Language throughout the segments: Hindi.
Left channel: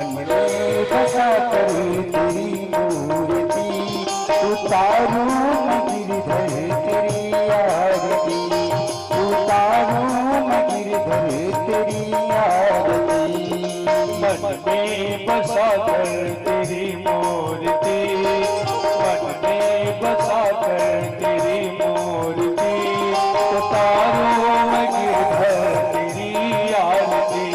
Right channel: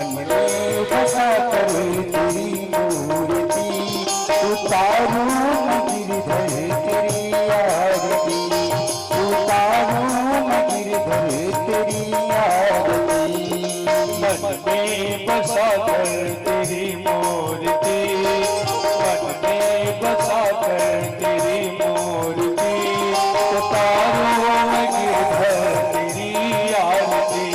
मन में बसा कर तेरी मूर्ति उतारूं मैं गिरधर तेरी आरती उतारूं मैं गिरधर तेरी आरती। मन में बसा कर तेरी मूर्ति मन में बसा कर तेरी मूर्ति उतारूं मैं गिरधर तेरी आरती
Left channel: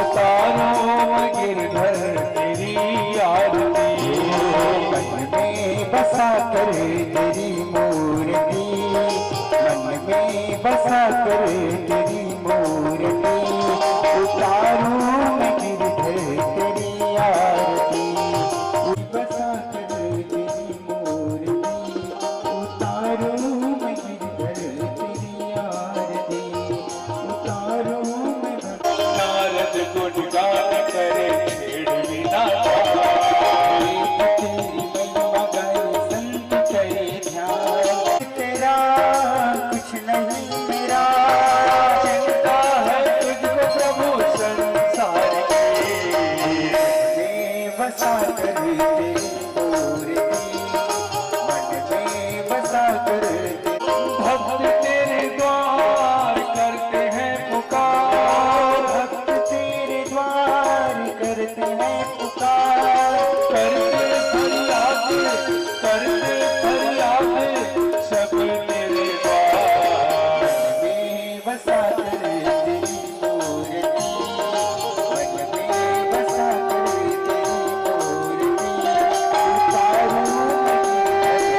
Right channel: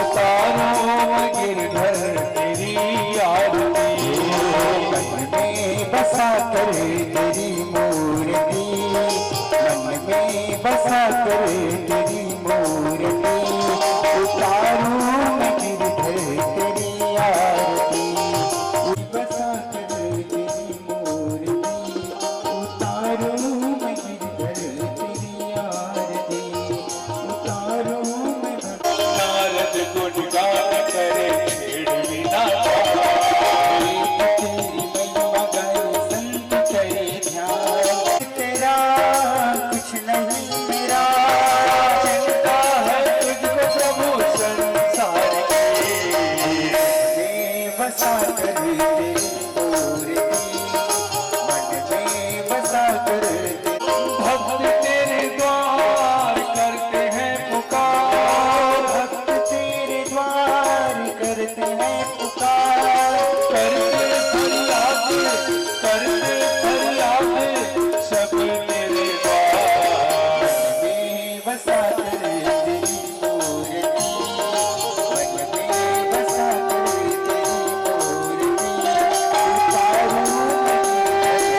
उतारूं मैं गिरधर तेरी आरती। मन में बसा कर तेरी मूर्ति मन में बसा कर तेरी मूर्ति उतारूं मैं गिरधर तेरी आरती बसा कर तेरी मूर्ति उतारूं मैं गिरधर तेरी आरती उतारूं मैं। नारद गुणगान करे छेड़ बिना तेरी महिमा गाए संत करे ध्यान तेरा कुछ नहीं मेरा चिंता है तुझको प्रभु संसार की। बसा कर तेरी मूर्ति मन में बसा कर भक्त तेरे द्वार करते हैं पुकार भक्त तेरे द्वार करते हैं पुकार करते फरियाद सब तेरे द्वार। में बसा कर तेरी मूर्ति मन में बसा कर तेरी मूर्ति उतारूं मैं तेरी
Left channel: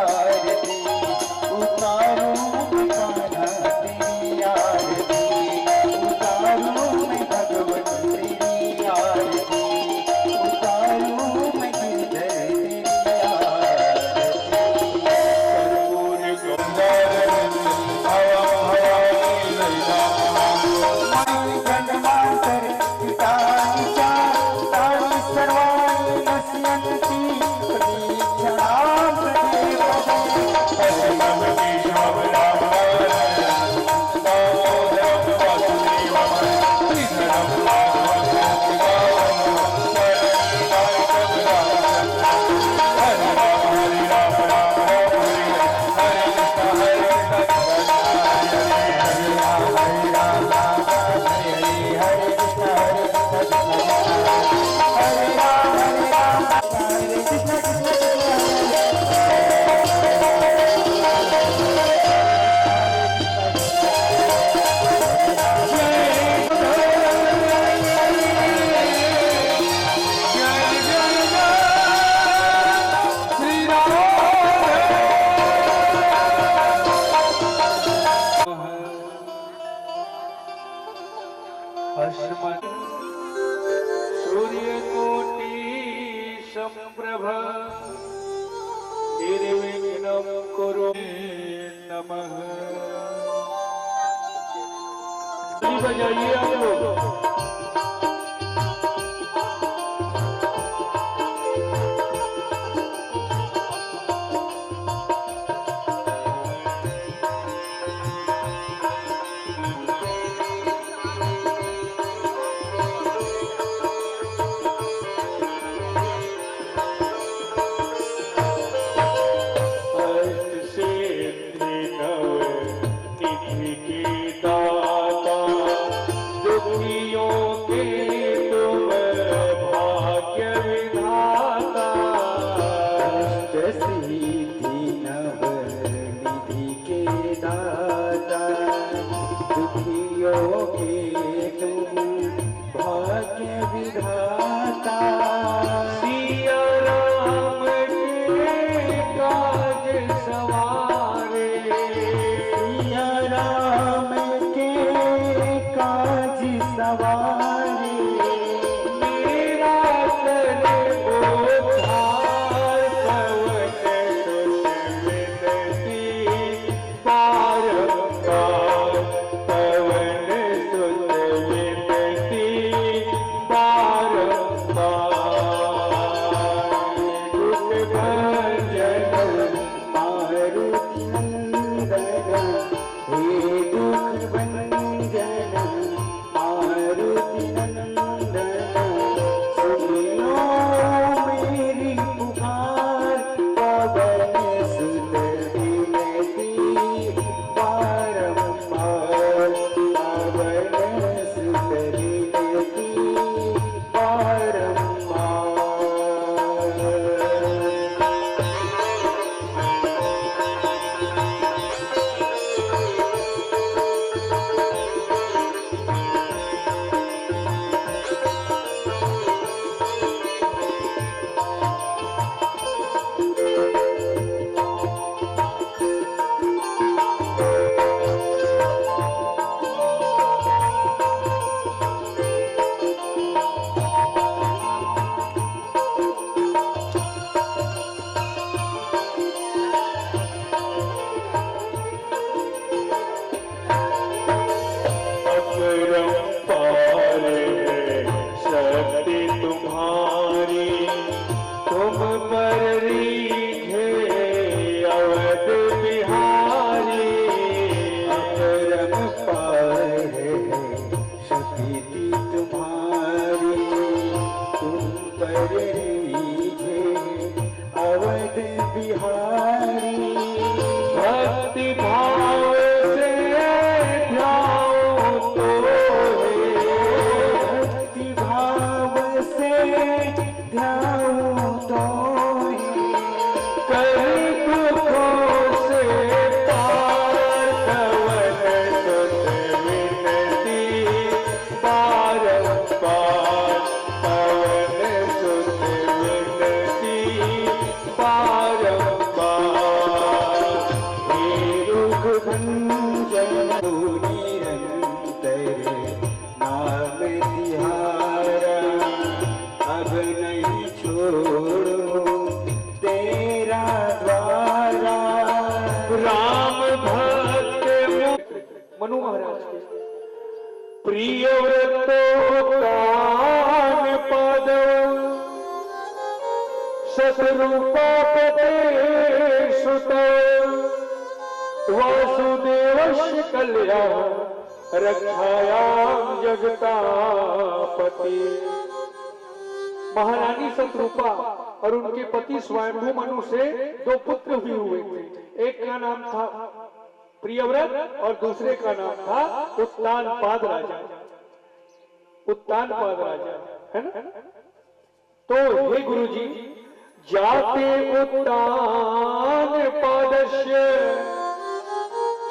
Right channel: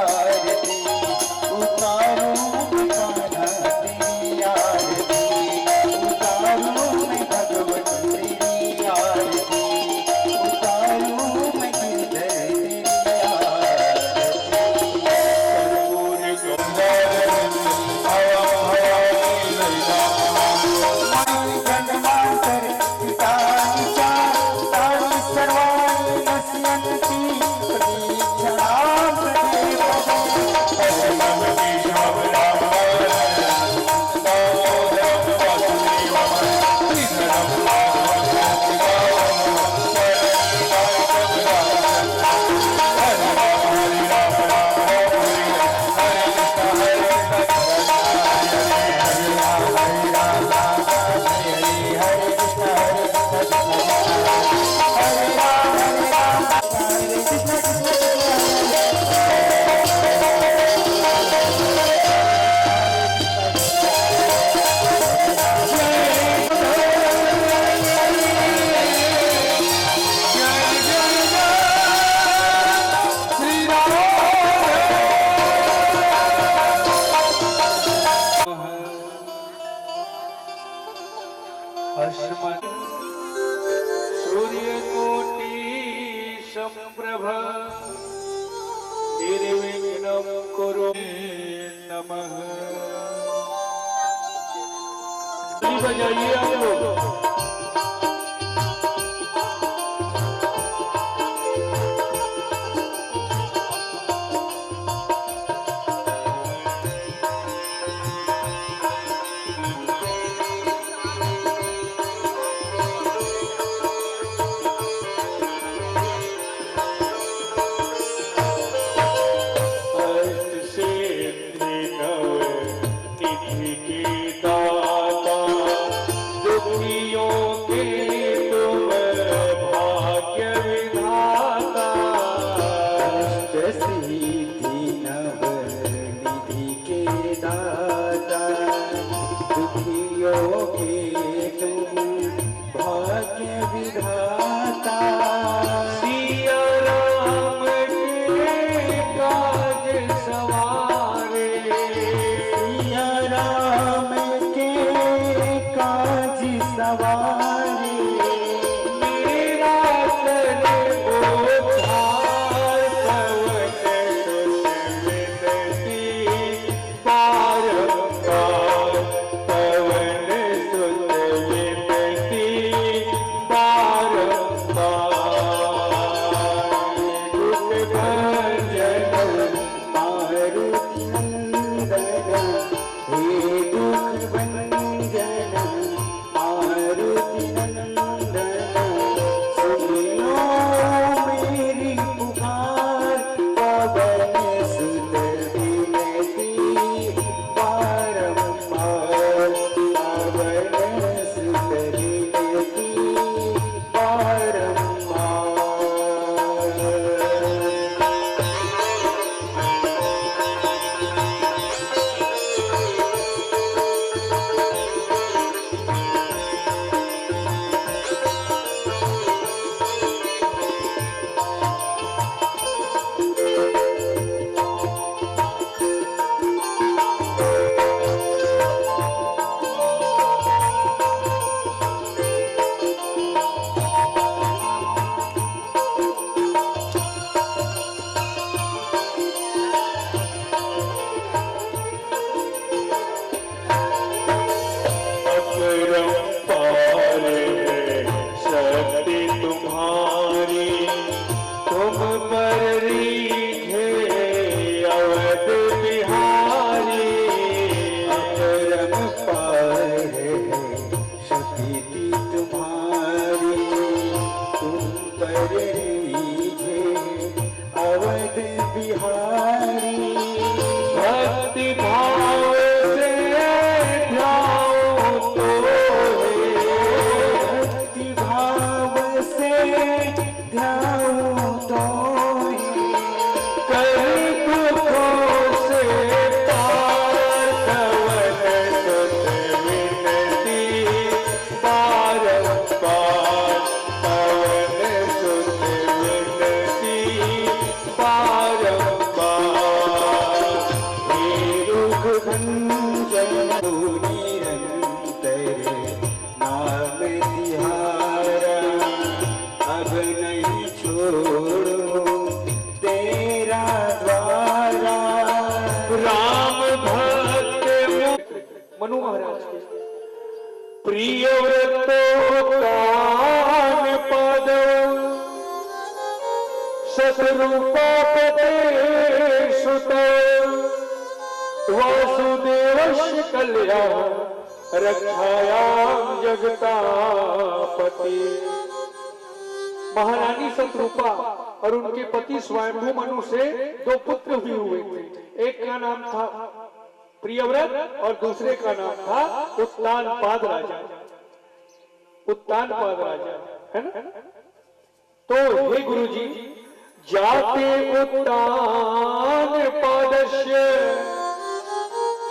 आरती उतारूं मैं कान्हा तेरी आरती उतारूं मैं भगवत तेरी आरती उतारूं मैं गिरधर तेरी आरती। कर्पूर गंगाधर हवा भवानी ललिता गणमातर पितानि च तानि सर्वाणि नश्यन्ति प्रतीक्षणां परमं केशवं राम दामोदरं वासुदेवं कृष्णं माधवं हरे राम हरे राम राम राम हरे हरे अस्मत् सूर्यकोटि संप्रभ निर्विघ्नं कुरु नमः। बजाइए आप लोग। निधि की दाता दुखियों शतरूपापते सुत वासुदेवस्य कल्याण रक्षायाम जगतापति। महारानी शतरूपा और उनके पति स्वयंभू मनु से 2 पुत्र भी हुए थे। एक का नाम था प्रियव्रत और दूसरे का नाम था उत्तानपाद राजा। उत्तानपाद राजा है ना। तो हे गुरुजी, जाते उत्तानपादस्य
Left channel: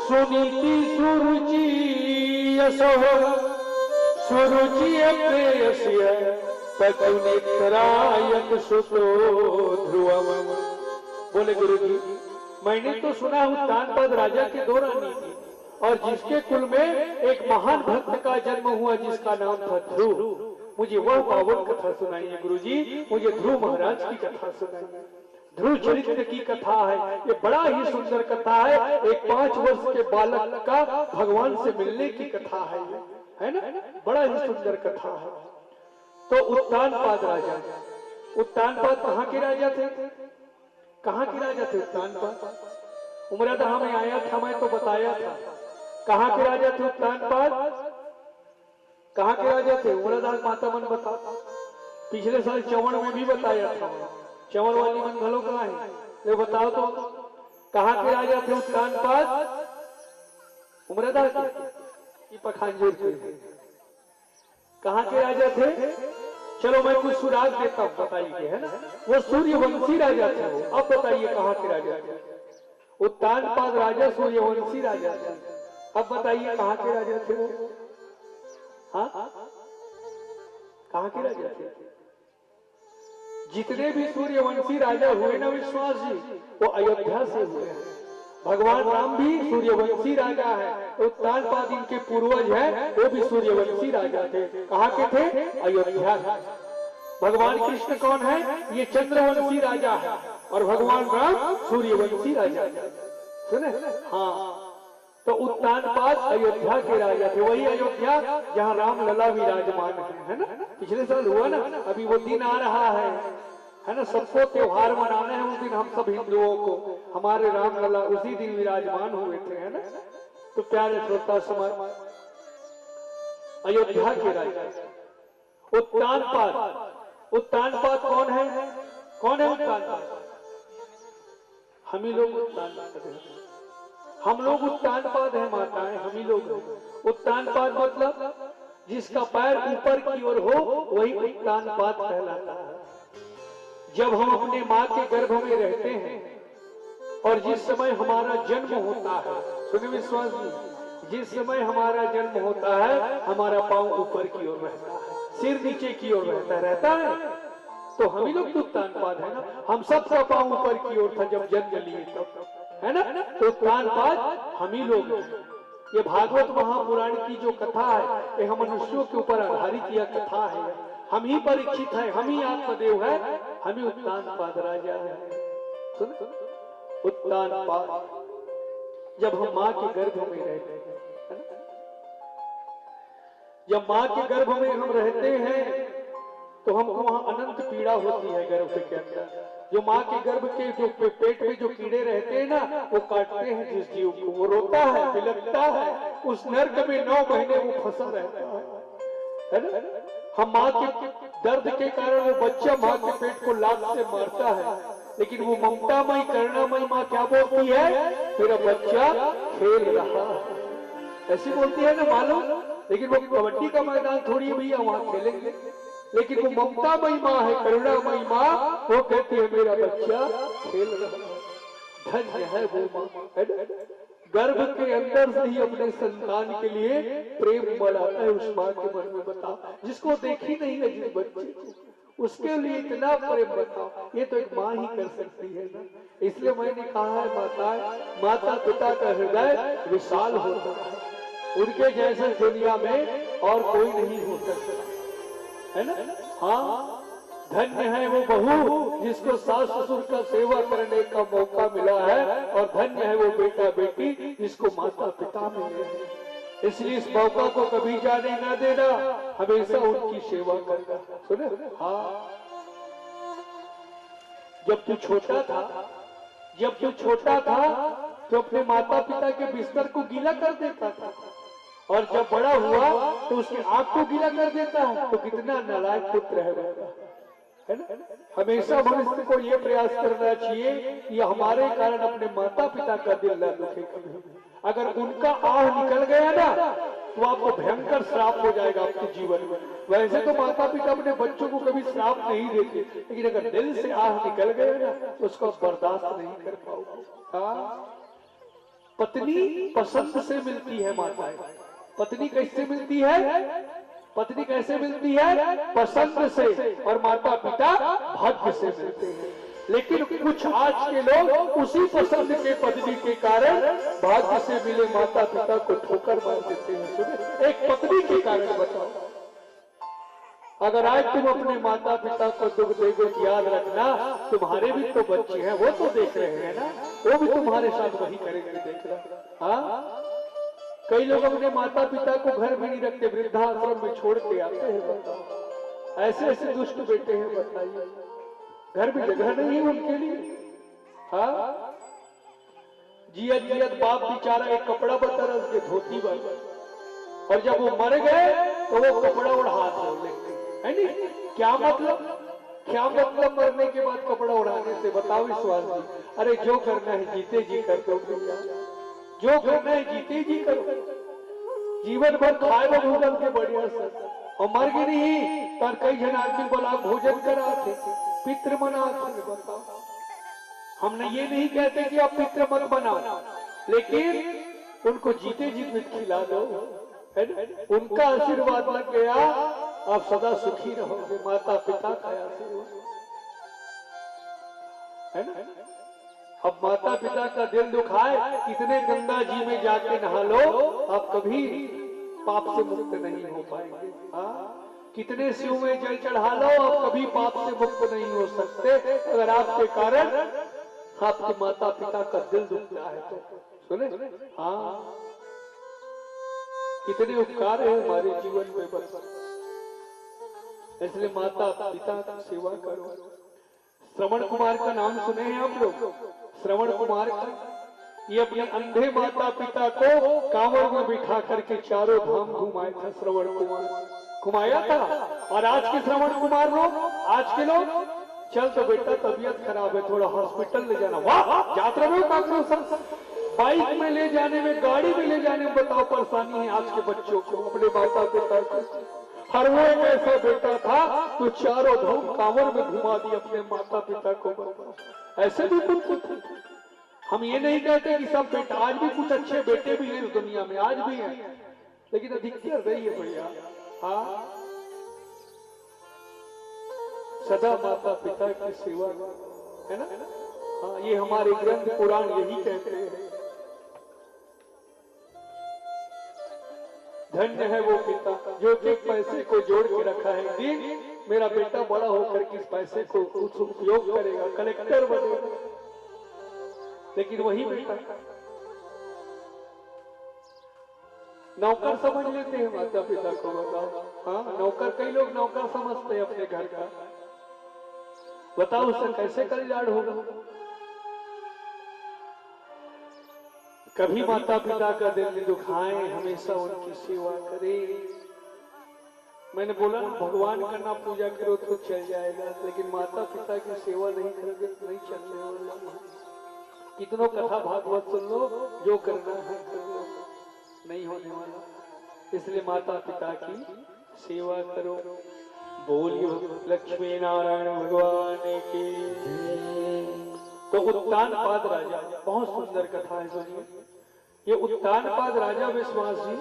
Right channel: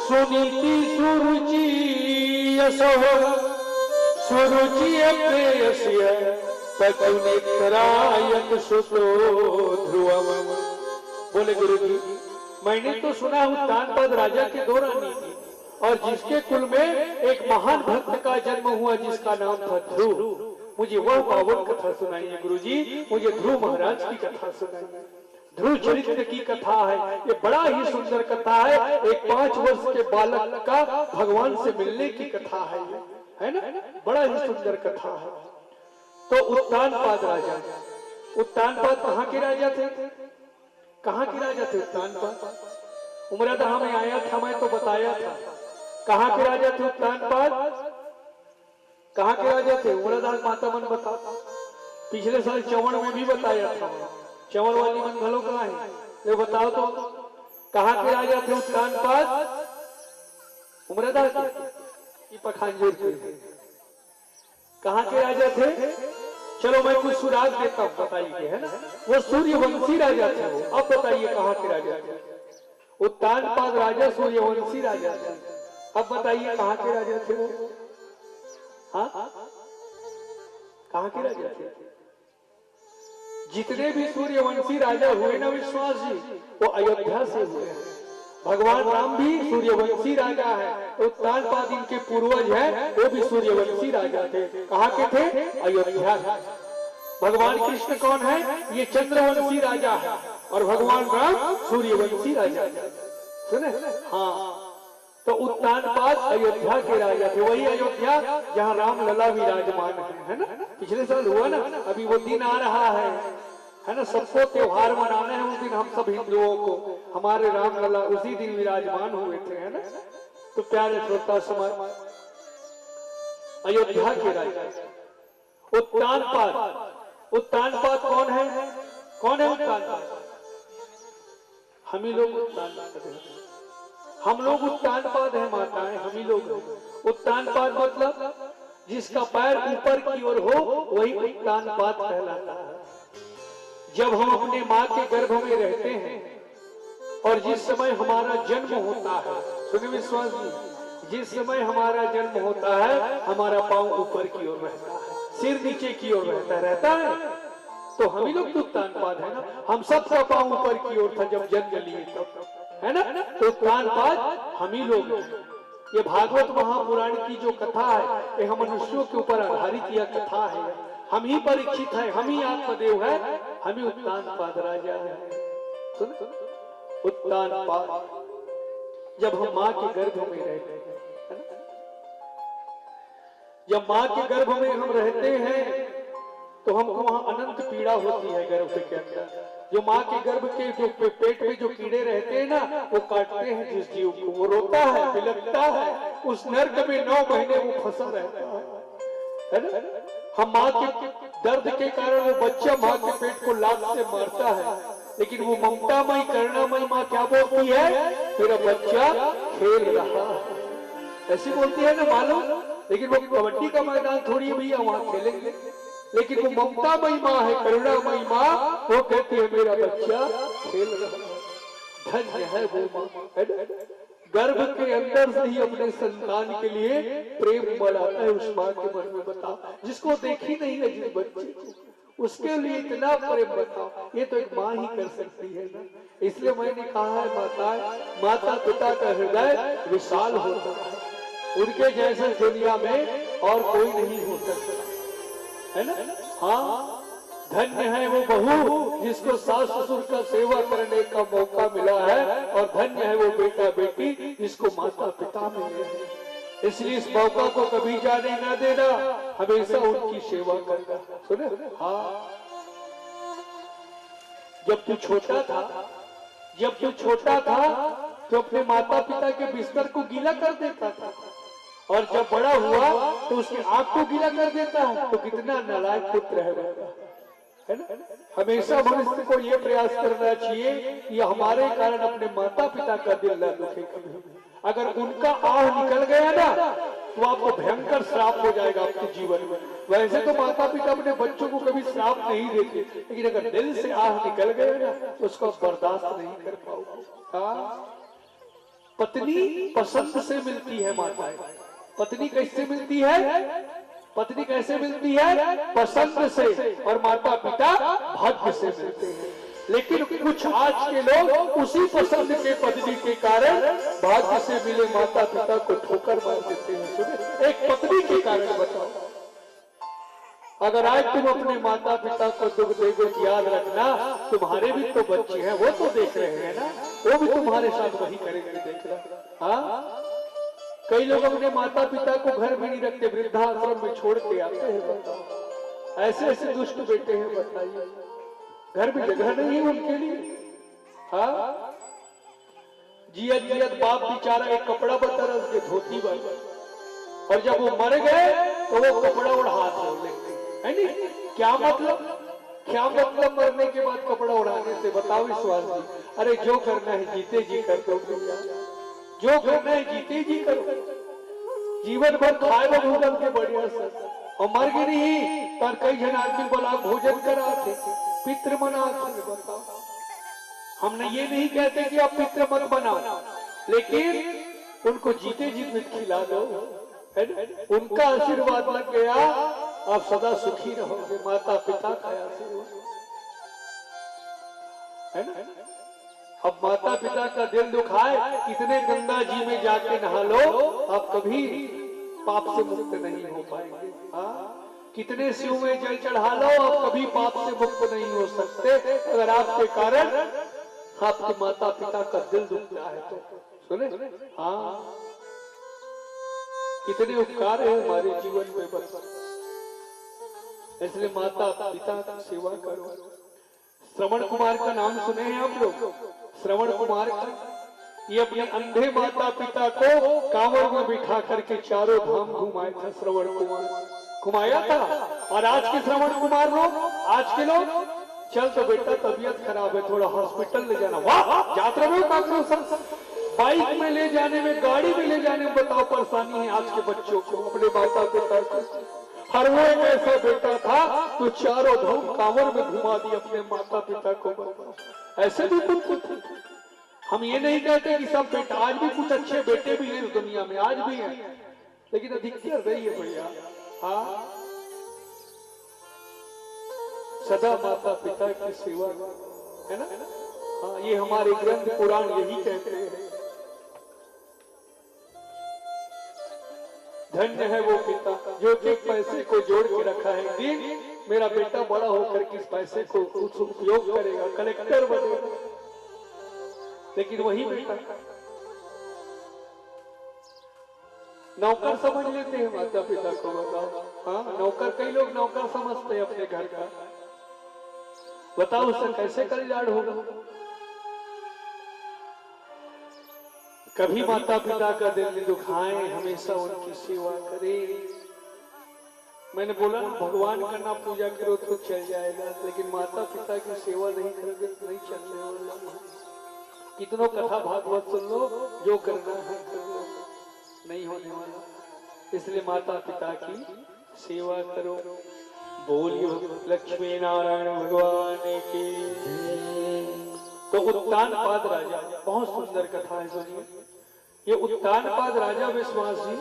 सुनीति सुरुचि यशः सुरुचि प्रेयस्य ततुनित्रायत सुतो ध्रुवम। बोले गुरुजी, मैंने तो सुना उत्तानपाद राजा की 2 रानी थी और जिसके कुल में एक महान भक्त का जन्म हुआ जिसका नाम था ध्रुव। मुझे वह पावन कथा सुनाइए गुरुजी, मुझे ध्रुव महाराज की कथा सुनाइए। ध्रुव चरित्र की कथा है, ये बड़ा ही सुंदर कथा है। एक 5 वर्ष के बालक का भगवान से मिलने की कथा है ना। बड़ा ही सुंदर कथा है। तो उत्तानपाद राजा, उत्तानपाद कहाँ के राजा थे? कहाँ के राजा थे उत्तानपाद? उमरादहा में आया था, मैं तो बताया था। कहाँ के राजा थे उत्तानपाद? कहाँ के राजा थे? उमरादहा माता मन बता। पिछले साल चवण में भी बताया था। चवण वाली मन घलो कहाँ है? ये बताओ तो, कहाँ के राजा थे उत्तानपाद? उमरादहा के पखांजूर के। कहाँ के राजा थे? चलो मैं कुछ सुराग देता हूँ, बताइए है ना। वो सूर्यवंशी राजा थे वो। अब बताइए कहाँ के राजा थे? उत्तानपाद राजा सूर्यवंशी राजा थे। अब बताइए कहाँ के राजा थे वो? हाँ, कहाँ के राजा थे? जितने भी सूर्यवंशी राजा हुए ना विश्वास जी, वो अयोध्या से हुए हैं। भगवान राम भी सूर्यवंशी राजा है। उत्तानपाद इनके पूर्वज हैं, वो भी सूर्यवंशी राजा थे। कहाँ के थे? अयोध्या। भगवान कृष्ण कौन है? ये चंद्रवंशी राजा है और भगवान राम सूर्यवंशी राजा है। सुने? हाँ, तो उत्तानपाद अयोध्या के राजा थे। वही अयोध्या जहाँ राम लला विराजमान है ना। पिछले साल हुआ ना, अभी वो दिन आ रहा है ना। सबको त्योहार मनाना है उस दिन, हम सब हिंदुओं को। हमारे राम लला उसी दिन विराजमान हुए थे है ना। तो प्यारे श्रोता समाज, अयोध्या के राजा उत्तानपाद। उत्तानपाद कौन है? कौन है उत्तानपाद? हम ही लोग उत्तानपाद हैं। हम लोग उत्तानपाद है माताएं, हम ही लोग। उत्तानपाद मतलब जिसका पैर ऊपर की ओर हो वही उत्तानपाद कहलाता है। जब हम अपने माँ के गर्भ में रहते हैं और जिस समय हमारा जन्म होता है, सुने विश्वास जी, जिस समय हमारा जन्म होता है हमारा पांव ऊपर की ओर रहता है, सिर नीचे की ओर रहता है। तो हम ही लोग उत्तानपाद है ना। हम सबका पांव ऊपर की ओर था जब जन्म लिए तब, है ना। तो उत्तानपाद हम ही लोग हैं। ये भागवत महापुराण की जो कथा है, ये हम मनुष्यों के ऊपर आधारित यह कथा है। हम ही परीक्षित है, हम ही आत्मदेव है, हम ही उत्तानपाद राजा है। सुन, उत्तानपाद जब हम माँ के गर्भ में रहते हैं, जब माँ के गर्भ में हम रहते हैं तो हमको वहां अनंत पीड़ा होती है गर्भ के अंदर। जो माँ के गर्भ के जो पेट में जो कीड़े रहते हैं ना, वो काटते हैं जिस जीव को, वो रोता है, बिलखता है। उस नर्क में 9 महीने वो फंसा रहता है ना। हम माँ के दर्द के कारण वो बच्चा माँ के पेट को लात से मारता है, लेकिन वो ममतामयी करुणामयी माँ क्या बोलती है? मेरा बच्चा खेल रहा है, ऐसी बोलती है ना मालूम। लेकिन वो कबड्डी का मैदान थोड़ी भैया वहां खेलेंगे, लेकिन वो ममतामयी माँ है, करुणामयी माँ, वो कहती है मेरा बच्चा खेल रहा है। धन्य है वो माँ, गर्भ के अंदर से ही अपने संतान के लिए प्रेम बढ़ाता है। उस माँ के मन में बताओ, जिसको देखी नहीं है जिस बच्चे को, उसके लिए इतना प्रेम बताओ, ये तो एक माँ ही कर सकती है ना। इसलिए मैंने कहा है माता पिता का हृदय विशाल होता है, उनके जैसे दुनिया में और कोई नहीं हो सकता, है ना। हाँ, धन्य है वो बहू जिसको सास ससुर का सेवा करने का मौका मिला है, और धन्य है वो बेटा बेटी जिसको माता पिता मिले हैं। इसलिए इस मौका को कभी जाने ना देना, हमेशा उनकी सेवा करना। सुने? हाँ, जब तू छोटा था तो अपने माता पिता के बिस्तर को गीला कर देता था, और जब बड़ा हुआ तो उसकी आंख को गीला कर देता है। तो कितना नालायक पुत्र है ना। हमेशा मनुष्य को यह प्रयास करना चाहिए कि हमारे कारण अपने माता पिता का दिल न दुखे कभी। अगर उनका आह निकल गया ना तो आपको भयंकर श्राप हो जाएगा आपके जीवन में। वैसे तो माता पिता अपने बच्चों को कभी श्राप नहीं देते, लेकिन अगर दिल से आह निकल गया ना तो उसको बर्दाश्त नहीं कर पाओगे। पत्नी पसंद से मिलती है माताएं। पत्नी कैसे मिलती है? पत्नी कैसे मिलती है? पसंद से। और माता पिता भाग्य से मिलते हैं। लेकिन कुछ आज के लोग उसी पसंद के पत्नी के कारण भाग्य से मिले माता पिता को ठोकर मार देते हैं। सुने, एक पत्नी के कारण बताओ। अगर आज तुम अपने माता पिता को दुख देगे तो याद रखना तुम्हारे भी तो बच्चे हैं, वो तो देख रहे हैं ना, वो भी तुम्हारे साथ वही करेंगे, देख रहा। हाँ, कई लोग अपने माता पिता को घर में नहीं रखते, वृद्धाश्रम में छोड़ के आते हैं। ऐसे ऐसे दुष्ट बेटे हैं, बताइए, घर में जगह नहीं है उनके लिए। हाँ, जियत जियत बाप बेचारा एक कपड़ा बतरस के धोती बन, और जब वो मर गए तो वो कपड़ा उड़ा हाथ में लेते है नहीं। क्या मतलब मरने के बाद कपड़ा उड़ाने से? बताओ विश्वास जी। अरे जो करना है जीते जी कर दो भैया, जो करना है जीते जी करो। जीवन भर खाए भोजन के बढ़िया से, और मर गए नहीं पर कई जन आदमी बोला भोजन करा थे, पितृ मना थे। बताओ, हमने ये नहीं कहते कि आप पितृ मत बनाओ, लेकिन उनको जीते जी मत खिला दो, उनका आशीर्वाद लग गया, आप सदा सुखी रहोगे। माता पिता का आशीर्वाद है ना। अब माता पिता का दिल दुखाए, कितने गंगा जी में जाके नहा लो, आप कभी पाप से मुक्त नहीं हो पाएंगे। हाँ, कितने शिव में जल चढ़ा लो, आप कभी पाप से मुक्त नहीं हो सकते, अगर आपके कारण आपके माता पिता का दिल दुखता है तो। सुने, हाँ, कितने उपकार है हमारे जीवन में, बस इसलिए माता पिता की सेवा करो। श्रवण कुमार का नाम सुने हैं आप लोग? श्रवण कुमार का, ये अपने अंधे माता पिता को कांवड़ में बिठा करके चारों धाम घुमाया था। श्रवण कुमार घुमाया था। और आज के श्रवण कुमार लोग, आज के लोग, चल तो बेटा तबीयत खराब है, थोड़ा हॉस्पिटल ले जाना। वाह, यात्रा में बाइक में ले जाने में, गाड़ी में ले जाने में बताओ परेशानी है आज के बच्चों को, अपने माता पिता को। हर वो एक ऐसा बेटा था तो चारों धाम कांवड़ में घुमा दी अपने माता पिता को। ऐसे भी कुछ थे। हम ये नहीं कहते कि सब बेटा, आज भी कुछ अच्छे बेटे भी हैं दुनिया में, आज भी हैं, लेकिन अधिकतर रही है भैया। हाँ, सदा माता पिता की सेवा है ना। हाँ, ये हमारे ग्रंथ पुराण यही कहते हैं। धन्य है वो पिता जो एक पैसे को जोड़ के रखा है, दिन मेरा बेटा बड़ा होकर किस पैसे को कुछ उपयोग करेगा, कलेक्टर बनेगा। लेकिन वही बेटा नौकर समझ लेते हैं माता पिता को। बताओ, हाँ, नौकर, कई लोग नौकर समझते हैं अपने घर का। बताओ उससे कैसे कल्याण होगा? कभी माता पिता का दिल दुखाएं, हमेशा उनकी सेवा करें। मैंने बोला ना, भगवान का नाम पूजा करो तो चल जाएगा, लेकिन माता पिता की सेवा नहीं करोगे तो नहीं चलने वाला। कितनों कथा भागवत सुन लो, जो करना है कर लो, नहीं होने वाला। इसलिए माता पिता की सेवा करो। बोलियो लक्ष्मी नारायण भगवान की। तो उत्तानपाद राजा, बहुत सुंदर कथा है, सुनिए। ये उत्तानपाद राजा विश्वास जी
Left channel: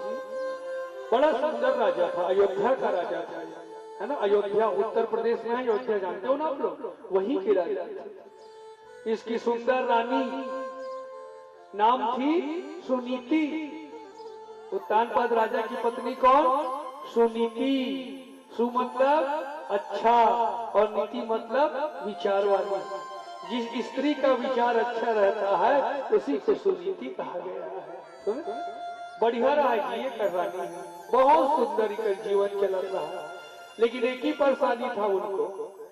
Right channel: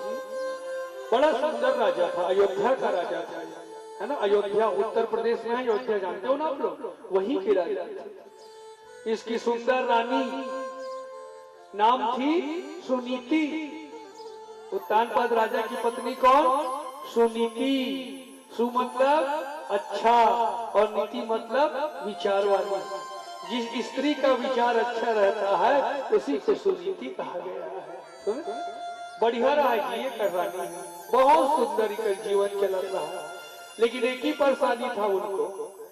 बड़ा सुंदर राजा था, अयोध्या का राजा था, है ना। अयोध्या उत्तर प्रदेश में है, अयोध्या जानते हो ना आप लोग, वही के राजा थे। इसकी सुंदर रानी नाम थी सुनीति। उत्तानपाद राजा की पत्नी कौन? सुनीति। सु मतलब अच्छा और नीति मतलब विचार वाली। जिस स्त्री का विचार अच्छा रहता है उसी को सुनीति कहा गया है। बढ़िया रहा है ये कर रानी है, बहुत सुंदर का जीवन चल रहा है। लेकिन एक ही परेशानी था उनको।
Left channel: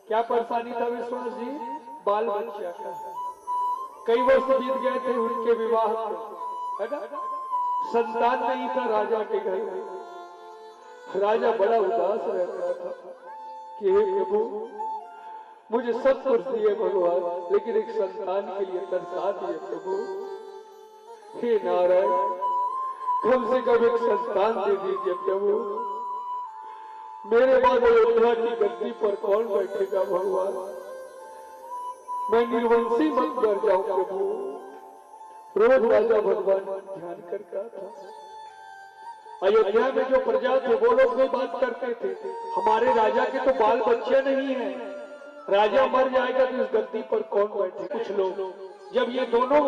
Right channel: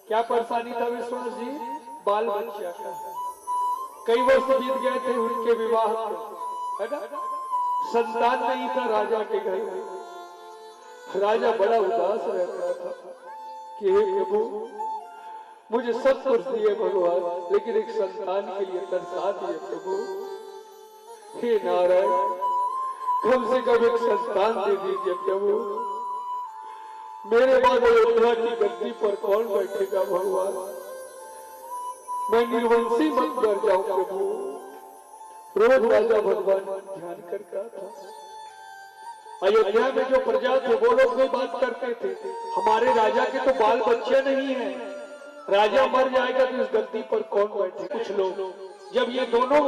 क्या परेशानी था विश्वास जी? बाल बच्चा का। कई वर्ष बीत गए थे उनके विवाह को, है ना, संतान नहीं था राजा के घर में। राजा बड़ा उदास रहता था कि हे प्रभु, मुझे सब कुछ दिए भगवान, लेकिन एक संतान के लिए तरसा दिए प्रभु। हे नारायण, कम से कम एक संतान दे दीजिए प्रभु। मेरे बाद अयोध्या की गद्दी पर कौन बैठेगा भगवान? मैं निर्वंशी मत कर जाऊं प्रभु। रोज राजा भगवान ध्यान करता था। अयोध्या में जो प्रजा थे वो लोग भी बात करते थे, हमारे राजा के तो बाल बच्चे नहीं है, राजा मर जाएगा तो इस गद्दी पर कौन बैठे। कुछ लोग जब ये दोनों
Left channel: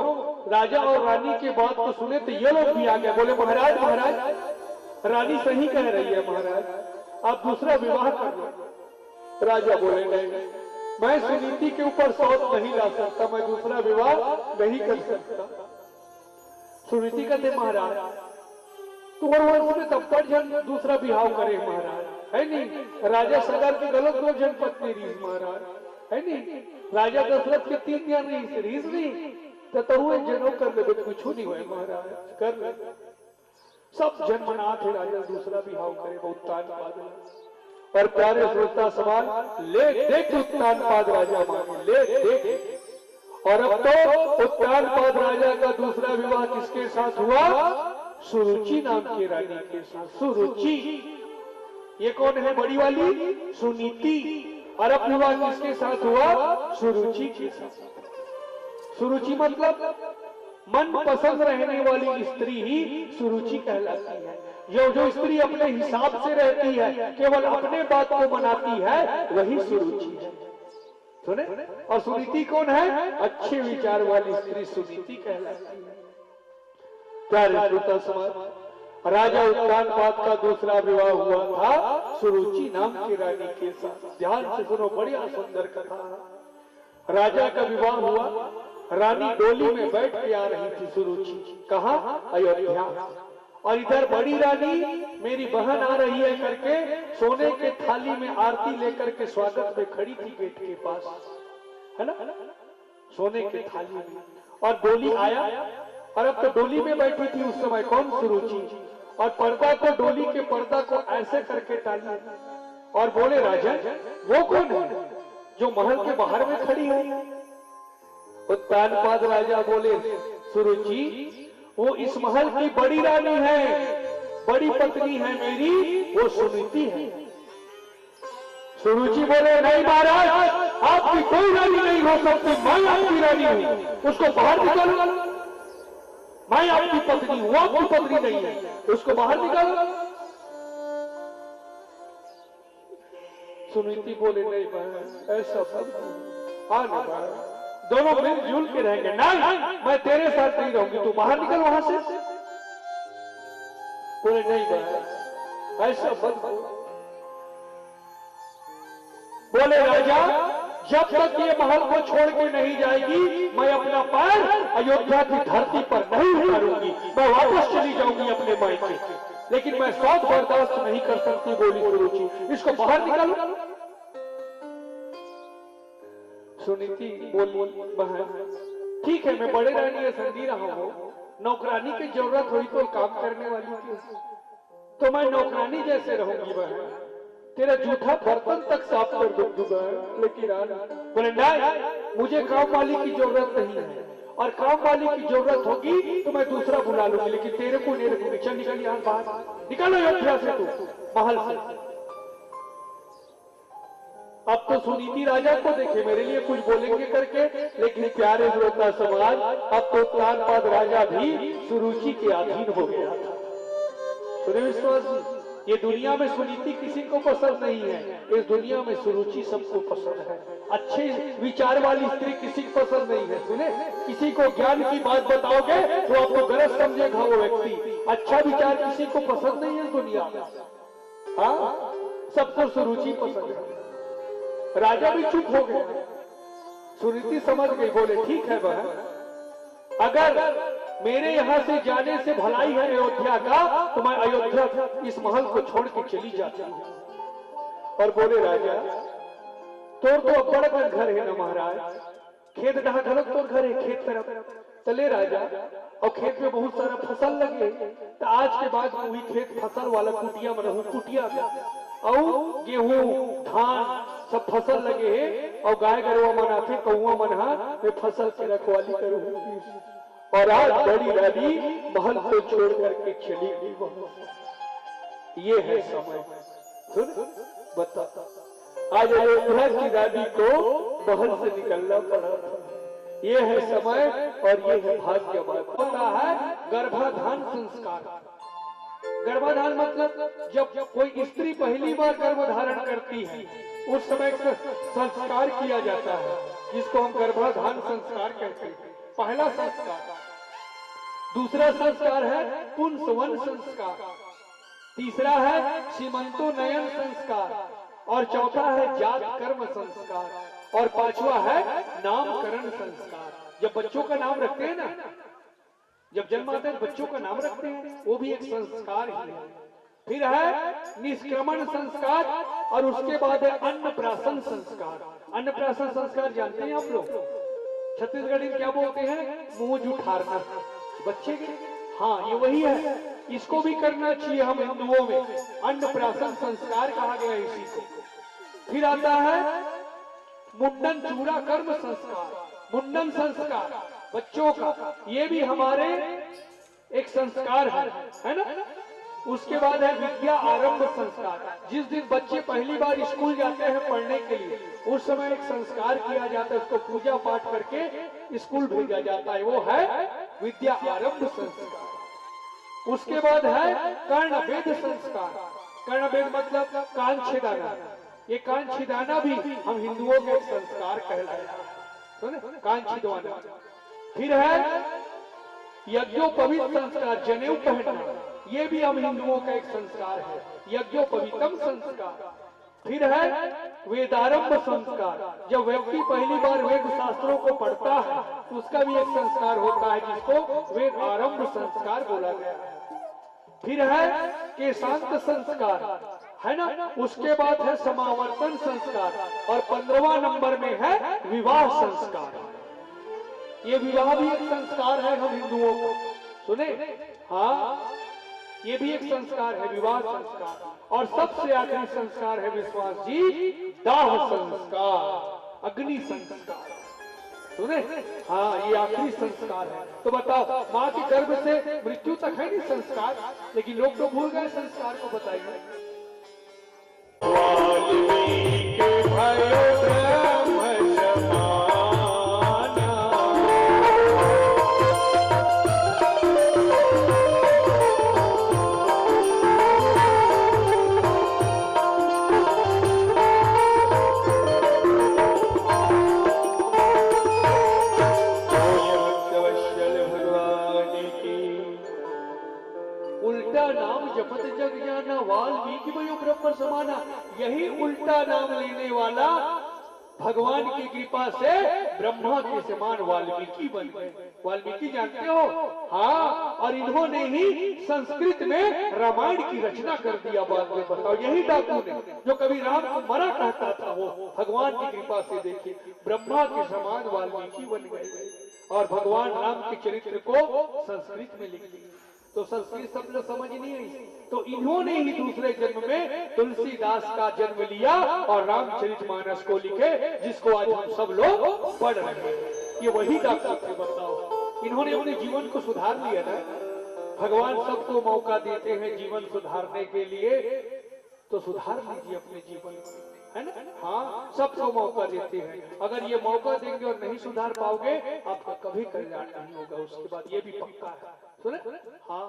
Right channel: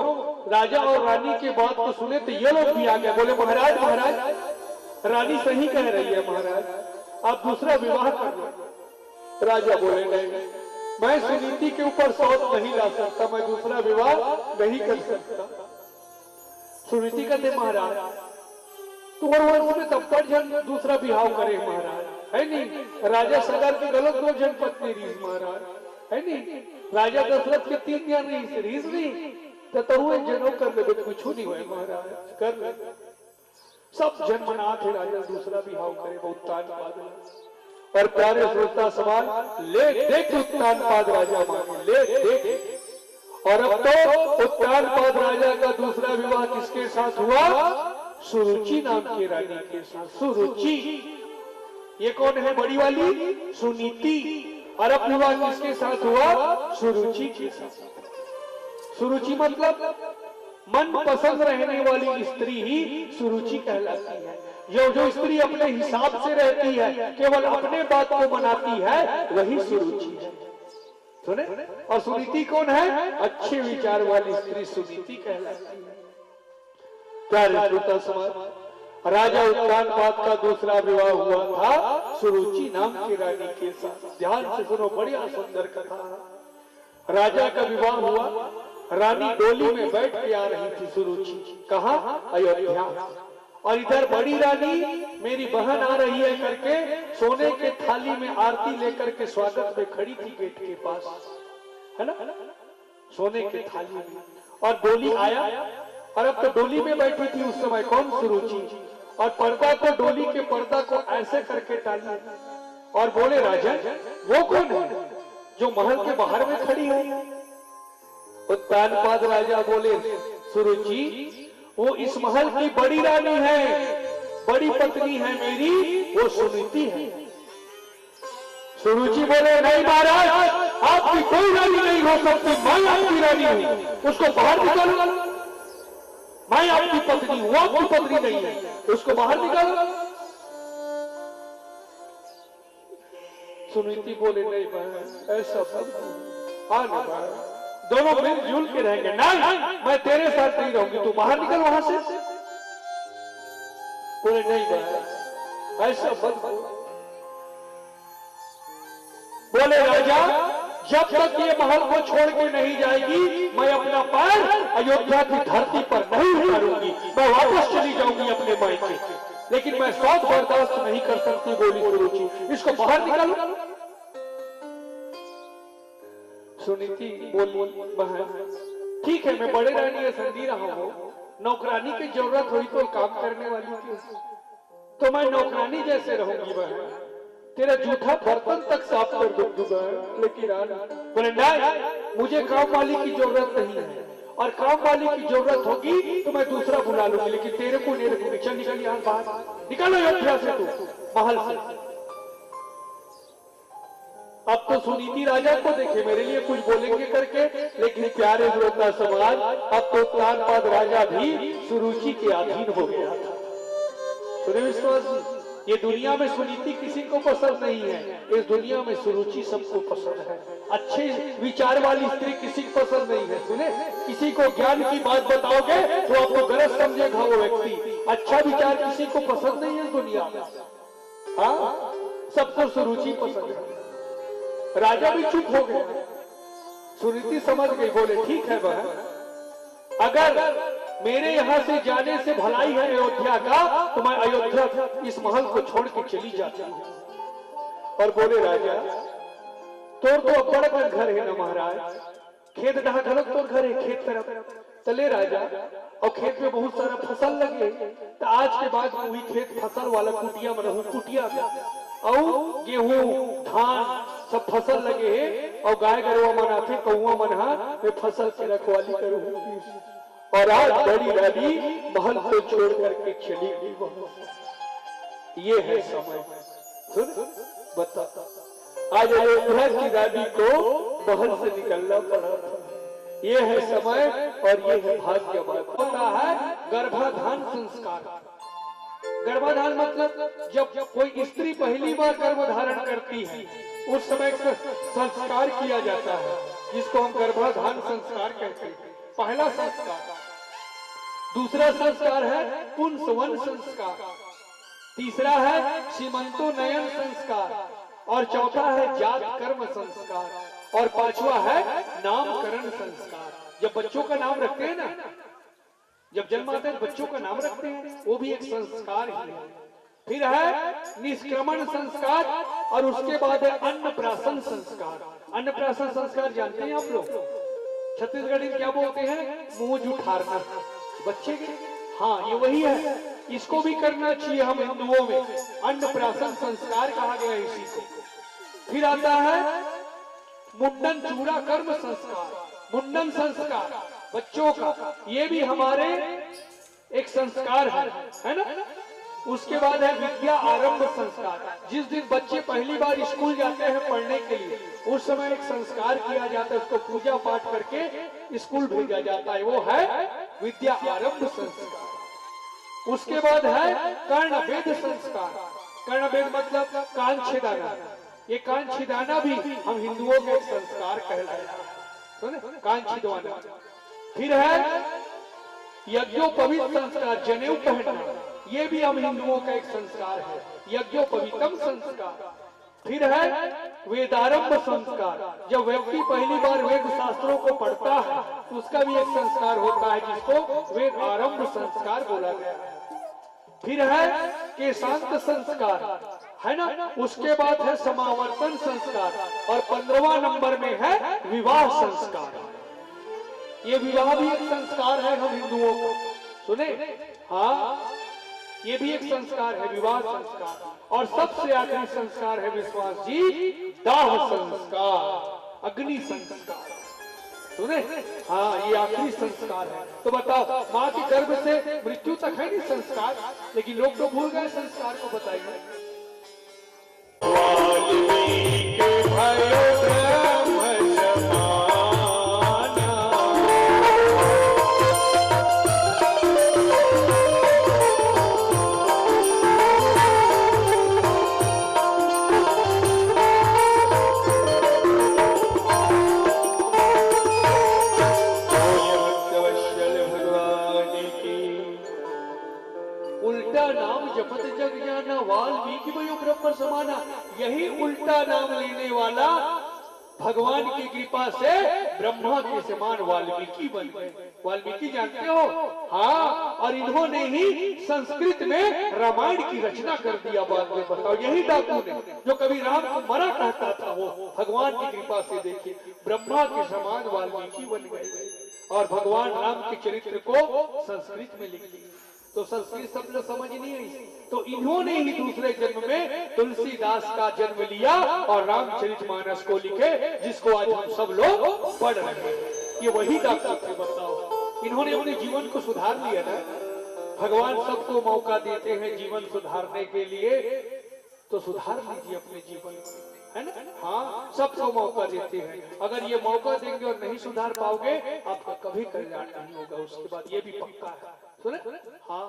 राजा और रानी की बात को सुने तो ये लोग भी आ गए, बोले महाराज महाराज रानी सही कह रही है महाराज, आप दूसरा विवाह कर लो। राजा बोले नहीं, मैं सुनीति के ऊपर शौच नहीं ला सकता, मैं दूसरा विवाह नहीं कर सकता। सुनीति कहते महाराज तुम्हारे वंश में तब पर जन दूसरा विवाह करे महाराज, है नहीं। राजा सगर की गलत दो जन पत्नी रीस महाराज, है नहीं। राजा दशरथ के 3 ज्ञान रीस नहीं तो हुए जनों कर ले, कुछ नहीं हुए महाराज, कर ले। सब जन मना थे राजा दूसरा विवाह करे, बहुत तान पाद। और प्यारे श्रोता सवाल ले देख उत्तान पाद राजा माने, ले देख। और अब तो उत्तान पाद राजा का दूसरा विवाह किसके साथ हुआ? सुरुचि नाम की रानी के साथ। सुरुचि ये कौन है? बड़ी वाली सुनीति। और अब विवाह किसके साथ हुआ? सुरुचि के साथ। सुरुचि मतलब मन पसंद रहने वाली स्त्री ही सुरुचि कहलाती है। जो स्त्री अपने हिसाब से रहती है, केवल अपने बात को मनाती है, वही सुरुचि है। सुने? और सुनीति कौन है? अच्छे विचार वाली स्त्री सुनीति कहलाती है। प्यारे श्रोता समाज, राजा उत्तान पाद का दूसरा विवाह हुआ था सुरुचि नाम की रानी के साथ। ध्यान से सुनो, बढ़िया सुंदर कथा। राजा का विवाह हुआ, रानी डोली में बैठ के आ रही थी सुरुचि, कहा? अयोध्या। और इधर बड़ी रानी मेरी बहन आ रही है करके सोने के थाली में आरती लेकर के स्वागत में खड़ी थी गेट के पास, है ना, सोने के थाली में। और डोली आया, और अब तो डोली में बैठी थी उस समय कौन? सुरुचि। और पर्दा को, डोली के पर्दा को ऐसे करके टाली और बोले राजा वो कौन है जो महल के बाहर में खड़ी है? उत्तान पाद राजा बोले सुरुचि वो इस महल की बड़ी रानी है, बड़ी पत्नी है मेरी, वो सुनीति है। सुरुचि बोले नहीं महाराज, आपकी कोई रानी नहीं हो सकती, मैं आपकी रानी हूं, उसको बाहर निकालो। मैं आपकी पत्नी हूं, आपकी पत्नी नहीं है, उसको बाहर निकालो। सुनीति बोले नहीं बहन, ऐसा मत। हाँ ना बहन, दोनों मिलजुल के रहेंगे। नहीं, मैं तेरे साथ नहीं रहूंगी, तू बाहर निकल वहां से। बोले नहीं बहन, ऐसा मत। बोले राजा जब तक ये महल को छोड़ के नहीं जाएगी, मैं अपना पैर अयोध्या की धरती पर नहीं उतारूंगी, मैं वापस चली जाऊंगी अपने मायके। लेकिन मैं शौच बर्दाश्त नहीं कर सकती, बोली सुरुचि, इसको बाहर निकालो। सुनीति बोल बहन ठीक है, मैं बड़े रानी है समझी रहा हूँ, नौकरानी की जरूरत हुई तो काम करने वाली की, तो मैं नौकरानी जैसे रहूंगी बहन, तेरा जूठा बर्तन तक साफ कर दूंगा। लेकिन बोले नहीं, मुझे काम वाली की जरूरत नहीं है, और काम वाली की जरूरत होगी तो मैं दूसरा बुला लूंगी, लेकिन तेरे को नहीं रखूंगी। चल निकल यहाँ बाहर, निकलो अयोध्या से, तू महल से। अब तो सुनीति राजा को देखे मेरे लिए कुछ बोलेंगे करके, लेकिन प्यारे श्रोता समाज, अब तो उत्तान पाद राजा भी सुरुचि के अधीन हो गया था। सुने विश्वास जी, ये दुनिया में सुनीति किसी को पसंद नहीं है, इस दुनिया में सुरुचि सबको पसंद है। अच्छे विचार वाली स्त्री किसी को पसंद नहीं है। सुने, किसी को ज्ञान की बात बताओगे तो आपको गलत समझेगा वो व्यक्ति। अच्छा विचार किसी को पसंद नहीं है इस दुनिया में। हाँ, सबको सुरुचि पसंद है। राजा भी चुप हो गया, सुनीति समझ गई, बोले ठीक है बहन, अगर मेरे यहाँ से जाने से भलाई है अयोध्या का, तो मैं अयोध्या इस महल को छोड़ के चली जाती हूँ। और बोले राजा तो बड़ा घर है ना महाराज, खेत डहा ढलक तो घरे खेत तरफ चले राजा और खेत में बहुत सारा फसल लगे तो आज के बाद वही खेत फसल वाला कुटिया में रहूं कुटिया में और गेहूं धान सब फसल लगे है और गाय गरुआ मन आते कौआ मन में फसल की रखवाली करूं और आज बड़ी रानी महल को छोड़ करके चली गई वहां। ये है समय। सुन बता आज अयोध्या की रानी को महल से निकलना पड़ा था। ये है समय और ये है भाग्य बात। होता है गर्भाधान संस्कार। गर्भाधान मतलब जब कोई स्त्री पहली बार गर्भधारण करती है उस समय संस्कार किया जाता है जिसको हम गर्भाधान संस्कार कहते हैं। पहला संस्कार। दूसरा संस्कार है पुंसवन संस्कार। तीसरा है सीमंतोन्नयन संस्कार और चौथा है जात कर्म संस्कार और पांचवा है नामकरण संस्कार। जब बच्चों का नाम रखते हैं ना, जब जन्म आता है बच्चों का नाम रखते हैं वो भी एक संस्कार ही है। फिर है निष्क्रमण संस्कार और उसके बाद है अन्नप्राशन संस्कार। अन्नप्राशन संस्कार जानते हैं आप लोग? छत्तीसगढ़ी क्या बोलते हैं? मुंह जुठारना बच्चे के। हाँ ये वही है, इसको भी करना चाहिए हम हिंदुओं में। अन्नप्राशन संस्कार कहा गया इसी को। फिर आता है मुंडन चूड़ा कर्म संस्कार। मुंडन संस्कार बच्चों का, ये भी हमारे एक संस्कार है ना। उसके बाद है विद्या आरंभ संस्कार। जिस दिन बच्चे पहली बार स्कूल जाते हैं पढ़ने के लिए उस समय एक संस्कार किया जाता है, उसको पूजा पाठ करके स्कूल भेजा जाता है, वो है विद्या आरंभ संस्कार। उसके बाद है कर्णभेद संस्कार। कर्णभेद मतलब कान छिदाना। ये कान छिदाना भी हम हिंदुओं के संस्कार कहलाता है, कान छिदवाना। फिर है यज्ञोपवीत संस्कार, जनेऊ पहनना, ये भी हम हिंदुओं का एक संस्कार है, यज्ञोपवीतम संस्कार। फिर है वेदारंभ संस्कार। जब व्यक्ति पहली बार वेद शास्त्रों को पढ़ता है तो उसका भी एक संस्कार होता है जिसको वेद आरंभ संस्कार बोला गया है। फिर है केशांत संस्कार है ना। उसके बाद है समावर्तन संस्कार और 15वां नंबर में है विवाह संस्कार। ये विवाह भी एक संस्कार है हम हिंदुओं को, सुने? हाँ ये भी एक संस्कार है, विवाह संस्कार। और सबसे आखिरी संस्कार है विश्वास जी, दाह संस्कार, अग्नि संस्कार, सुने? हाँ ये आखिरी संस्कार है। तो बताओ माँ के गर्भ से मृत्यु तक है नहीं संस्कार, लेकिन लोग तो भूल गए संस्कार को। बताइए वाल्मीकि वयो ब्रह्म समाना। यही उल्टा नाम लेने वाला भगवान की कृपा से ब्रह्मा के समान वाल्मीकि बन गए। वाल्मीकि जानते हो? हाँ, और इन्होंने ही संस्कृत में रामायण की रचना कर दिया। बाद में बताओ यही डाकू ने जो कभी राम को मरा कहता था वो भगवान की कृपा से देखिए ब्रह्मा के समान वाल्मीकि बन गए और भगवान राम के चरित्र को संस्कृत में लिख दिया। तो संस्कृत सब लोग समझ नहीं आई, तो इन्होंने ही दूसरे जन्म में तुलसीदास का जन्म लिया और रामचरितमानस को लिखे, जिसको आज हम सब लोग पढ़ रहे हैं। ये वही डाक्टर थे। बताओ इन्होंने अपने जीवन को सुधार लिया ना। भगवान सबको मौका देते हैं जीवन सुधारने के लिए, तो सुधार लीजिए अपने जीवन को, है ना। हाँ सबको मौका देते हैं। अगर ये मौका देंगे और नहीं सुधार पाओगे आपका कभी कल्याण नहीं होगा। उसके बाद ये भी पक्का है, सुने? हाँ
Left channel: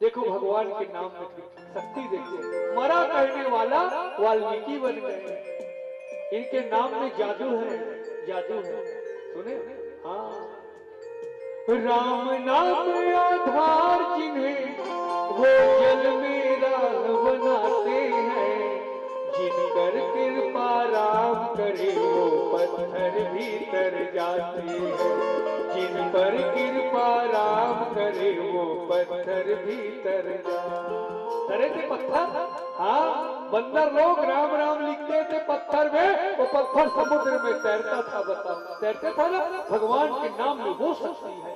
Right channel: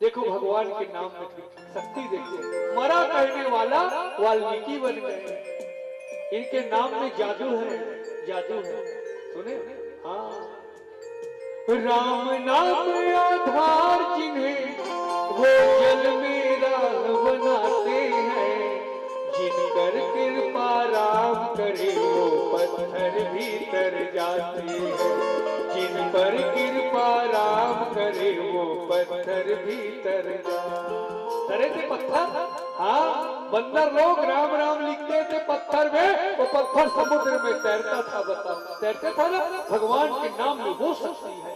देखो भगवान के नाम में शक्ति देखिए। मरा कहने वाला वाल्मीकि बन गए। इनके नाम में जादू है, जादू है, सुने? हाँ राम नाम आधार जिन्हें वो जल में राह बनाते हैं, जिनकर कृपा राम करे वो पत्थर भी तर जाते हैं। जिन पर कृपा राम करे वो पत्थर भी तर जाते। तरे थे पत्थर। हाँ बंदर लोग राम राम लिखते थे पत्थर में, वो पत्थर समुद्र में तैरता था। बता तैरता था ना, भगवान के नाम में वो शक्ति है।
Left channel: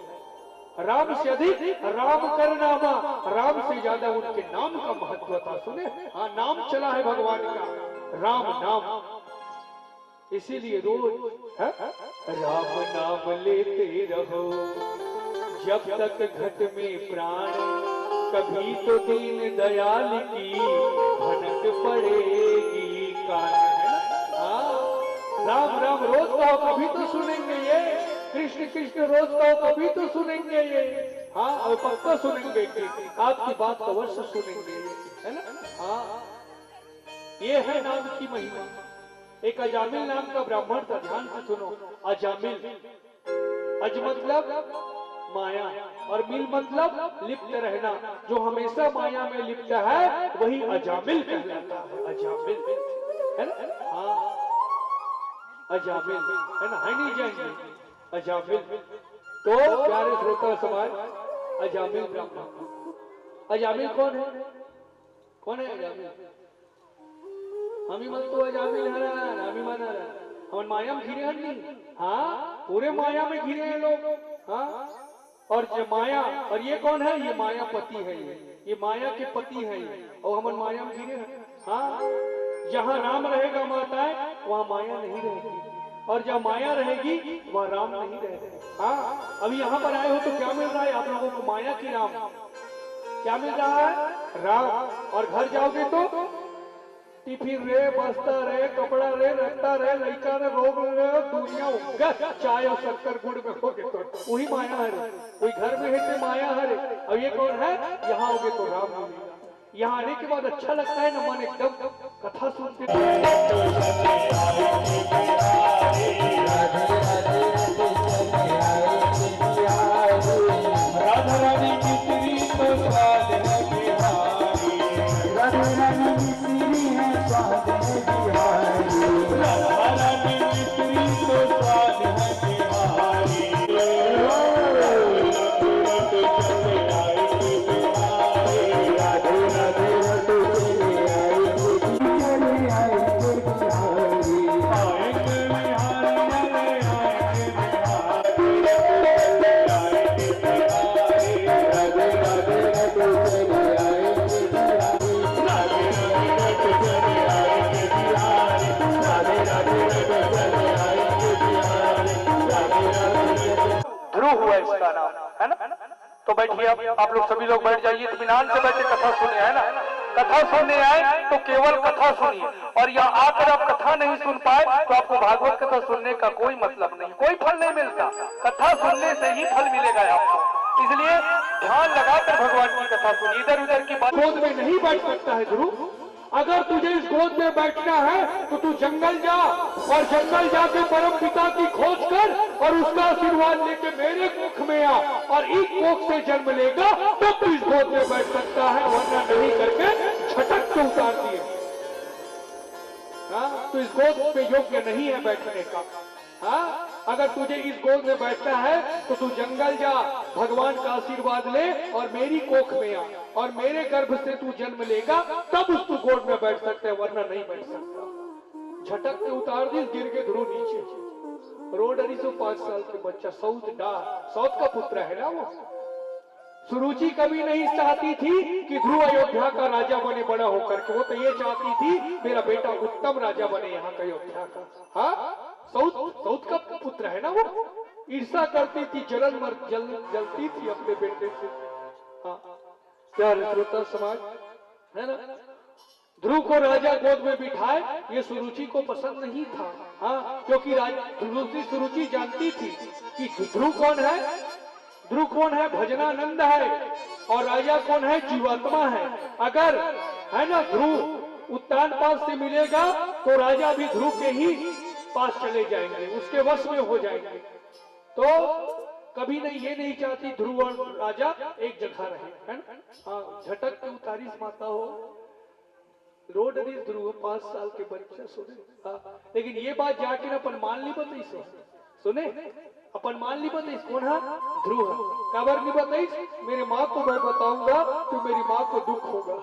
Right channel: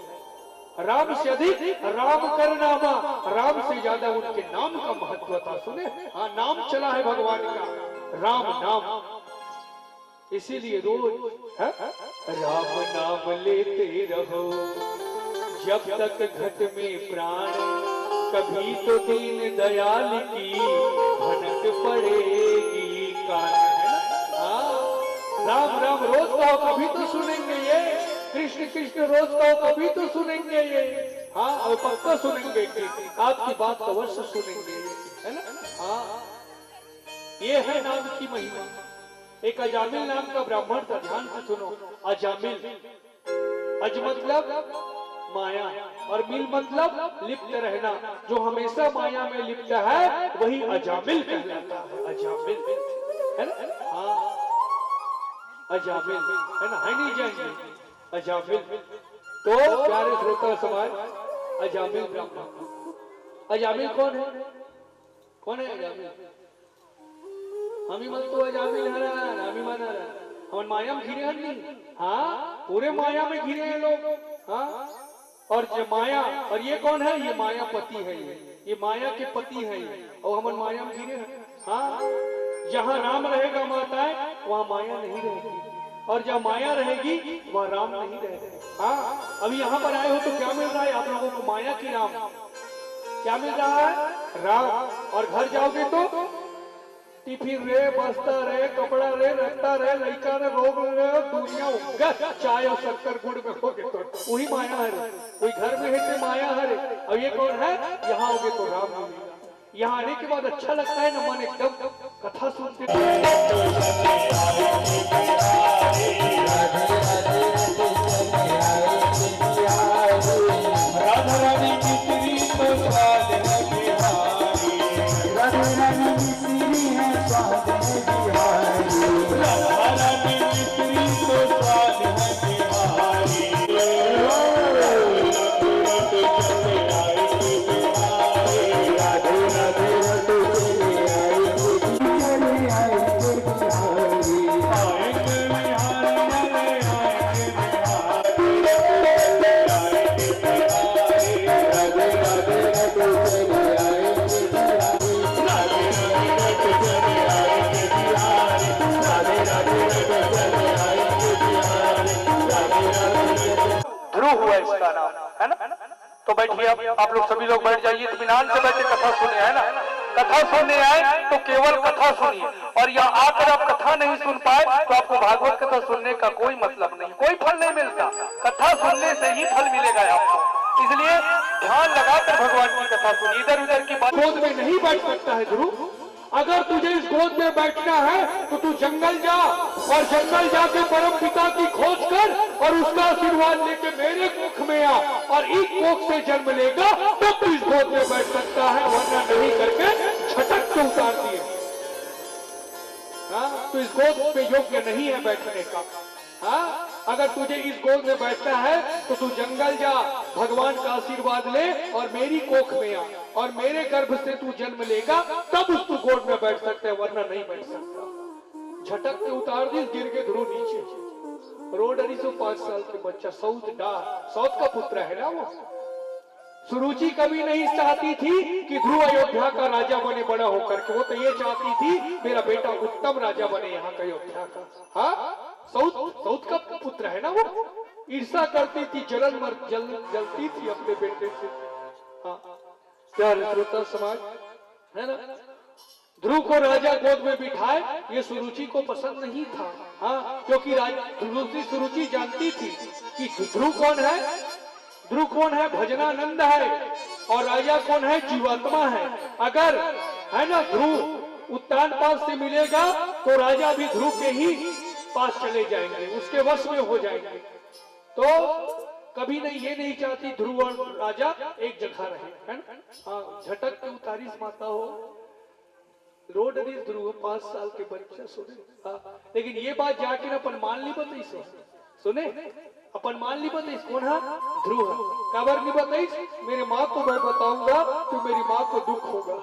राम से अधिक राम कर नामा, राम से ज्यादा उनके नाम का महत्व था। सुने, हाँ नाम चला है भगवान का, राम नाम। इसीलिए रोज राम नाम लेते रहो जब तक घट में प्राण, कभी तो दीन दयाल की भनक पड़ेगी कान। है ना? हाँ, राम राम रोज कहो, कभी तो सुनेंगे ये। कृष्ण कृष्ण रोज कहो, कभी तो सुनेंगे ये। हाँ, और पक्का सुनेंगे कि आपकी बात अवश्य सुनेंगे, है ना? हाँ, ये है नाम की महिमा। एक अजामिल नाम का ब्राह्मण था, ध्यान से सुनो। अजामिल, अज मतलब माया और मिल मतलब लिप्त रहना। जो हमेशा माया में लिप्त है वही अजामिल कहलाता है। अजामिल, है ना? हाँ, अजामिल, है ना? है नहीं जाएंगे अजामिल। तो प्यारे श्रोता समाज, अजामिल ब्राह्मण। अजामिल कौन है? कौन है अजामिल? हमी मत तो अजामिल है ना, हमी मन है हम माया में घिरे हैं नहीं। हाँ, पूरे माया में घिरे हैं लोग। हाँ, और जो माया, और ये कौन है? ये माया पति है। ये माया के पति है और हम माया में घिरे हैं। हाँ, जहाँ राम रहेगा माताएं, वहाँ माया नहीं रहेगी, और जहाँ माया रहेगी वहाँ राम नहीं रहेगा। हाँ, अभी यहाँ पर आए हो तो क्या मिल रहा है आप लोगों को? माया की राम। क्या मिल रहा है? राम। और घर जाओगे तो टिफिन रे, बस्तर रे, कपड़ा रे, रत्ता रे, लड़का रे, रोग रे, दुनिया चाय और शक्कर गुड़ में होगे तो वही माया है रे। कोई घर में है तो माया है रे। और ये कौन है? यहाँ होगे तो राम मिलेगा। यहाँ आने के बाद अच्छा लगता है ना, मन एकदम कथा सुनते। राधा रानी की श्री तो स्वाद है बिहारी, राधे रानी मिश्री है स्वाद है बिहारी। राधा रानी की श्री तो स्वाद है बिहारी। राधे राधे रटो चले आएंगे, चले आएंगे बिहारी। आएंगे बिहारी, आएंगे बिहारी। राधे राधे रटो चले आएंगे बिहारी। राधे राधे रट चले आएंगे बिहारी, राधे राधे रट चले आएंगे बिहारी, राधे राधे रट। ध्रुव हुआ इसका नाम, है ना? तो बैठिए, आप लोग सभी लोग बैठ जाइए, इत्मीनान से बैठे कथा सुनिए, है ना? कथा सुनने आए तो केवल कथा सुनिए, और यहाँ आकर आप कथा नहीं सुन पाए तो आपको भागवत कथा सुनने का कोई मतलब नहीं, कोई फल नहीं मिलता। कथा सुनने से ही फल मिलेगा आपको। इसलिए ध्यान लगाकर भगवान की कथा सुनिए, इधर उधर की बात। गोद में नहीं बैठ सकता है ध्रुव। अगर तुझे इस गोद में बैठना है तो तू जंगल जा, और जंगल जाके परम पिता की खोज कर और उसका आशीर्वाद लेके मेरे मुख में आ, और एक कोख से जन्म लेगा तो तू इस गोद में बैठ सकता है, वरना नहीं करके झटक के उतार दिए। हाँ, तो इस गोद पे योग्य नहीं है बैठने का। हाँ, अगर तुझे इस गोद में बैठना है तो तू जंगल जा, भगवान का आशीर्वाद ले और मेरी कोख में आ, और मेरे गर्भ से तू जन्म लेगा तब उस तू गोद में बैठ सकते है, वरना नहीं बैठ सकता। झटक के उतार दी, गिर के ध्रुव नीचे। रोडरी से 5 साल के बच्चा, साउथ का पुत्र है ना वो। सुरुचि कभी नहीं चाहती थी कि ध्रुव अयोध्या का राजा बने बड़ा होकर के, वो तो ये चाहती थी मेरा बेटा उत्तम राजा बने यहाँ का, अयोध्या का। हाँ, साउथ का पुत्र है ना वो। ईर्षा करती थी, जलती थी अपने बेटे से। हाँ, प्यारे श्रोता समाज, है ना? ध्रुव को राजा गोद में बिठाए, ये सुरुचि को पसंद नहीं था। हाँ, क्योंकि सुरुचि जानती थी कि ध्रुव कौन है। ध्रुव कौन है? भजनानंद है, और राजा कौन है? जीवात्मा है। अगर, है ना, ध्रुव उत्तान पास से मिलेगा तो राजा भी ध्रुव के ही पास चले जाएंगे, उसके वश में हो जाएंगे। तो कभी नहीं, ये नहीं चाहती ध्रुव और राजा एक जगह रहे, है ना? हाँ, झटक के उतारी माता हो, रोड ध्रुव 5 साल के बच्चा सुने। हाँ, लेकिन ये बात जाके अपन मान ली बताई सुने, अपन मान ली बताई कौन है? ध्रुव। कबर नहीं बताई, मेरी माँ को मैं बताऊंगा तो मेरी माँ को दुख होगा।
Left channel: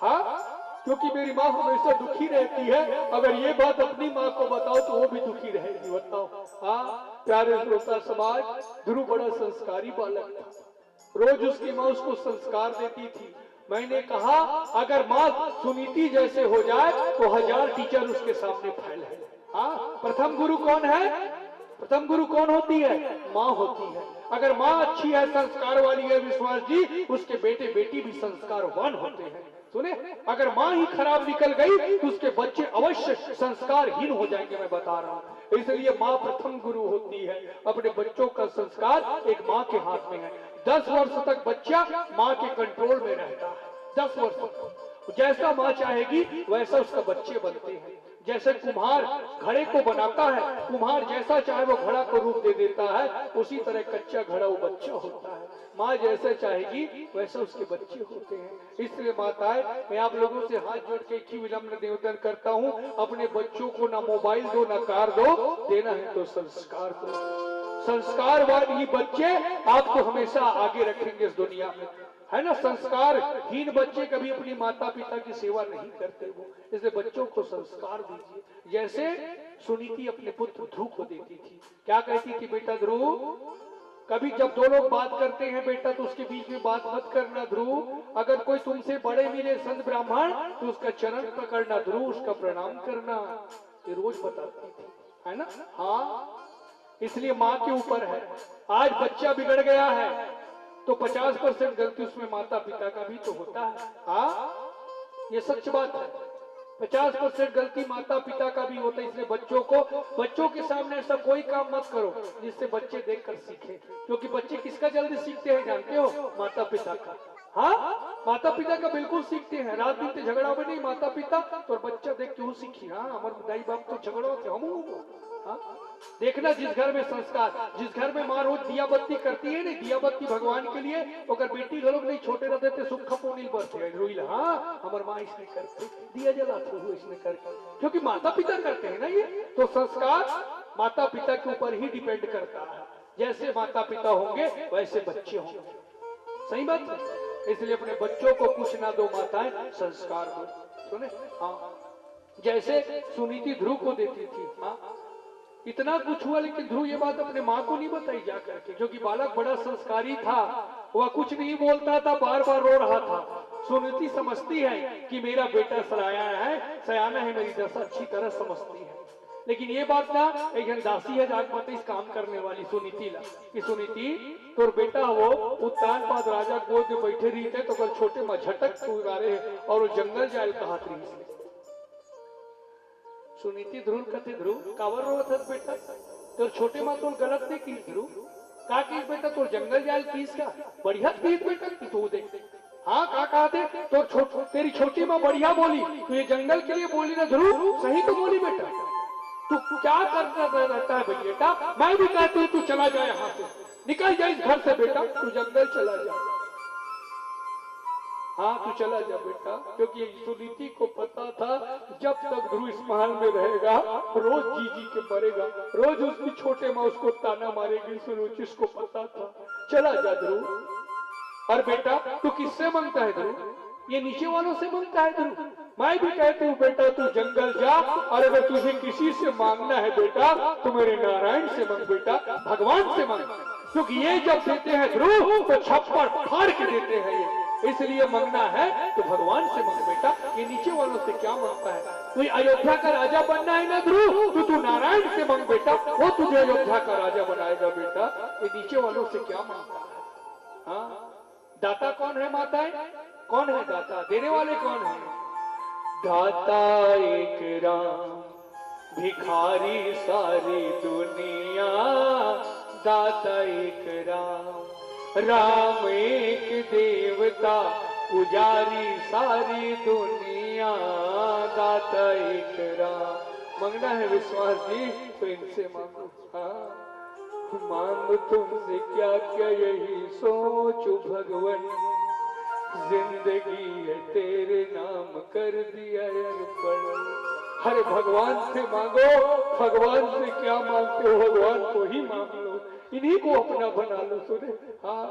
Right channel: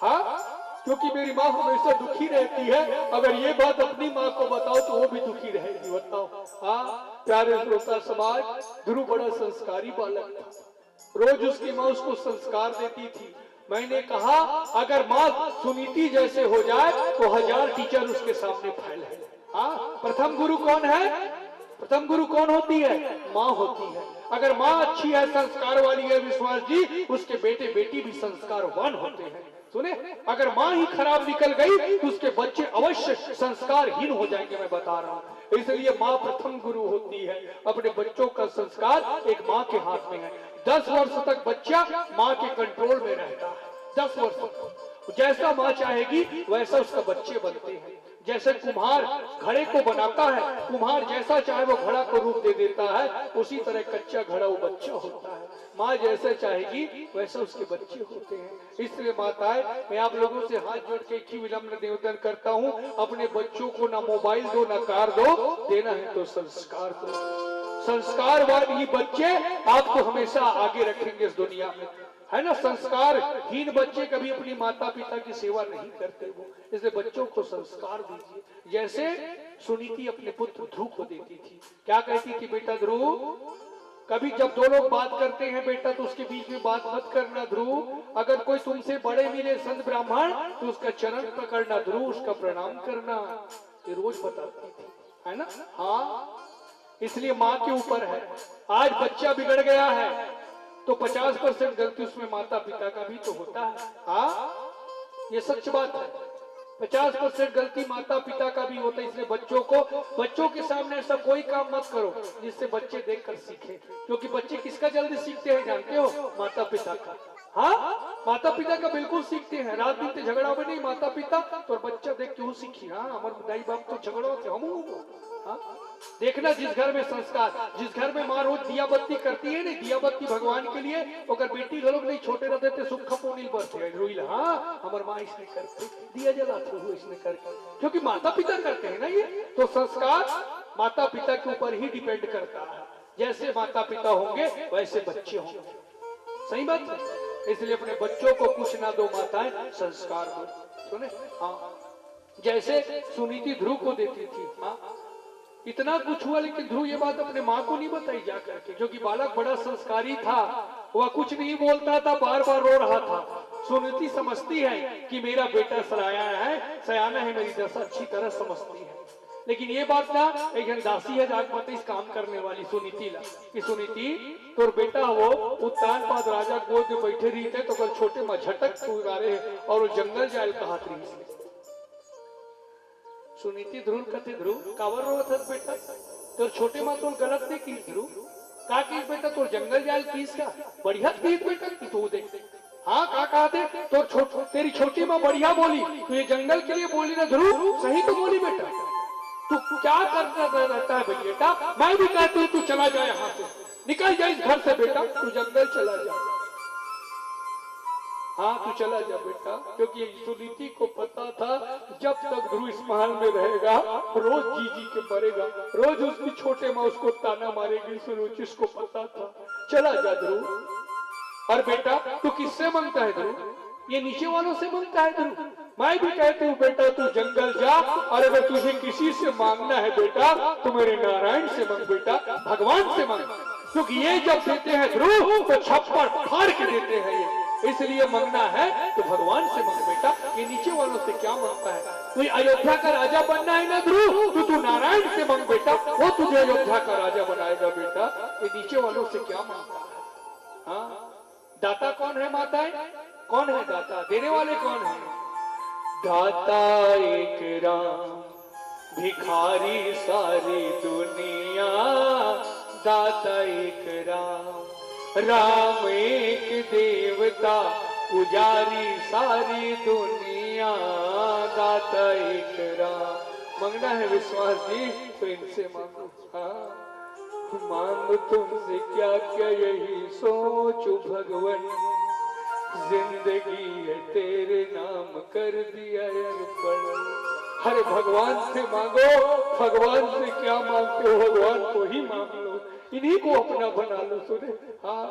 हाँ, क्योंकि मेरी माँ हमेशा दुखी रहती है। अगर ये बात अपनी माँ को बताओ तो वो भी दुखी रहेगी। बताओ। हाँ प्यारे श्रोता समाज, ध्रुव बड़ा संस्कारी बालक था। रोज उसकी माँ उसको संस्कार देती थी। मैंने कहा अगर माँ सुनीति जैसे हो जाए तो 1000 टीचर उसके सामने फैल है। हाँ, प्रथम गुरु कौन है? प्रथम गुरु कौन होती है? माँ होती है। अगर माँ अच्छी है, संस्कार वाली है विश्वास जी, उसके बेटे बेटी भी संस्कारवान होते हैं। सुने, अगर माँ ही खराब निकल गई तो उसके बच्चे अवश्य संस्कारहीन हो जाएंगे। मैं बता रहा हूँ। इसलिए माँ प्रथम गुरु होती है। अपने बच्चों का संस्कार एक माँ के हाथ में है। 10 वर्ष तक बच्चा माँ के कंट्रोल में रहता है। 10 वर्ष तक जैसा माँ चाहेगी वैसा उसका बच्चे बनते हैं। जैसे कुम्हार घड़े को बनाता है, कुम्हार जैसा चाहे वो घड़ा को रूप दे देता है, उसी तरह कच्चा घड़ा वो बच्चा होता है। माँ जैसे चाहेगी वैसे उसके बच्चे होते हैं। इसलिए माताएं, मैं आप लोगों से हाथ जोड़ के एक ही विनम्र निवेदन करता हूँ, अपने बच्चों को ना मोबाइल दो ना कार दो, देना है तो संस्कार दो। संस्कारवान ही बच्चे आपको हमेशा आगे रखेंगे इस दुनिया में, है ना। संस्कारहीन बच्चे कभी अपनी माता पिता की सेवा नहीं करते वो। इसलिए बच्चों को संस्कार दीजिए। जैसे सुनीति अपने पुत्र ध्रुव को देती थी। क्या कहती थी? बेटा ध्रुव, कभी जब दो लोग बात करते हैं बेटा तो उसके बीच में बात मत करना ध्रुव। अगर कोई तुमसे बड़े मिले संत ब्राह्मण तो उसका चरण पकड़ना ध्रुव, उसका प्रणाम करना। ये रोज बताती थी, है ना। हाँ, इसलिए माँ के ऊपर है। आज बच्चा बिगड़ गया है तो 50% गलती उसमें माता पिता का भी तो होता है। हाँ, ये सच बात है। 50% गलती माता पिता का भी होता है। इसलिए बच्चों के सामने ऐसा कोई काम मत करो जिससे बच्चे देखकर सीखे। क्योंकि बच्चे किसका जल्दी सीखते हैं जानते हो? माता पिता का। हाँ, माता पिता का बिल्कुल सीखते हैं। रात दिन झगड़ा में नहीं माता पिता तो बच्चा देख क्यों सीखी। हाँ, हमारे दाई बाप तो झगड़ा थे हम। हाँ, देखना जिस घर में संस्कार, जिस घर में माँ रोज दिया बत्ती करती है, नहीं दिया बत्ती भगवान के लिए, अगर बेटी लोग नहीं छोटे रहते थे सुख पोनील बरते रोइल। हाँ, हमारे माँ इसने करते दिया जलाते हुए इसने करके, क्योंकि माता पिता करते हैं ना ये। तो संस्कार माता पिता के ऊपर ही डिपेंड करता है। जैसे माता पिता होंगे वैसे बच्चे होंगे। सही बात है। इसलिए अपने बच्चों को कुछ ना दो माताएं, संस्कार दो। सुने। हाँ, जैसे सुनीति ध्रुव को देती थी। हाँ, इतना कुछ हुआ लेकिन ध्रुव ये बात अपने माँ को नहीं बताई जा करके, क्योंकि बालक बड़ा संस्कारी था। वह कुछ नहीं बोलता था, बार बार रो रहा था। सुनीति समझती है कि मेरा बेटा सयाना है, मेरी दशा अच्छी तरह समझती है। लेकिन ये बात ना एक दासी है जागमती इस काम करने वाली सुनीति ला कि सुनीति तोर बेटा वो उत्तान पाद राजा गोद में बैठे रही थे तो कल छोटे में झटक रहे और वो जंगल जाए कहा रही। सुनीति ध्रुव कथे ध्रुव कावर रोत है बेटा तो छोटे माँ तो गलत नहीं की ध्रुव का की बेटा तो जंगल जाल पीस का बढ़िया पीस बेटा की तो देख। हाँ का कहा थे तो तेरी छोटी माँ बढ़िया बोली तो ये जंगल के लिए बोली ना ध्रुव, सही तो बोली बेटा। तू क्या करता रहता है बेटा? मैं भी कहती हूँ तू चला जा यहाँ से, निकल जा इस घर से बेटा, तू जंगल चला जा। हाँ तू चला जा बेटा, क्योंकि सुनीति को पता था जब तक ध्रुव इस महल में रहेगा रोज जी के मरेगा, रोज उसकी छोटे माँ उसको ताना मारेगी। सुनीति को पता था। चला जा ध्रुव। और बेटा तू किससे मांगता है ध्रुव? ये नीचे वालों से मांगता है ध्रुव। मैं भी कहती हूँ बेटा तू जंगल जा, और अगर तुझे किसी से मांगना है बेटा तो मेरे नारायण से मांग बेटा, भगवान से मांग, क्योंकि ये जब देते हैं ध्रुव तो छप्पर फाड़ के देते हैं ये। इसलिए मांगना है तो भगवान से मांग बेटा, ये नीचे वालों से क्या मांगता है? कोई अयोध्या का राजा बनना है ना ध्रुव तो तू नारायण से मांग बेटा, वो तुझे अयोध्या का राजा बनाएगा बेटा। ये नीचे वालों से क्या मांगता है? हाँ, दाता कौन है माताएं? कौन है दाता? देने वाले कौन है? दाता एक राम, भिखारी सारी दुनिया। दाता एक राम, राम एक देवता, पुजारी सारी दुनिया। दाता एक राम। मांगना है विश्वास जी तो इनसे मांगो। हाँ, मांग तुमसे क्या क्या यही सोचो भगवान, जिंदगी है तेरे नाम कर दिया अर्पण। हर भगवान से मांगो, भगवान से क्या मांगते हो भगवान को ही मांग लो, इन्हीं को अपना बना लो। सुने। हाँ,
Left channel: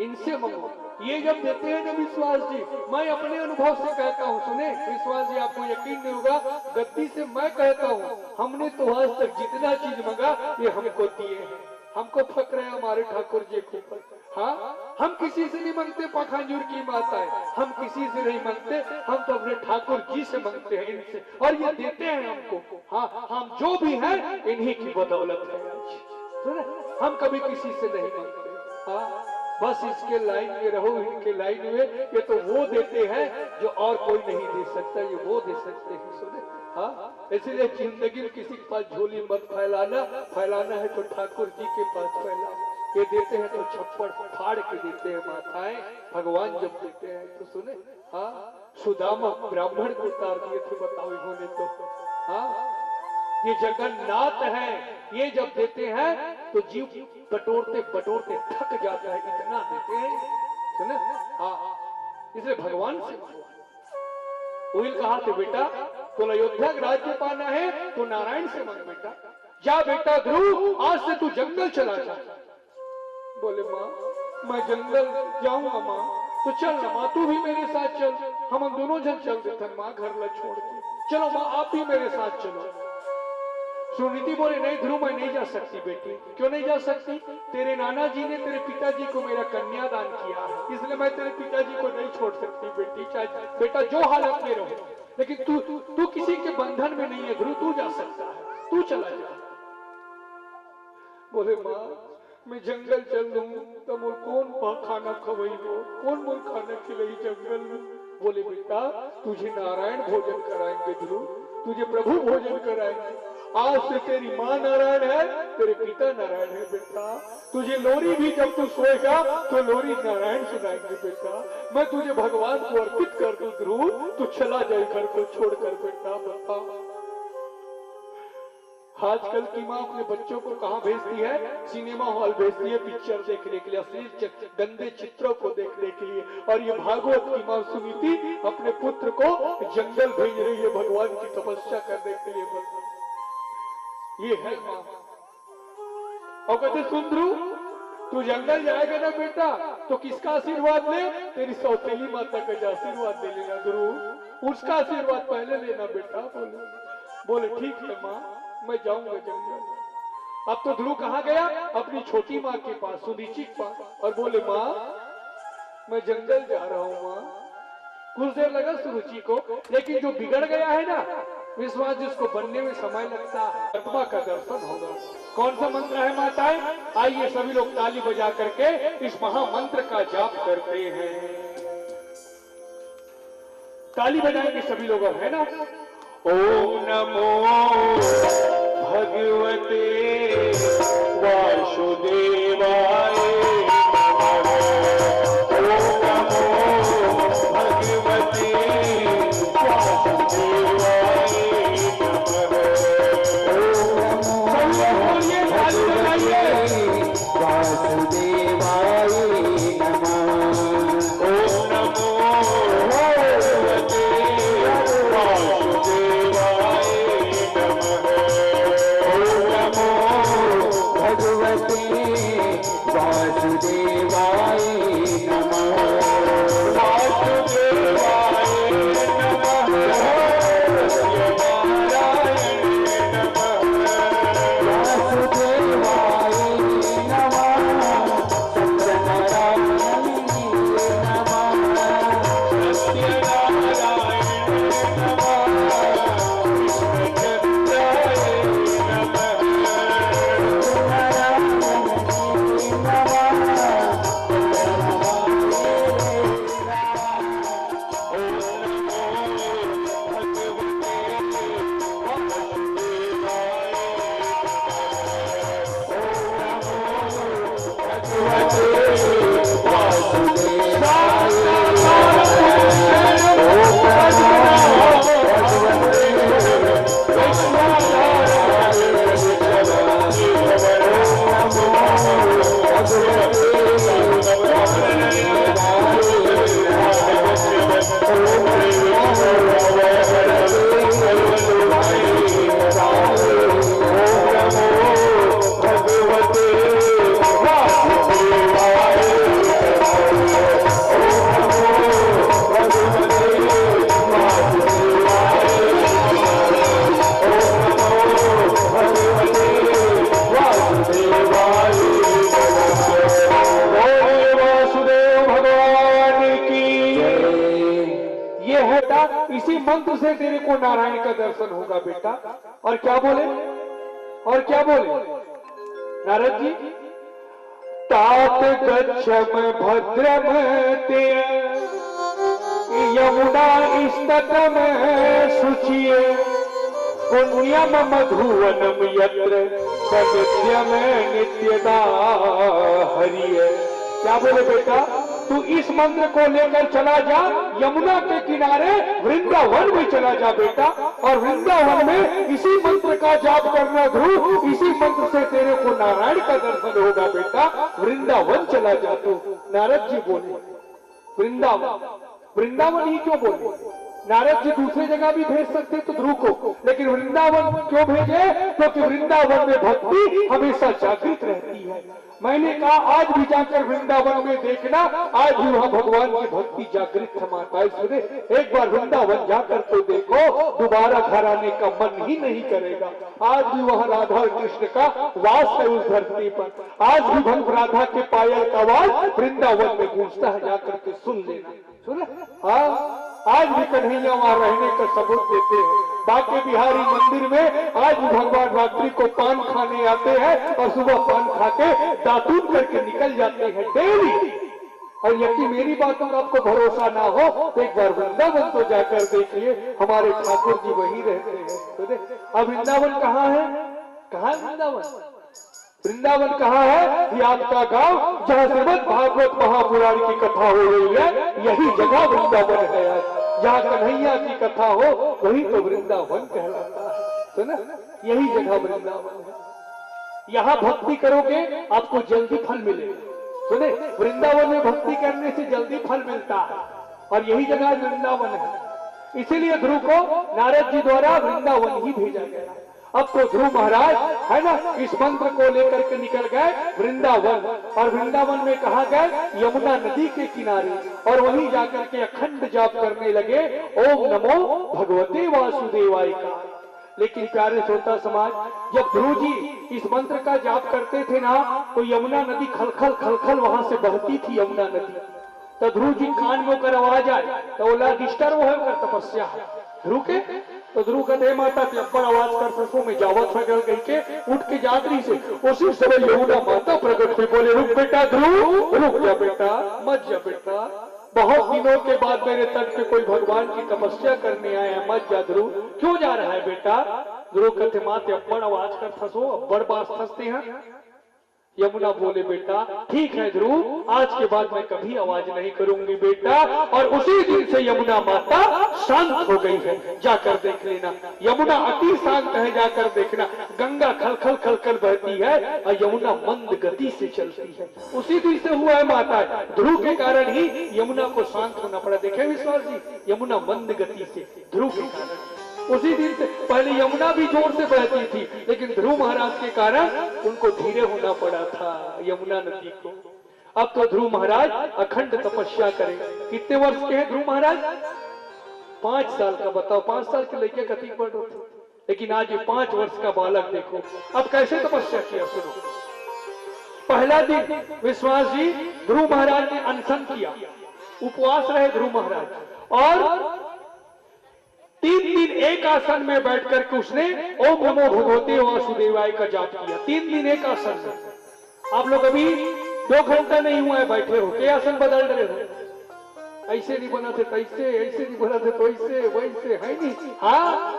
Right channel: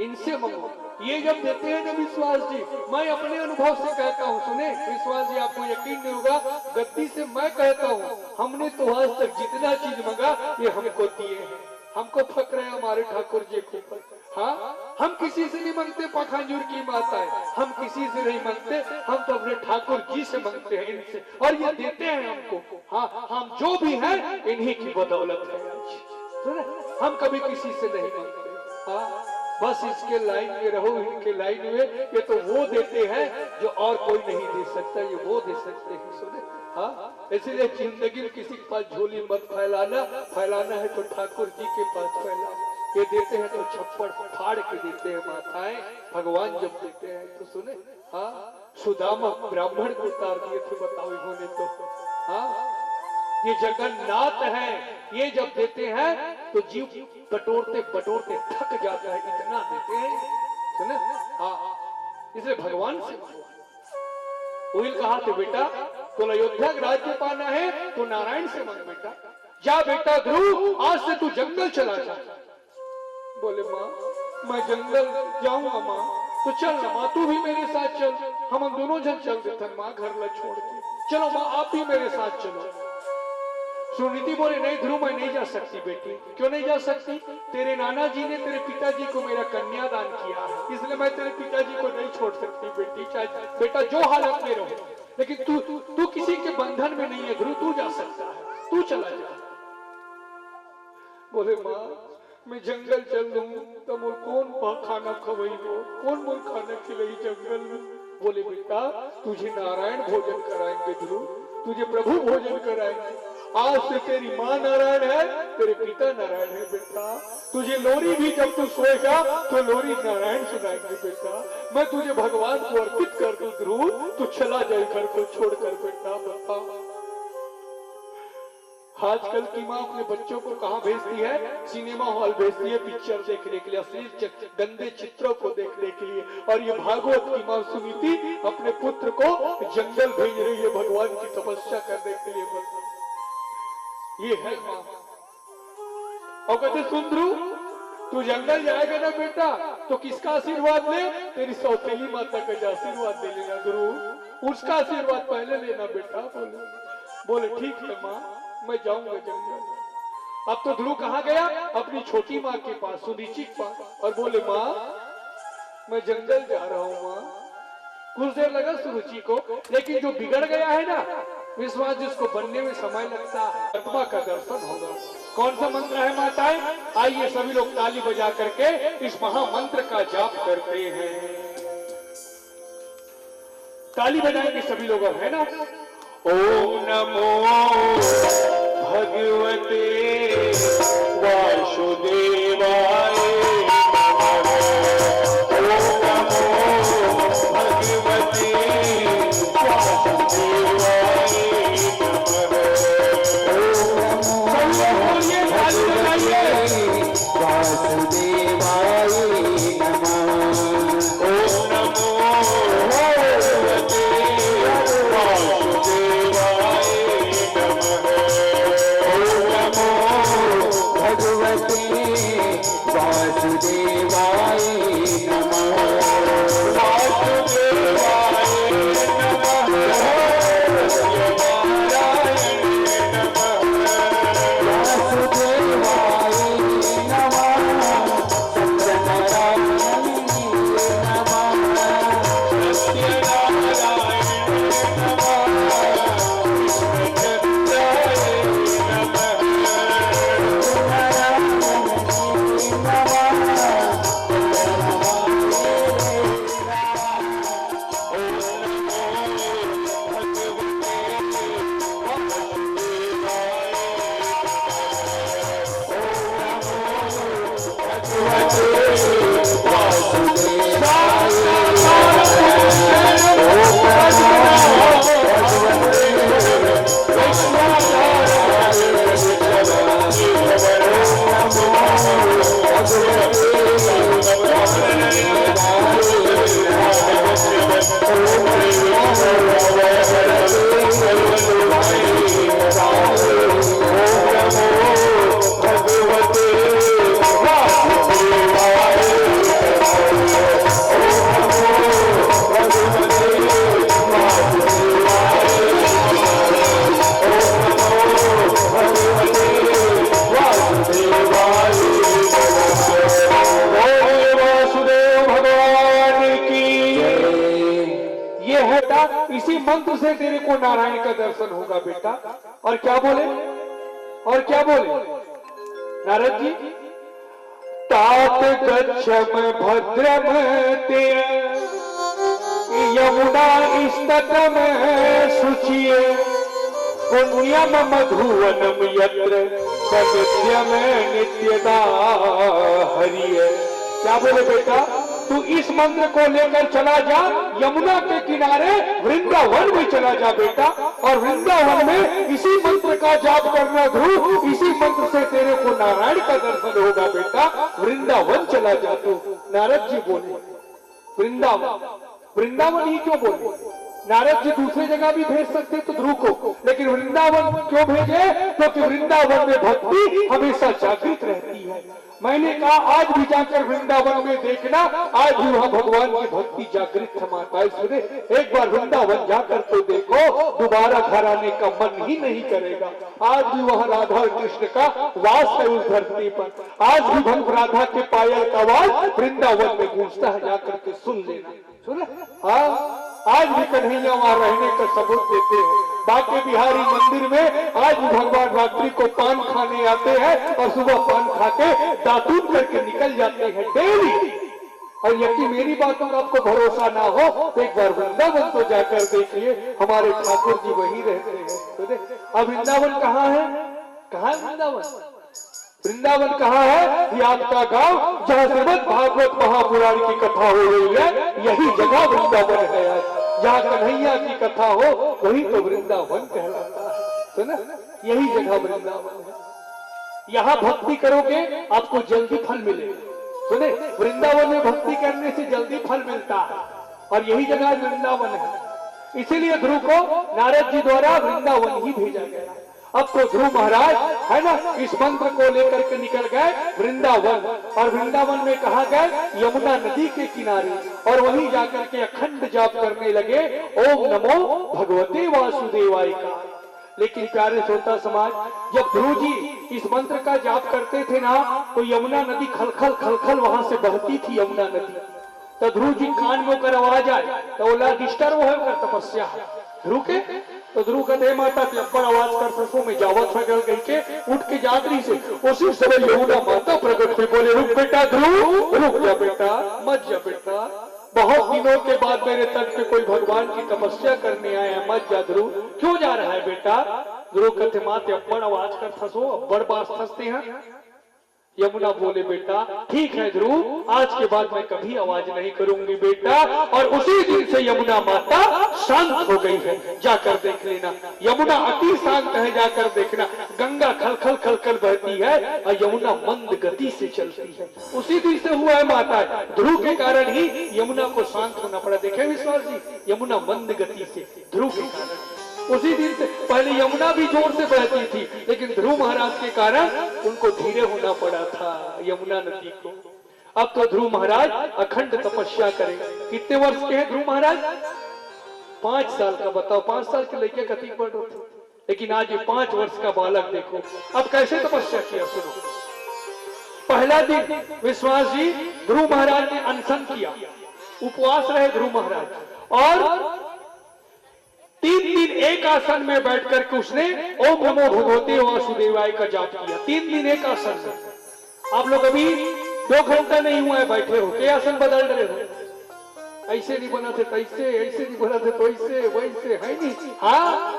इनसे मांगो। ये जब देते हैं ना विश्वास जी, मैं अपने अनुभव से कहता हूँ, सुने विश्वास जी, आपको यकीन नहीं होगा, गद्दी से मैं कहता हूँ, हमने तो आज तक जितना चीज मांगा ये हमको दिए हैं। हमको फक्र है हमारे ठाकुर जी के ऊपर। हाँ, हम किसी से नहीं मांगते पखांजूर की माता है, हम किसी से नहीं मांगते, हम तो अपने ठाकुर जी से मांगते हैं, इनसे, और ये देते हैं हमको। हाँ, हम जो भी हैं इन्हीं की बदौलत है। सुने, हम कभी किसी से नहीं मांगते। हाँ, बस इसके लाइन में रहो, इनके लाइन में, ये तो वो देते हैं जो और कोई नहीं दे सकता, ये वो दे सकते हैं। सुने, हाँ, इसलिए जिंदगी में किसी के पास झोली मत फैलाना, फैलाना है तो ठाकुर जी के पास फैलाना। ये देते हैं तो छप्पड़ फाड़ के देते हैं माताएं, भगवान जब देते हैं तो सुने। हाँ, सुदामा ब्राह्मण को उतार दिए थे, बताओ इन्होंने तो। हाँ, ये जगन्नाथ है, ये जब देते हैं तो जीव बटोरते बटोरते थक जाता है, इतना देते हैं। सुने, हाँ, इसलिए भगवान से उइल कहा थे, बेटा तो अयोध्या राज्य पाना है तो नारायण से मांग बेटा। जा बेटा ध्रुव, आज से तू जंगल चला जा। बोले माँ, मैं जंगल जाऊंगा माँ, तो चल ना माँ, तू भी मेरे साथ चल, हम दोनों जन चल देते माँ, घर ला छोड़ के। चलो माँ, आप भी मेरे साथ चलो। सुनीति बोले, नहीं ध्रुव, मैं नहीं जा सकती बेटी। क्यों नहीं जा सकती? तेरे नाना जी ने तेरे पिताजी को मेरा कन्यादान किया है, इसलिए मैं तेरे पिताजी को नहीं छोड़ सकती बेटी, चाहे बेटा जो हालत में रहो। लेकिन तू किसी के बंधन में नहीं है ध्रुव, तू जा सकता है, तू चला जा। बोले माँ, मैं जंगल चल लूं तो मोर कौन खाना खवाई हो, कौन मोर खाना खिलाई जंगल में। बोले बेटा, तुझे नारायण भोजन कराएंगे ध्रुव, तुझे प्रभु भोजन कराएंगे। आज से तेरी माँ नारायण है, तेरे पिता नारायण है बेटा। तुझे लोरी भी जब तू सोएगा तो लोरी नारायण सुनाएंगे बेटा। मैं तुझे भगवान को अर्पित कर दूं ध्रुव, तू चला जाए घर को छोड़कर बेटा। बता, आजकल की माँ अपने बच्चों को कहाँ भेजती है? सिनेमा हॉल भेजती है पिक्चर देखने के लिए, अश्लील गंदे चित्रों को देखने के लिए। और ये भागवत की माँ सुनीति अपने पुत्र को जंगल भेज रही है भगवान की तपस्या करने के लिए। ये है माँ। और कहते सुन ध्रुव, तू जंगल जाएगा ना बेटा तो किसका आशीर्वाद ले? तेरी सौतेली माता का आशीर्वाद दे लेना ध्रुव, उसका आशीर्वाद पहले लेना बेटा। बोले ठीक है माँ, मैं जाऊंगा जंगल। अब तो ध्रुव कहाँ गया? अपनी छोटी माँ के पास, सुनीति के पास, और बोले माँ, मैं जंगल जा रहा हूँ माँ। कुछ देर लगा सुरुचि को, लेकिन जो बिगड़ गया है ना विश्वास, जिसको बनने में समय लगता है, आत्मा का दर्शन होगा। कौन सा मंत्र है माताएं? आइए सभी लोग ताली बजा करके इस महामंत्र का जाप करते हैं। ताली बजाएंगे सभी लोग, है ना? ओम नमो भगवते वासुदेवाय, ओम नमो भगवते वासुदेवाय नमः। से तेरे को नारायण का दर्शन होगा बेटा। और क्या बोले, और क्या बोले नारद जी, तात गच्छम भद्रम ते यमुना स्ततम शुचिये पुण्यम मधुवनम यत्र सनित्यम नित्यदा हरिये। क्या बोले बेटा, तू इस मंत्र को लेकर चला जा, यमुना के किनारे वृंदावन में चला जा बेटा, और वृंदावन में इसी मंत्र का जाप करना ध्रुव, इसी मंत्र से तेरे को नारायण का दर्शन होगा बेटा। वृंदावन चला जा तू। नारद जी बोले वृंदावन, वृंदावन ही क्यों बोले? नारद जी दूसरी जगह भी भेज सकते तो ध्रुव को, लेकिन वृंदावन क्यों भेजे? क्योंकि वृंदावन में भक्ति हमेशा जागृत रहती है। मैंने कहा आज भी जाकर वृंदावन में देखना, आज भी वहाँ भगवान की भक्ति जागृत है। माताएं सुने, एक बार वृंदावन जाकर तो देखो, दोबारा घर आने का मन ही नहीं करेगा। आज भी वहाँ राधा और कृष्ण का वास है उस धरती पर। आज भी भक्त राधा के पायल का आवाज वृंदावन में गूंजता है, जाकर के सुन लेना। सुना? हाँ, आज भी कन्हैया वहाँ रहने का सबूत देते हैं। बांके बिहारी मंदिर में आज भी भगवान रात्रि को पान खाने आते हैं और सुबह पान खाके दातून करके निकल जाते हैं डेली। और यदि मेरी बातों का आपको भरोसा ना हो तो एक बार वृंदावन तो जाकर देखिए, हमारे ठाकुर जी वही रहते हैं। अब वृंदावन कहाँ है? कहाँ है वृंदावन? वृंदावन कहाँ है? ये आपका गांव जहाँ श्रीमद् भागवत महापुराण की कथा हो रही है, यही जगह वृंदावन है। जहाँ कन्हैया की कथा हो वही तो वृंदावन कहलाता है। सुना, यही जगह वृंदावन है। यहाँ भक्ति करोगे आपको जल्दी फल मिलेगा। सुने, वृंदावन में भक्ति करने से जल्दी फल मिलता है, और यही जगह वृंदावन है। इसीलिए ध्रुव को नारद जी द्वारा वृंदावन ही भेजा गया। अब तो ध्रुव महाराज है ना, इस मंत्र को लेकर के निकल गए वृंदावन, और वृंदावन में कहा गए यमुना नदी के किनारे, और वहीं जाकर के अखंड जाप करने लगे ओम नमो भगवते वासुदेवाय का। लेकिन प्यारे श्रोता समाज, जब ध्रुव जी इस मंत्र का जाप करते थे ना, तो यमुना नदी खलखल खलखल वहां से बहती थी यमुना नदी। तो ध्रुव जी कान में होकर आवाज आए तो बोला डिस्टर्ब होकर तपस्या ध्रुव के। तो ध्रुव कहते माता तेपर आवाज कर सको में जावत गल गई के उठ के जादरी से उसी समय यमुना माता प्रकट हुई। बोले रुक बेटा ध्रुव, रुक जा बेटा, मत जा बेटा, बहुत दिनों के बाद मेरे तट पे कोई भगवान की तपस्या करने आया, मत जा ध्रुव। क्यों जा रहा है बेटा? ध्रुव कहते माते अब्बड़ आवाज कर फंसो, अब्बड़ बात फंसते हैं। यमुना बोले बेटा ठीक है ध्रुव, आज के बाद मैं कभी आवाज नहीं करूंगी बेटा। और उसी दिन से यमुना माता शांत हो गई है, जाकर देख लेना। यमुना अति शांत है, जाकर देखना। गंगा खलखल खलखल बहती है और यमुना मंद गति से चलती है। उसी दिन से हुआ है माता, ध्रुव के कारण ही यमुना को शांत होना पड़ा। देखे विश्वास जी, यमुना मंद गति से ध्रुव के कारण। उसी दिन से पहले यमुना भी जोर से बहती थी, लेकिन ध्रुव महाराज के कारण उनको धीरे होना पड़ा था यमुना नदी को। अब तो ध्रुव महाराज अखंड तपस्या करें। कितने वर्ष के हैं ध्रुव महाराज? 5 साल का। बताओ, 5 साल के लड़के कति पढ़ रहे थे, लेकिन आज ये 5 वर्ष का बालक देखो अब कैसे तपस्या किया। सुनो, पहला दिन विश्वास जी ध्रुव महाराज ने अनशन किया, उपवास रहे ध्रुव महाराज, और 3 दिन एक आसन में बैठ करके उसने ओम नमो भगवते वासुदेवाय का जाप किया। 3 दिन एक आसन में। आप लोग अभी 2 घंटा नहीं हुआ है बैठे हो, क्या आसन बदल रहे हो? ऐसे नहीं बना थे तैसे, ऐसे नहीं बना थे तो ऐसे, वैसे है नहीं। हाँ,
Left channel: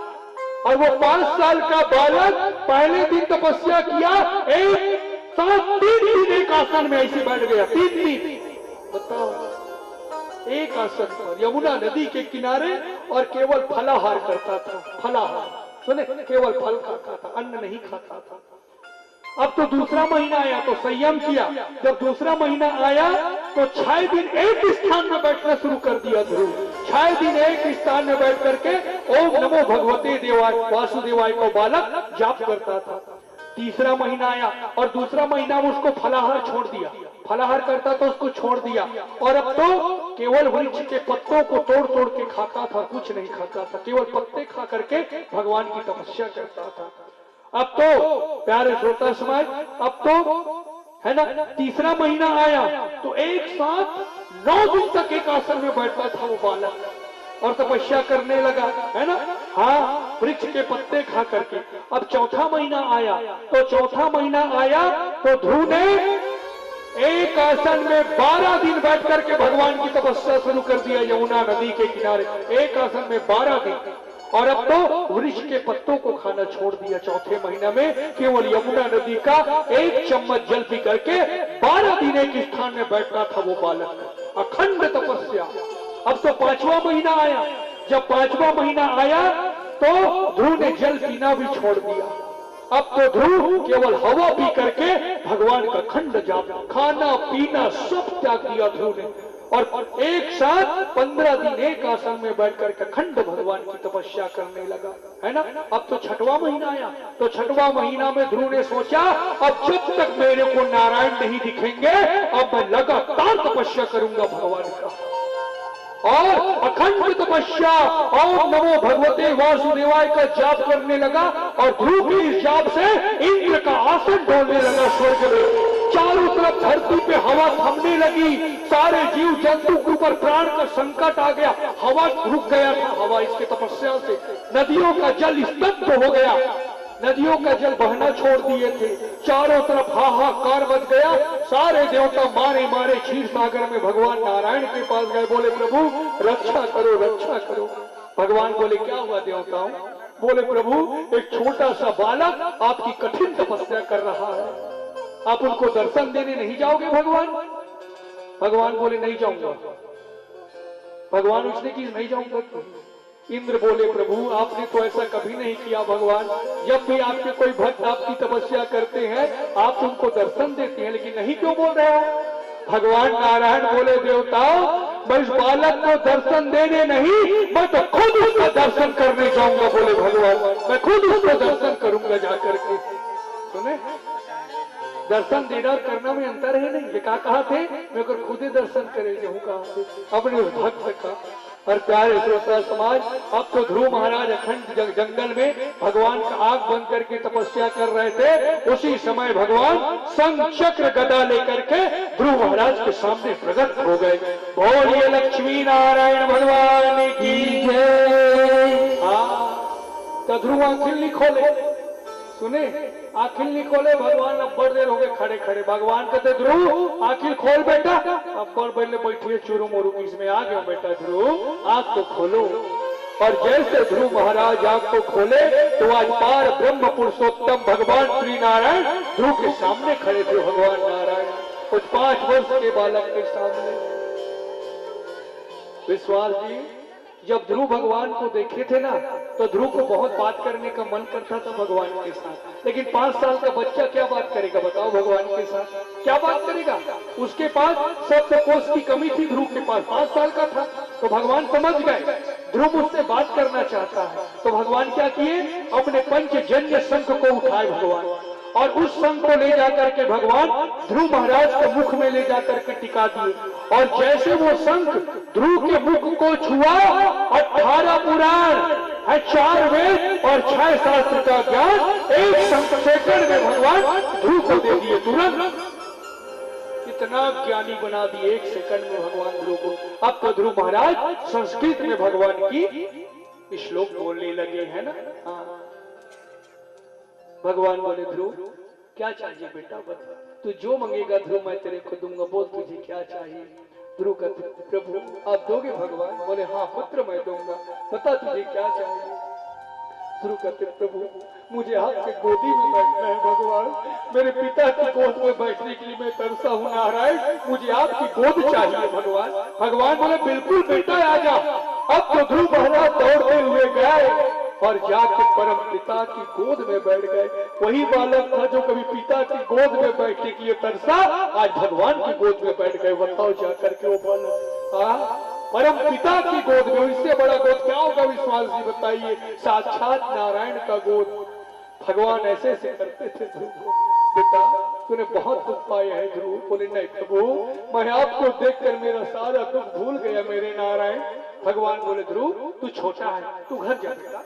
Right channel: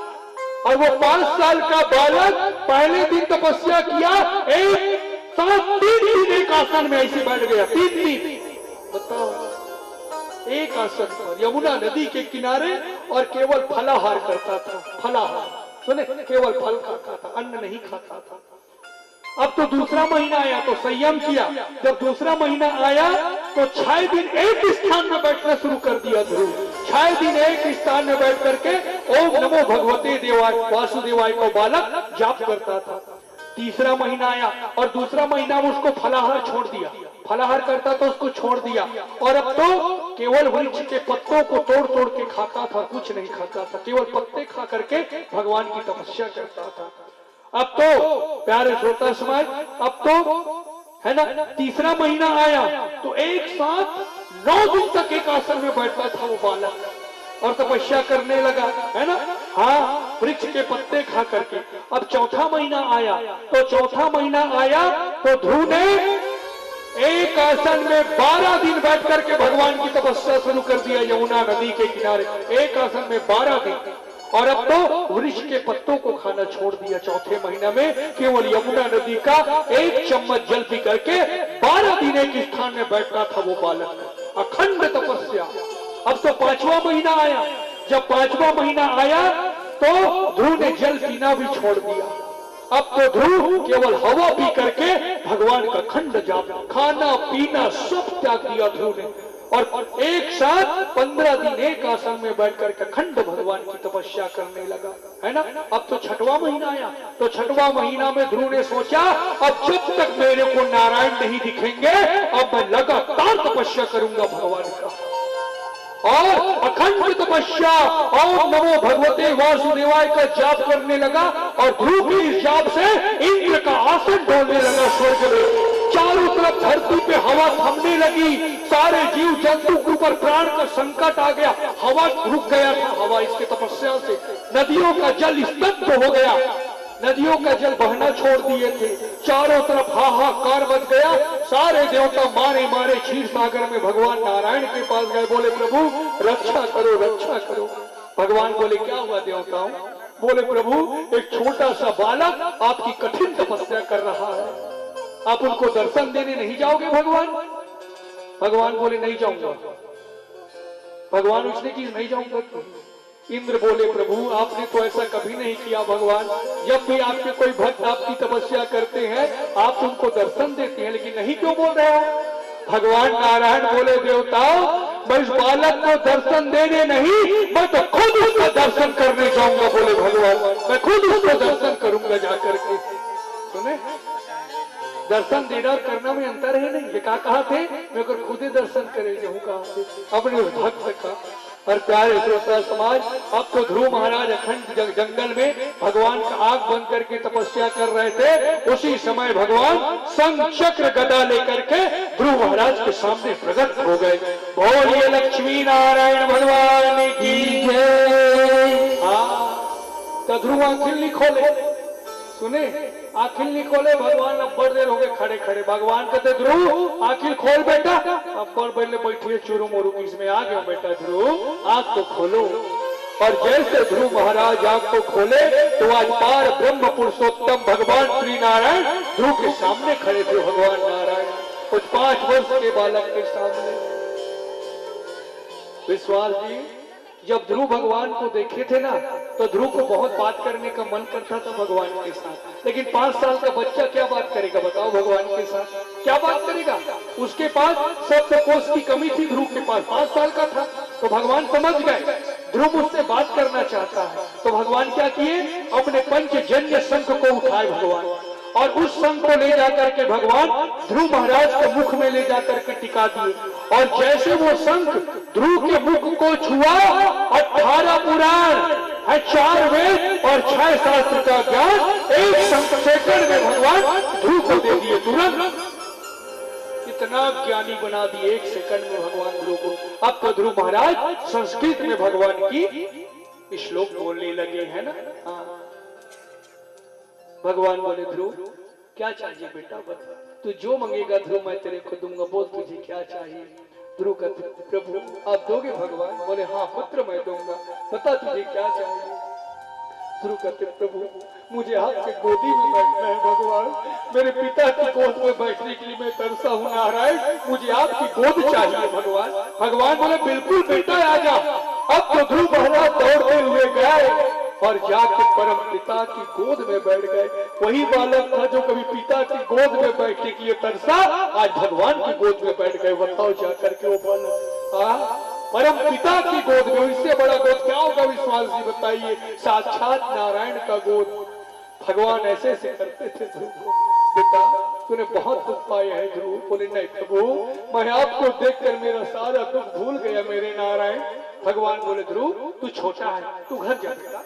और वो 5 साल का बालक पहले दिन तपस्या किया, एक साथ 3 दिन एक आसन में ऐसे बैठ गया। 3 दिन, बताओ, एक आसन पर यमुना नदी के किनारे, और केवल फलाहार करता था। फलाहार सुने, केवल फल खाता था, अन्न नहीं खाता था। अब तो दूसरा महीना आया तो संयम किया। जब दूसरा महीना आया तो 6 दिन एक स्थान में बैठना शुरू कर दिया ध्रुव। 6 दिन एक स्थान में बैठ करके ओम नमो भगवते देवाय वासुदेवाय को बालक जाप करता था। तीसरा महीना आया और दूसरा महीना में उसको फलाहार छोड़ दिया। फलाहार करता तो उसको छोड़ दिया, और अब तो केवल वृक्ष के पत्तों को तोड़ तोड़ के खाता था, कुछ नहीं खाता था, केवल पत्ते खा करके भगवान की तपस्या करता था। अब तो प्यारे श्रोता समाज, अब तो है ना, तीसरा महीना आया तो एक साथ 9 दिन तक एक आसन में बैठता था वो बालक। और तपस्या करने लगा, है ना। हाँ, वृक्ष के पत्ते खा करके। अब चौथा महीना आया, तो ध्रुव ने एक आसन में 12 दिन बैठ करके भगवान की तपस्या शुरू कर दिया यमुना नदी के किनारे। एक आसन में 12 दिन। और अब तो वृक्ष के पत्तों को खाना छोड़ दिया। चौथे महीना में केवल यमुना नदी का 1 चम्मच जल पी करके 12 दिन एक स्थान में बैठा था वो बालक। अखंड तपस्या। अब तो 5वां महीना आया। जब 5वां महीना आया तो ध्रुव ने जल पीना भी छोड़ दिया। अब तो ध्रुव केवल हवा पी करके भगवान का खंड जाप, खाना पीना सब त्याग दिया ध्रुव ने। और एक साथ 15 दिन एक आसन में बैठ करके अखंड भगवान की तपस्या करने लगा, है ना। अब तो 6वां महीना आया। तो 6वां महीना में ध्रुव ने सोचा, अब जब तक मेरे को नारायण नहीं दिखेंगे, अब मैं लगातार तपस्या करूंगा भगवान का। और अखंड तपस्या ओम नमो भगवते वासुदेवाय का जाप करने लगा। और ध्रुव की इस जाप से इंद्र का आसन डोलने लगा स्वर्ग में। चारों तरफ धरती पे हवा थमने लगी। सारे जीव जंतु के ऊपर प्राण का संकट आ गया। हवा रुक गया था। हवा इसके तपस्या से नदियों का जल स्तब्ध हो गया। नदियों का जल बहना छोड़ दिए थे। चारों तरफ हाहाकार मच गया। सारे देवता मारे मारे क्षीर सागर में भगवान नारायण के पास गए। बोले प्रभु रक्षा करो, रक्षा करो। भगवान बोले क्या हुआ देवताओं? बोले प्रभु एक छोटा सा बालक आपकी कठिन तपस्या कर रहा है, आप उनको दर्शन देने नहीं जाओगे भगवान? भगवान बोले नहीं जाऊंगा। भगवान उसने की नहीं जाऊंगा। इंद्र बोले प्रभु आपने तो ऐसा कभी नहीं किया भगवान। जब भी आपके कोई भक्त आपकी तपस्या करते हैं आप उनको दर्शन देते हैं, लेकिन नहीं क्यों बोल रहे हो? भगवान नारायण बोले देवताओं मैं इस बालक को दर्शन देने नहीं, मैं तो खुद उसका दर्शन करने जाऊंगा। बोले भगवान मैं खुद उसको दर्शन करूंगा जाकर के। सुने, दर्शन देना और करना में अंतर है नहीं। ये कहा थे मैं अगर खुद ही दर्शन करे जाऊँ कहा थे अपने भक्त का। और प्यारे श्रोता समाज, अब तो ध्रुव महाराज अखंड जंगल में भगवान का आग बंद करके तपस्या कर रहे थे। उसी समय भगवान शंख चक्र गदा लेकर के ध्रुव महाराज के सामने प्रकट हो गए। बोलिए लक्ष्मी नारायण भगवान की जय। तो ध्रुव आंखें नहीं खोले। सुने, आखिर नहीं खोले। भगवान अब बड़ देर हो गए खड़े खड़े। भगवान कहते ध्रुव आखिर खोल बेटा। अब बड़ पहले बैठिए चूरू मोरू इसमें आ गया बेटा ध्रुव आंख को खोलो। और जैसे ध्रुव महाराज आंख को खोले तो आज पार ब्रह्म पुरुषोत्तम भगवान श्री नारायण ध्रुव के सामने खड़े थे। भगवान नारायण कुछ 5 वर्ष के बालक के सामने। विश्वास जी जब ध्रुव भगवान को देखे थे ना तो ध्रुव को बहुत बात करने का मन करता था भगवान के साथ। लेकिन 5 साल का बच्चा क्या बात करेगा बताओ भगवान के साथ? क्या बात करेगा? उसके पास शब्दकोश की कमी थी। ध्रुव के पास 5 साल का था। तो भगवान समझ गए ध्रुव उससे बात करना चाहता है। तो भगवान क्या किए, अपने पंचजन्य शंख को उठाए भगवान और उस शंख को ले जाकर के भगवान ध्रुव महाराज के मुख में ले जाकर के टिका दिए। और जैसे वो शंख ध्रुव के मुख को छुआ 18 पुराण है, 4 वेद और 6 शास्त्र का ज्ञान एक सेकंड में भगवान ध्रुव को दे दिए। तुरंत इतना ज्ञानी बना दिए 1 सेकंड में भगवान ध्रुव को। अब तो ध्रुव महाराज संस्कृत में भगवान की श्लोक बोलने लगे, है ना। हाँ। भगवान बोले ध्रुव क्या चाहिए बेटा बता, तू जो मांगेगा ध्रुव मैं तेरे को दूंगा। बोल तुझे क्या चाहिए? ध्रुव कहते प्रभु आप दोगे भगवान? बोले हाँ पुत्र मैं दूंगा, बता तुझे क्या चाहिए? ध्रुव कहते प्रभु मुझे आपके गोदी में बैठना है भगवान। मेरे पिता की गोद में बैठने के लिए मैं तरसा हूँ नारायण, मुझे आपकी गोद चाहिए भगवान। भगवान बोले बिल्कुल बेटा आ जा। अब तो ध्रुव महाराज दौड़ते हुए गए और जाके परम पिता की गोद में बैठ गए। वही बालक था जो कभी पिता की गोद में बैठने के लिए तरसा, आज भगवान की गोद में बैठ गए। बताओ जाकर के वो बालक परम पिता की गोद में। इससे बड़ा गोद क्या होगा विश्वास जी बताइए? साक्षात नारायण का गोद। भगवान ऐसे ऐसे करते थे ध्रुव, बेटा तूने बहुत दुख पाया है ध्रुव। बोले नहीं प्रभु मैं आपको देखकर मेरा सारा दुख भूल गया मेरे नारायण। भगवान बोले ध्रुव तू छोटा है, तू घर जा बेटा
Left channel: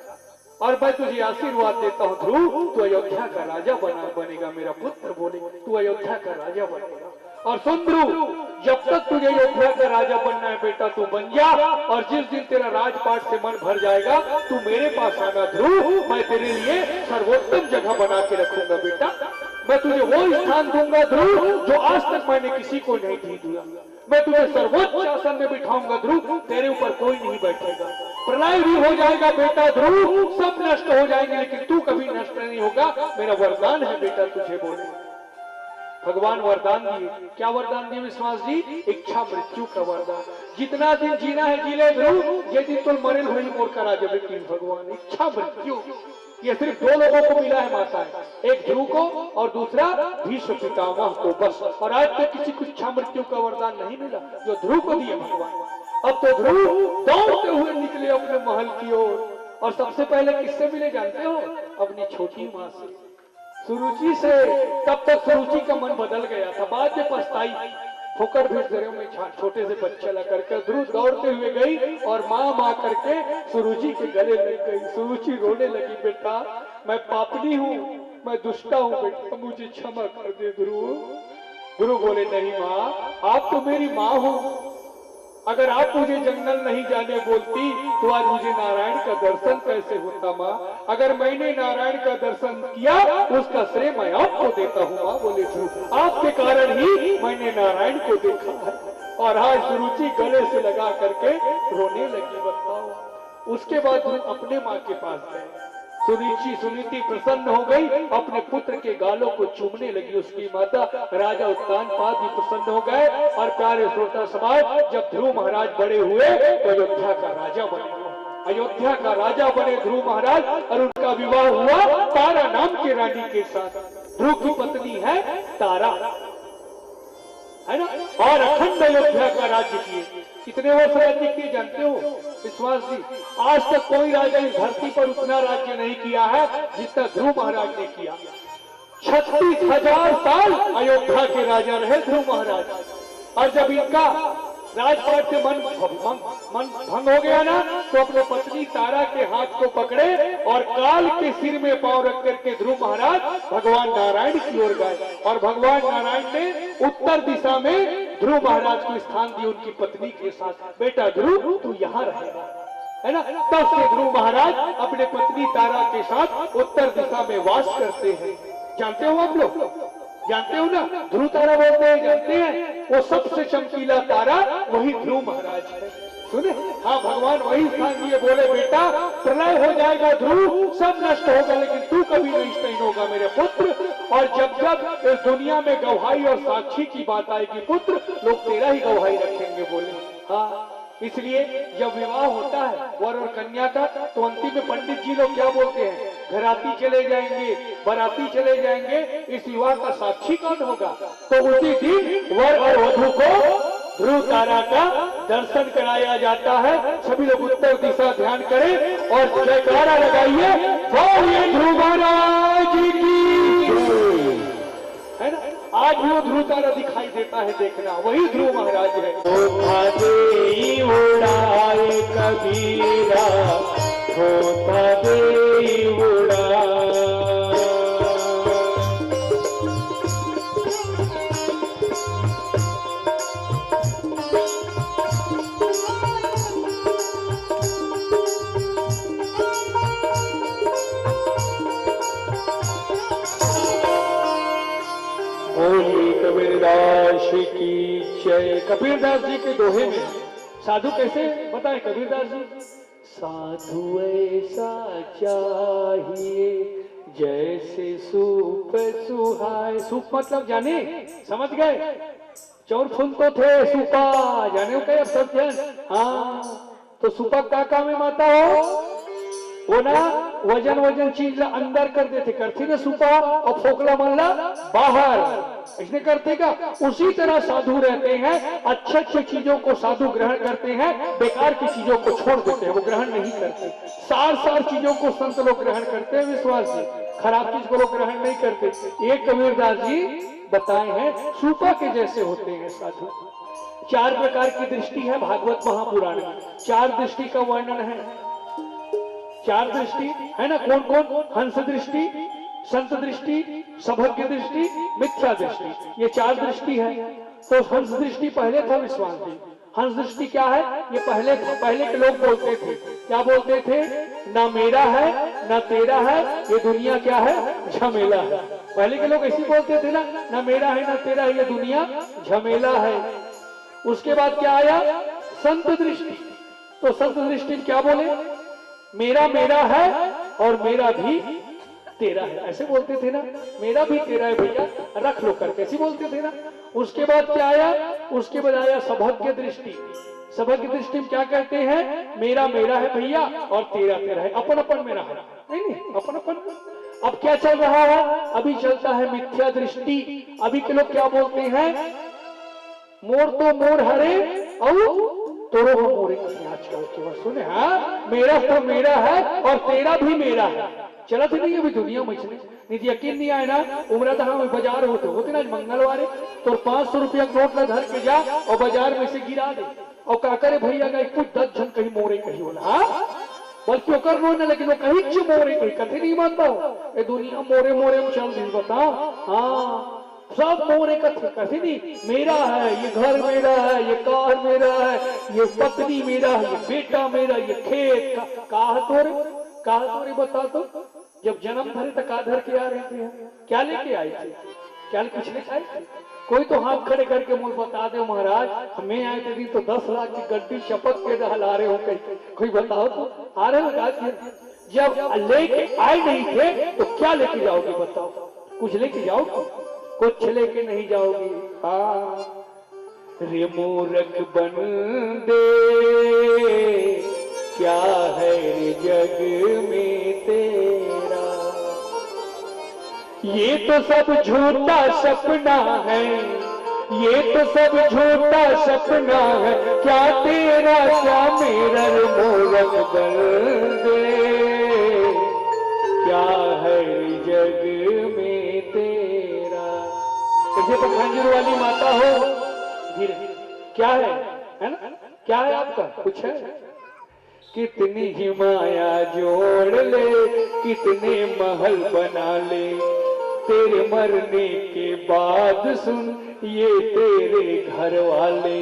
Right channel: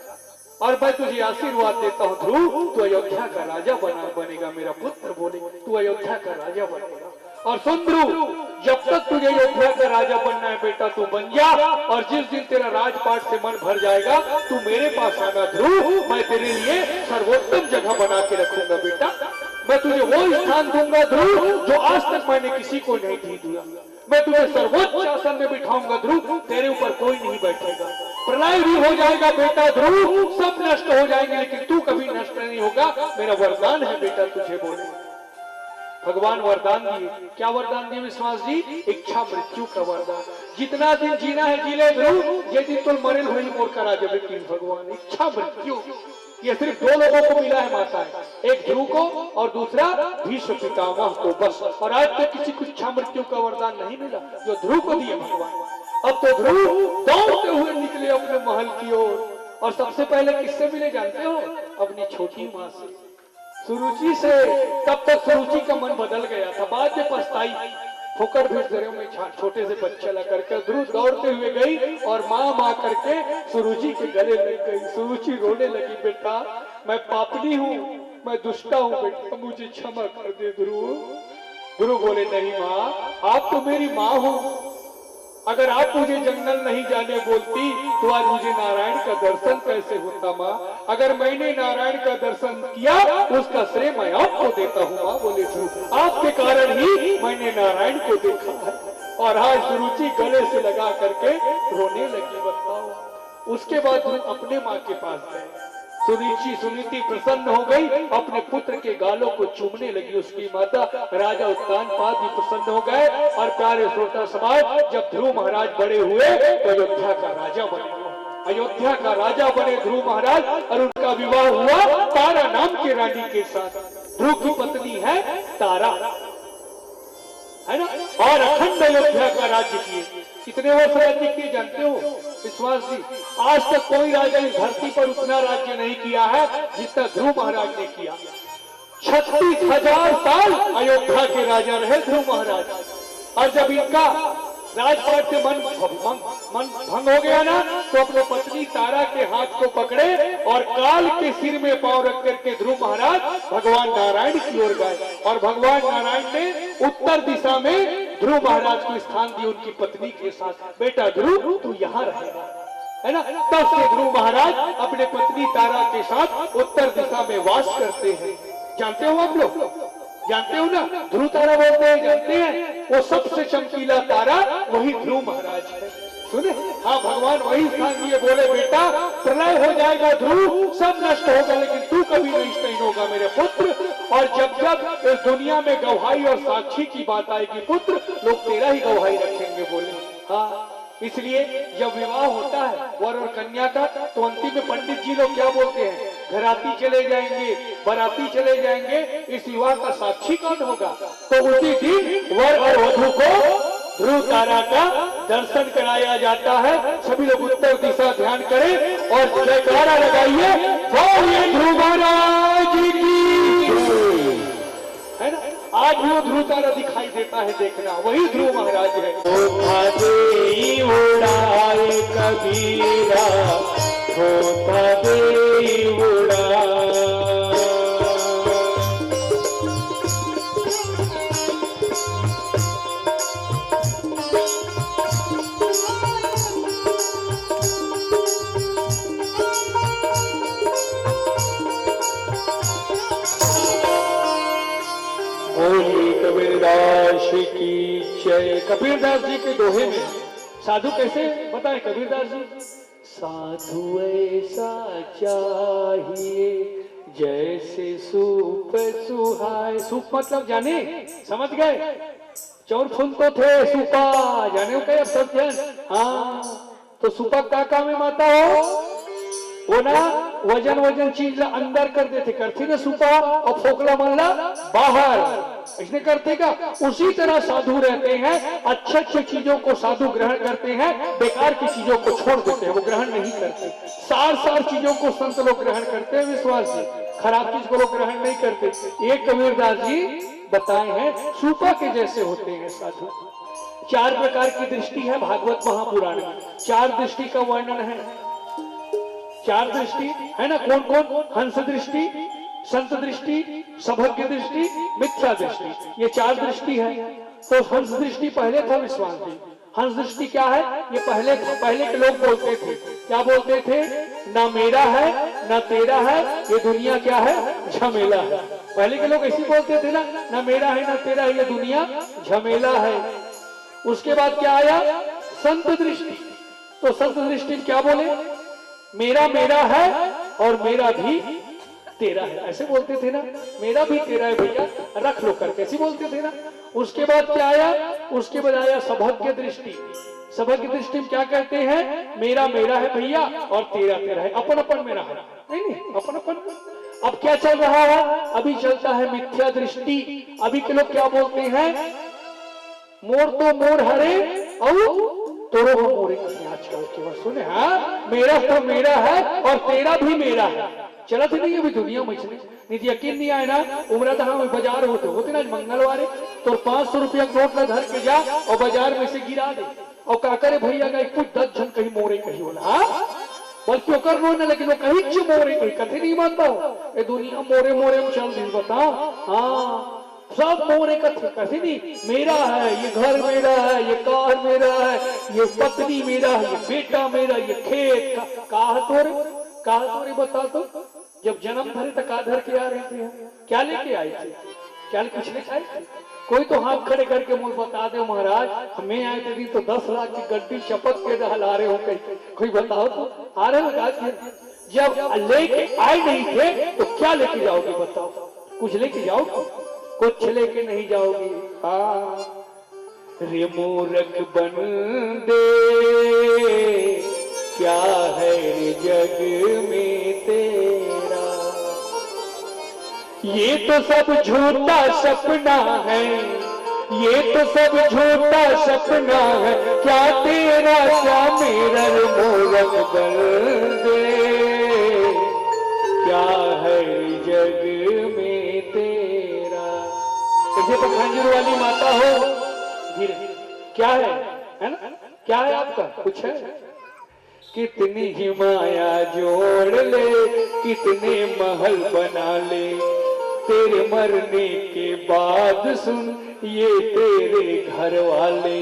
और मैं तुझे आशीर्वाद देता हूँ ध्रुव, तू अयोध्या का राजा बनेगा मेरा पुत्र। बोले तू अयोध्या का राजा बनेगा। और सुन ध्रुव, जब तक तुझे अयोध्या का राजा बनना है बेटा तू बन जा, और जिस दिन तेरा राजपाट से मन भर जाएगा तू मेरे पास आना ध्रुव, मैं तेरे लिए सर्वोत्तम जगह बना के रखूंगा बेटा। मैं तुझे वो स्थान दूंगा ध्रुव जो आज तक मैंने किसी को नहीं दिया। मैं तुझे सर्वोच्च आसन में बिठाऊंगा ध्रुव, तेरे ऊपर कोई नहीं बैठेगा। प्रलय भी हो जाएगा बेटा ध्रुव, सब नष्ट हो जाएंगे लेकिन तू कभी नष्ट नहीं होगा। मेरा वरदान है बेटा तुझे बोले। भगवान वरदान दिए। क्या वरदान दिए विश्वास जी? इच्छा मृत्यु का वरदान। जितना दिन जीना है जी ले ध्रुव, ये दिन तो मरे वही मोर का राजा बेटी भगवान। इच्छा मृत्यु ये सिर्फ दो लोगों को मिला है माता है, एक ध्रुव को और दूसरा भीष्म पितामह को, बस। और आज तक किसी को इच्छा मृत्यु का वरदान नहीं मिला जो ध्रुव को दिया भगवान। अब तो ध्रुव दौड़ते हुए निकले अपने महल की ओर, और सबसे पहले किससे मिले जानते हो? अपनी छोटी माँ से, सुरुचि से। तब तक सुरुचि का मन बदल गया था, बाद में पछताई। ठोकर भी घरों में छोटे से बच्चा ला करके ध्रुव दौड़ते हुए गई और माँ करके सुरुचि के गले लग गई। सुरुचि रोने लगी, बेटा मैं पापनी हूँ, मैं दुष्टा हूँ बेटा, मुझे क्षमा कर दे ध्रुव। ध्रुव बोले नहीं माँ, आप तो मेरी माँ हो, अगर आप मुझे जंगल नहीं जाने बोलती तो आज मुझे नारायण का दर्शन कैसे होता माँ। अगर मैंने नारायण का दर्शन किया उसका श्रेय मैं आपको देता हूँ माँ। बोले ध्रुव आपके कारण ही मैंने नारायण को देखा है। और आज सुरुचि गले से लगा करके रोने लगी, बताओ। उसके बाद ध्रुव अपने माँ के पास गए। सुनीति प्रसन्न हो गई, अपने पुत्र के गालों को चूमने लगी। उसकी माता राजा उत्तानपाद भी प्रसन्न हो गए। और प्यारे श्रोता समाज, जब ध्रुव महाराज बड़े हुए तो अयोध्या का राजा बने। अयोध्या का राजा बने ध्रुव महाराज, और उनका विवाह हुआ तारा नाम की रानी के साथ। ध्रुव की पत्नी है तारा, है ना, और अखंड अयोध्या का राज्य किए। कितने वर्ष राज्य किए जानते हो विश्वास जी? आज तक कोई राजा इस धरती पर उतना राज्य नहीं किया है जितना ध्रुव महाराज ने किया। 36,000 साल अयोध्या के राजा रहे ध्रुव महाराज। और जब इनका राजपाट से मन भंग हो गया ना, तो अपने पत्नी तारा के हाथ को पकड़े और काल के सिर में पांव रख करके ध्रुव महाराज भगवान नारायण की ओर गए। और भगवान नारायण ने उत्तर दिशा में ध्रुव महाराज को स्थान दिया उनकी पत्नी के साथ। बेटा ध्रुव तू यहाँ रहेगा, है ना। तब से ध्रुव महाराज अपने पत्नी तारा के साथ उत्तर दिशा में वास करते हैं। जानते हो आप लोग? जानते हो ना, ध्रुव तारा बोलते हैं, जानते हैं? वो सबसे चमकीला तारा वही ध्रुव महाराज है। सुने, हाँ भगवान वही स्थान दिए। बोले बेटा प्रलय हो जाएगा ध्रुव, सब नष्ट होगा लेकिन तू कभी नष्ट नहीं होगा मेरे पुत्र। और जब जब इस दुनिया में गवाही और साक्षी की बात आएगी पुत्र, लोग तेरा ही गवाही रखेंगे। बोले हाँ, इसलिए जब विवाह होता है वर और कन्या का, तो अंतिम में पंडित जी लोग क्या बोलते हैं? घराती चले जाएंगे, बाराती चले जाएंगे, इस विवाह का साक्षी कौन होगा? तो उसी दिन वर और वधू को ध्रुव तारा का दर्शन कराया जाता है। सभी लोग उत्तर दिशा ध्यान करें और जयकारा लगाइए, बोलिए ध्रुव महाराज की, है ना। आज भी वो ध्रुव तारा दिखाई देता है, देखना वही ध्रुव महाराज है। उड़ाए कबीरा, होता दे उड़ा। बोली कबीरदास की जय। कबीरदास जी के दोहे में साधु कैसे बताए कबीरदास जी? साधु ऐसा चाहिए जैसे सूप सुहाए। सूप मतलब जाने, समझ गए? चौर फूल तो थे, सूपा जाने क्या सब जान? हाँ, तो सूपा क्या काम में माता हो? वो ना वजन चीज अंदर कर देते, करती ना सुपा, और फोकला मल्ला बाहर, इसने करते का। उसी तरह साधु रहते हैं, अच्छे चीजों को साधु ग्रहण करते हैं, बेकार की चीजों को छोड़ देते हैं, वो ग्रहण नहीं करते। सार चीजों को संत लोग ग्रहण करते हैं विश्वास जी, खराब चीज को लोग ग्रहण नहीं करते। एक कबीरदास जी बताए हैं सूपा के जैसे होते हैं साधु। 4 प्रकार की दृष्टि है भागवत महापुराण में, 4 दृष्टि का वर्णन है। 4 दृष्टि है ना, कौन कौन? हंस दृष्टि, संत दृष्टि, सभज्ञ दृष्टि, मिथ्या दृष्टि, ये 4 दृष्टि है। तो हंस दृष्टि पहले था विश्वास जी। हंस दृष्टि क्या है? ये पहले के लोग बोलते थे, क्या बोलते थे? ना मेरा है ना तेरा है, ये दुनिया क्या है? झमेला है। पहले के लोग ऐसे बोलते थे ना मेरा है ना तेरा है, ये दुनिया झमेला है। उसके बाद क्या आया? संत दृष्टि। तो संत दृष्टि क्या बोले? मेरा मेरा है और मेरा भी तेरा है, ऐसे बोलते थे ना। मेरा भी तेरा है भैया, रख लो करके, ऐसे बोलते थे ना। उसके बाद क्या आया? उसके बाद आया सभज्ञ दृष्टि। सभज्ञ दृष्टि में क्या कहते हैं? मेरा मेरा है भैया और तेरा तेरा है, अपन अपन मेरा है, नहीं अपन अपन। अब क्या चल रहा है? अभी चलता है मिथ्या दृष्टि। अभी के लोग क्या बोलते हैं? मोर तो मोर हरे और तोरो मोरे। आजकल केवल सुने, हाँ मेरा तो मेरा है और तेरा भी मेरा है। चला थे नहीं अभी दुनिया में नहीं, यकीन नहीं आए ना। उम्र था हम बाजार होते ना मंगलवार, तो 500 रुपया नोट ना धर के जा और बाजार में से गिरा दे और का करे भैया का कुछ 10 जन कहीं मोरे कहीं बोला, हाँ बल्कि कर रो ना, लेकिन वो कहीं मोरे कहीं कथे नहीं मानता हो। ये दुनिया मोरे मोरे में चल रही, बताओ। हाँ सब मोरे कथे नहीं। मेरा है, ये घर मेरा है, ये कार मेरा है, ये पत्नी मेरा है, ये बेटा मेरा, ये खेत कहा तोरे बता तो। जब जन्म धरे तो का धर के आ रहे थे? क्या लेके आए थे? क्या कुछ लेके आए थे? कोई तो हाथ खड़े करके मुझे बता दे महाराज, हमें आए थे तो 10 लाख की गड्डी शपथ के ला रहे हो कहीं, कोई बताओ तो। आ रहे हो? जब लेके आए नहीं थे तो क्या लेके जाओगे बताओ? कुछ लेके जाओगे? कुछ लेके नहीं जाओगे। हाँ रे मूर्ख बंदे, क्या है रे जग में तेरा? ये तो सब झूठा सपना है, ये तो सब झूठा सपना है, क्या तेरा क्या मेरा रे मूर्ख बंदे, क्या है जग में तेरा? जैसे पखांजूर वाली माता हो, धीरे क्या है ना? क्या है आपका? कुछ है? कितनी ही माया जोड़ ले, कितने महल बना ले, तेरे मरने के बाद सुन ये तेरे घर वाले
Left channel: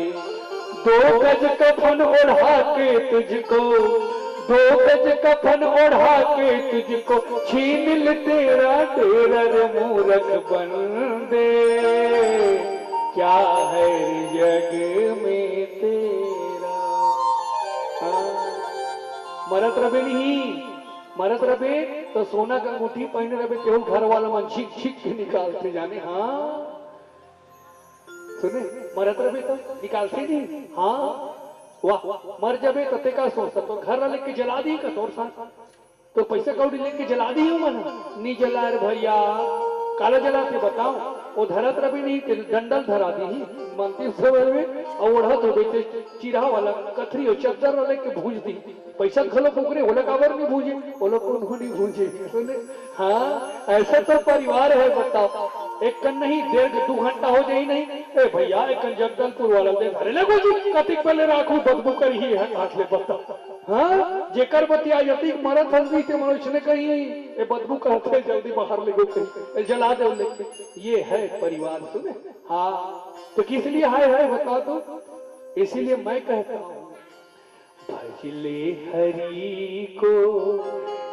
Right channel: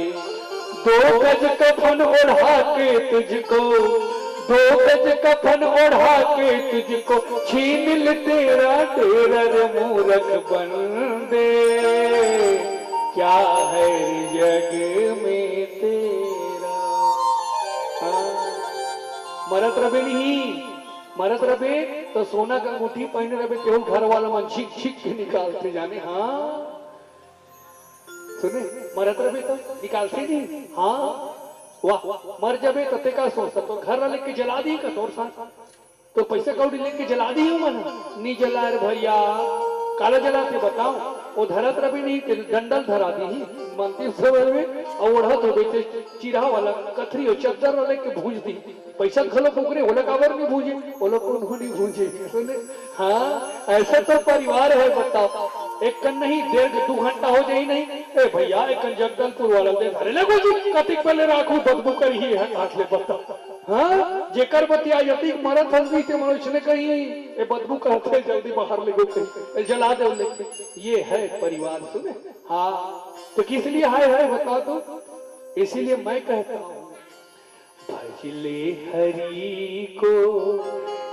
2 गज कफन ओढ़ा के तुझको, 2 गज कफन ओढ़ा के तुझको छीन ले तेरा तेरा रे मूर्ख बंदे, क्या है जग में तेरा? मरत रबे नहीं, मरत रबे तो सोना का अंगूठी पहने रबे, केवल घर वाला मन झिक झिक के निकालते जाने। हाँ सुने, मरत रबे तो निकालते नहीं। हाँ वाह, मर जबे तो तेका सोचता तो घर वाले के जला दी का तोर साथ, तो पैसे कौड़ी लेके जला दी हो मन नहीं जला रे भैया। काला जलाते बताओ? वो धरत रबी नहीं, डंडल धरा दी मानती सब में और ओढ़त हो बेचे चिरा वाला कथरी हो चद्दर वाले के भूज दी। पैसा खलो पुकरे वो लोग काबर नहीं भूजे, वो लोग को नहीं भूजे। सुने, हाँ ऐसा तो परिवार है बताओ। एक कन नहीं 1.5-2 घंटा हो जाए नहीं, ए भैया एक कन जगदलपुर वाला दे धरे लगो जी कतिक पहले राखू बदबू कर ही है हाथ ले बताओ। हाँ जेकर बतिया यति मरत हंसी के मनुष्य ने कही ए बदबू कहते जल्दी बाहर ले गो कहीं जला दे लेके, ये है परिवार। सुने, हाँ तो किस लिए है बता तो? इसीलिए मैं कहता हूँ भजले हरि को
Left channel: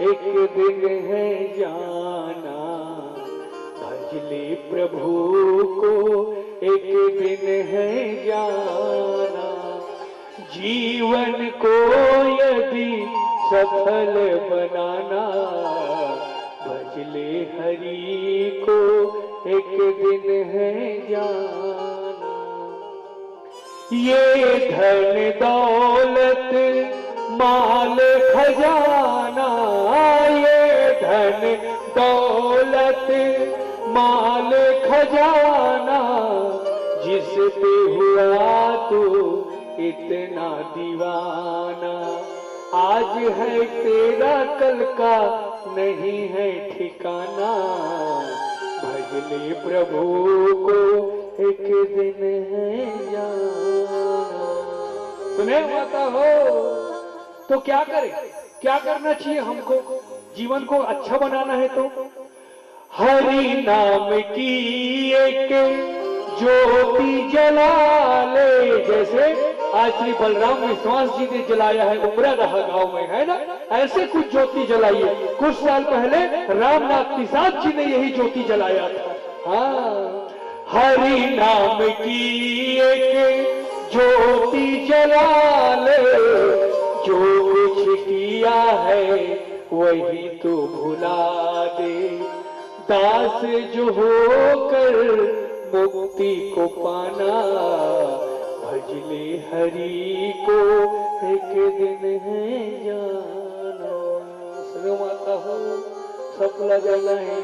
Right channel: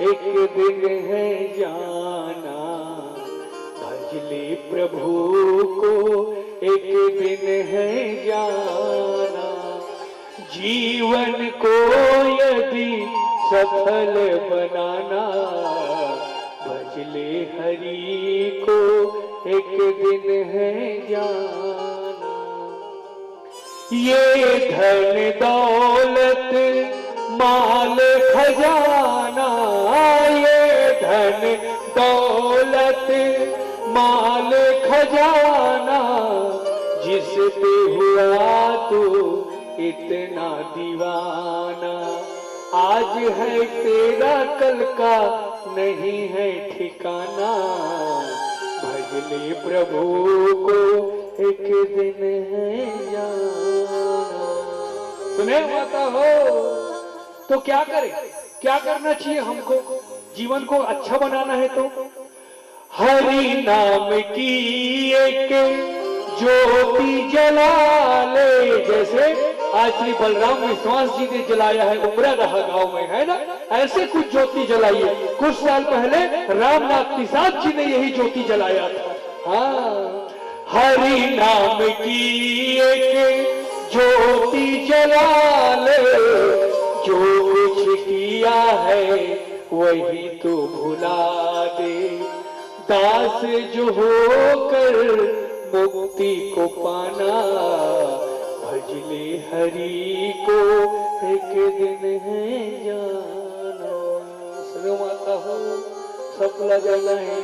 एक दिन है जाना, भजले प्रभु को एक दिन है जाना, जीवन को यदि सफल बनाना, भजले हरि को एक दिन है जाना। ये धन दौलत माल खजाना, ये धन दौलत माल खजाना, जिस पे हुआ तो इतना दीवाना, आज है तेरा कल का नहीं है ठिकाना, भजले प्रभु को एक दिन है जाना। सुने माता हो तो क्या करें? क्या करना चाहिए हमको? जीवन को अच्छा बनाना है तो हरि नाम की एक ज्योति जला ले। जैसे आज श्री बलराम विश्वास जी ने जलाया है उमरादहा गांव में, है ना, ऐसे कुछ ज्योति जलाइए। कुछ साल पहले रामनाथ प्रसाद जी ने यही ज्योति जलाया था। हाँ, हरि नाम की एक ज्योति जला ले, जो कुछ किया है वही तो भुला दे। दास जो होकर मुक्ति को पाना, भजले हरि को एक दिन है जाना। सुनो माता हो, सबला जाना है।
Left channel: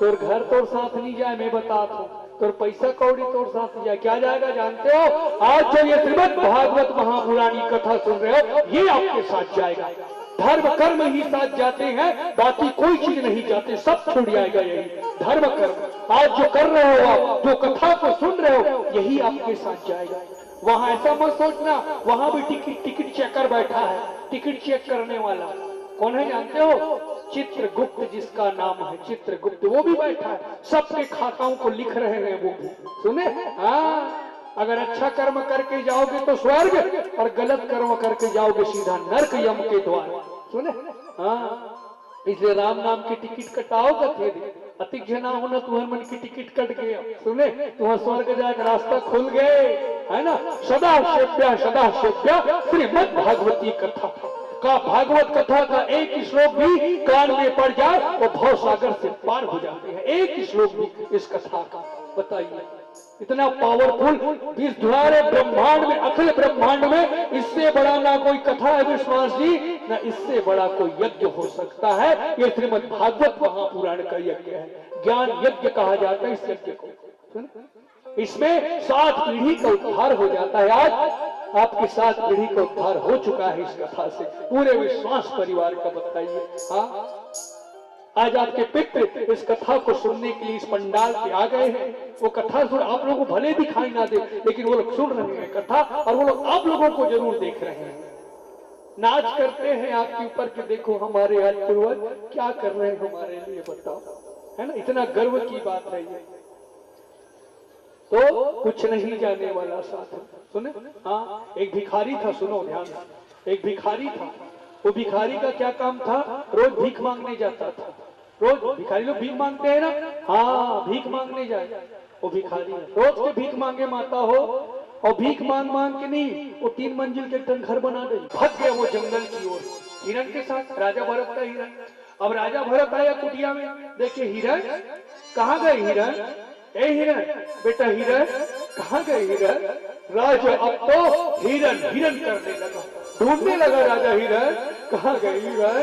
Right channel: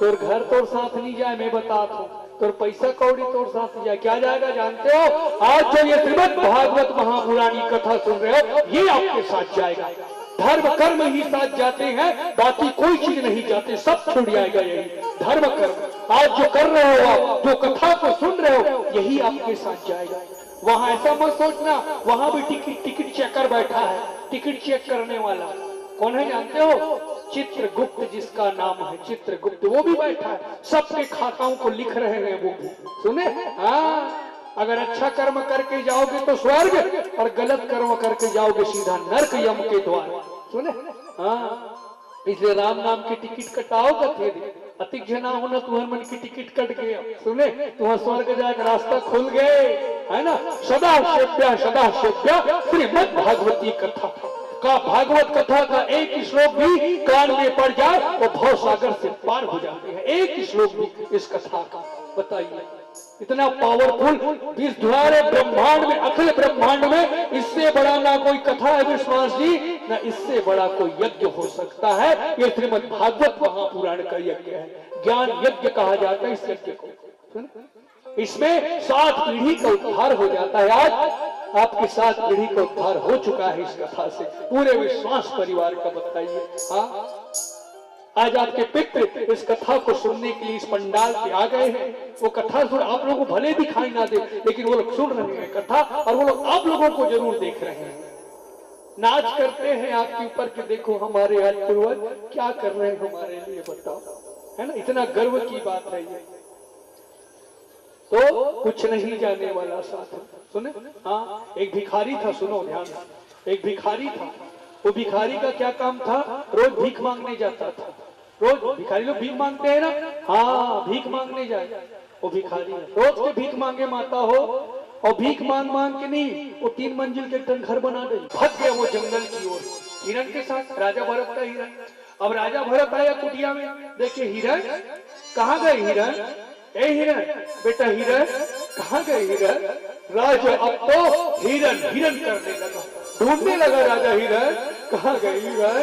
तोर घर तोर साथ नहीं जाए, मैं बता दू, तोर पैसा कौड़ी तोर साथ नहीं जाए, क्या जाएगा जानते हो? आज जो ये श्रीमद् भागवत महापुराणी कथा सुन रहे हो, ये आपके साथ जाएगा। धर्म कर्म ही साथ जाते हैं, बाकी कोई चीज नहीं जाते, सब छूट जाएगा। यही धर्म कर्म आज जो कर रहे हो आप, जो कथा को सुन रहे हो, यही आपके साथ जाएगा। वहां ऐसा मत सोचना वहां भी टिकट चेकर बैठा है। टिकट चेक करने वाला कौन है जानते हो? चित्रगुप्त, जिसका नाम है चित्रगुप्त, वो भी बैठा है, सबके खाताओं को लिख रहे हैं वो भी। सुने? हाँ, अगर अच्छा कर्म करके जाओगे तो स्वर्ग, और गलत कर्म करके जाओगे सीधा नरक यम के द्वार। सुने? हाँ, इसलिए राम नाम की टिकट कटाओ कथे अतिक जना होना, तुम्हारे मन की टिकट कट गया। सुने? तुम्हारा स्वर्ग जाकर रास्ता खुल गए, है ना। सदा सेव्या श्रीमद् भागवती कथा का, भागवत कथा का एक श्लोक भी कान में पड़ जाए वो भव सागर से पार हो जाते हैं। एक श्लोक भी इस कथा का, बताइए इतना पावरफुल। इस दुआरे ब्रह्मांड में, अखिल ब्रह्मांड में इससे बड़ा ना कोई कथा है विश्वास जी, ना इससे बड़ा कोई यज्ञ हो सकता है। ये श्रीमद् भागवत महापुराण का यज्ञ है, ज्ञान यज्ञ कहा जाता है इस यज्ञ को। इसमें 7 पीढ़ी का उद्धार हो जाता है। आज आपकी 7 पीढ़ी का उद्धार हो चुका है इस कथा से, पूरे विश्वास परिवार का। बताइए, हाँ, आज आपके पितृ इस कथा को सुनने के लिए इस पंडाल पे आ गए हैं। वो कथा सुन, आप लोगों को भले दिखाई ना दे, लेकिन वो लोग सुन रहे हैं कथा, और वो लोग आप लोगों को जरूर देख रहे हैं। नाच करते हैं आपके ऊपर कि देखो हमारे आज पूर्वज क्या कर रहे हैं हमारे लिए, बताओ, है ना। इतना गर्व की बात है ये। तो कुछ नहीं जाने वाला साथ। सुने? हाँ, एक भिखारी था, सुनो ध्यान से। एक भिखारी था, वो भिखारी का क्या काम था? रोज भीख मांगने जाता था। रोज भिखारी लोग भीख मांगते हैं ना, हाँ, भीख मांगने जाए। वो भिखारी रोज के भीख मांगे माता हो, और भीख मांग मांग के नहीं, वो 3 मंजिल के एक घर बना गई। भाग गया वो जंगल की ओर हिरण के साथ, राजा भरत का हिरण। अब राजा भरत आया कुटिया में, देखे हिरण, कहाँ गए हिरण? ए हिरण, बेटा हिरण, कहाँ गए हिरण? राजा अब तो हिरण हिरण करने लगा, ढूंढने लगा राजा हिरण, कहाँ गए हिरण?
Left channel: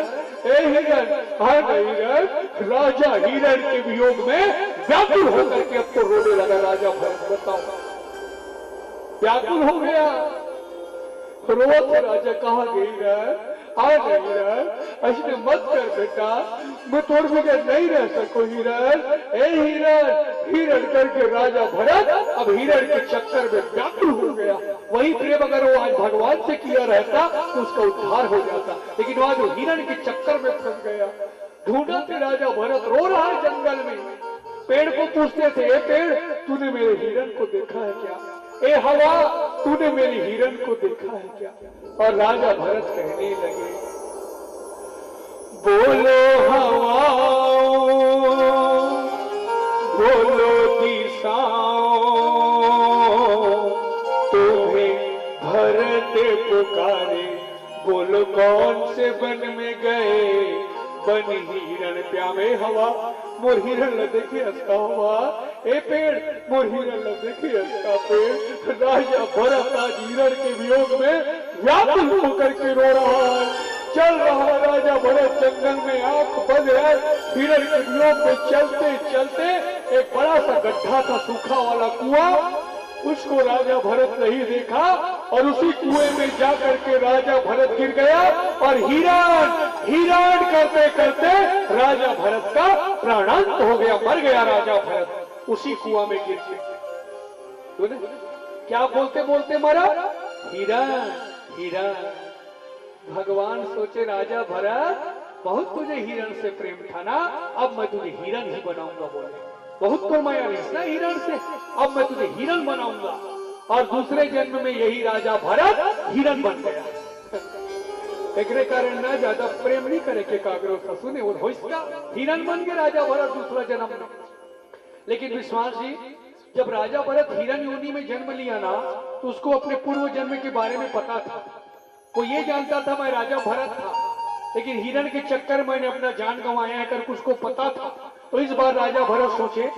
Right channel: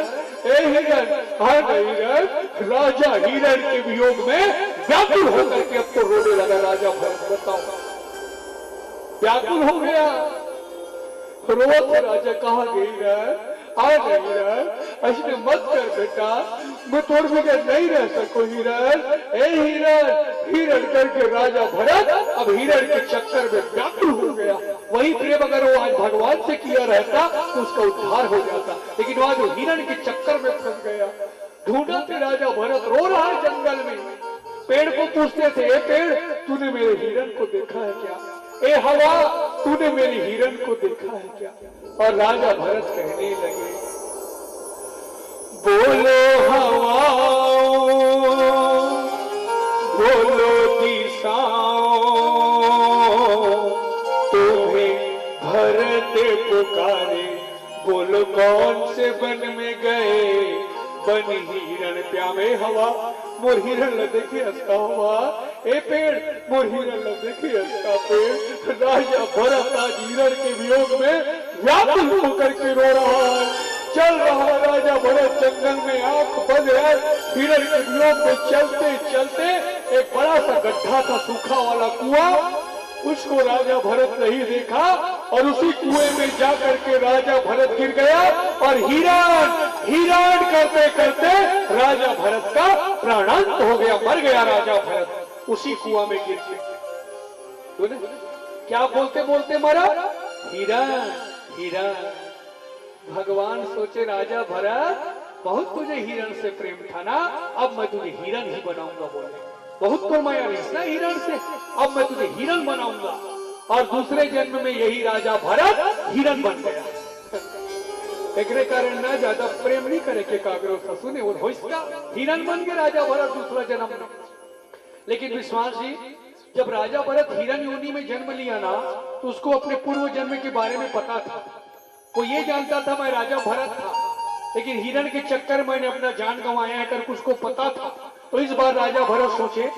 ए हिरण, कहाँ गए हिरण? राजा हिरण के वियोग में व्याकुल होकर के अब तो रोने लगा राजा भरत। बताओ, व्याकुल हो गया, रोत राजा, कहाँ गई हिरण? आ गई हिरण, ऐसे मत कर बेटा, मैं तोड़ बगैर नहीं रह सकूं हिरण। ए हिरण, हिरण करके राजा भरत अब हिरण के चक्कर में व्याकुल हो गया। वही प्रेम अगर वो आज भगवान से किया रहता तो उसका उद्धार हो जाता, लेकिन वहां जो हिरण के चक्कर में फंस गया। ढूंढा थे राजा भरत, रो रहा है जंगल में। पेड़ को पूछते थे, ए पेड़, तूने मेरे हिरण को देखा है क्या? ए हवा, तूने मेरे हिरण को देखा है क्या? और राजा भरत कहने लगे, बोलो हवाओं, बोलो दिशाओं, तुम्हें भरत पुकारे, बोलो कौन से वन में गए? बन हिरण प्यामे हवा, मोर हिरण ल देखे हंसता हवा। ए पेड़, मोर हिरण ल देखे हंसता पेड़। राजा भरत आज हिरण के वियोग में व्याकुल होकर के रो रहा है। चल रहा राजा भरत जंगल में, आंख बंद है, हिरण के वियोग में चलते चलते एक बड़ा सा गड्ढा था, सूखा वाला कुआं, उसको राजा भरत नहीं देखा, और उसी कुएं में जाकर के राजा भरत गिर गया, और हिरण हिरण करते करते राजा भरत का प्राणांत हो गया, मर गया राजा भरत उसी कुआं में गिर के। क्या बोलते बोलते मरा? हिरण हिरण। भगवान सोचे राजा भरत, बहुत तुझे हिरण से प्रेम था ना, अब मैं तुझे हिरण ही बनाऊंगा। बोले बहुत तो माया नहीं ना हिरण से, अब मैं तुझे हिरण बनाऊंगा। और दूसरे जन्म में यही राजा भरत हिरण बन गया। एकरे कारण ना ज्यादा प्रेम नहीं करे के कागरो ससुने और होइसका हिरण बन के राजा भरत दूसरा जन्म में। लेकिन विश्वास जी, जब राजा भरत हिरण योनि में जन्म लिया ना, तो उसको अपने पूर्व जन्म के बारे में पता था। वो ये जानता था मैं राजा भरत था, लेकिन हिरण के चक्कर मैंने अपना जान गंवाया है करके उसको पता था। तो इस बार राजा भरत सोचे,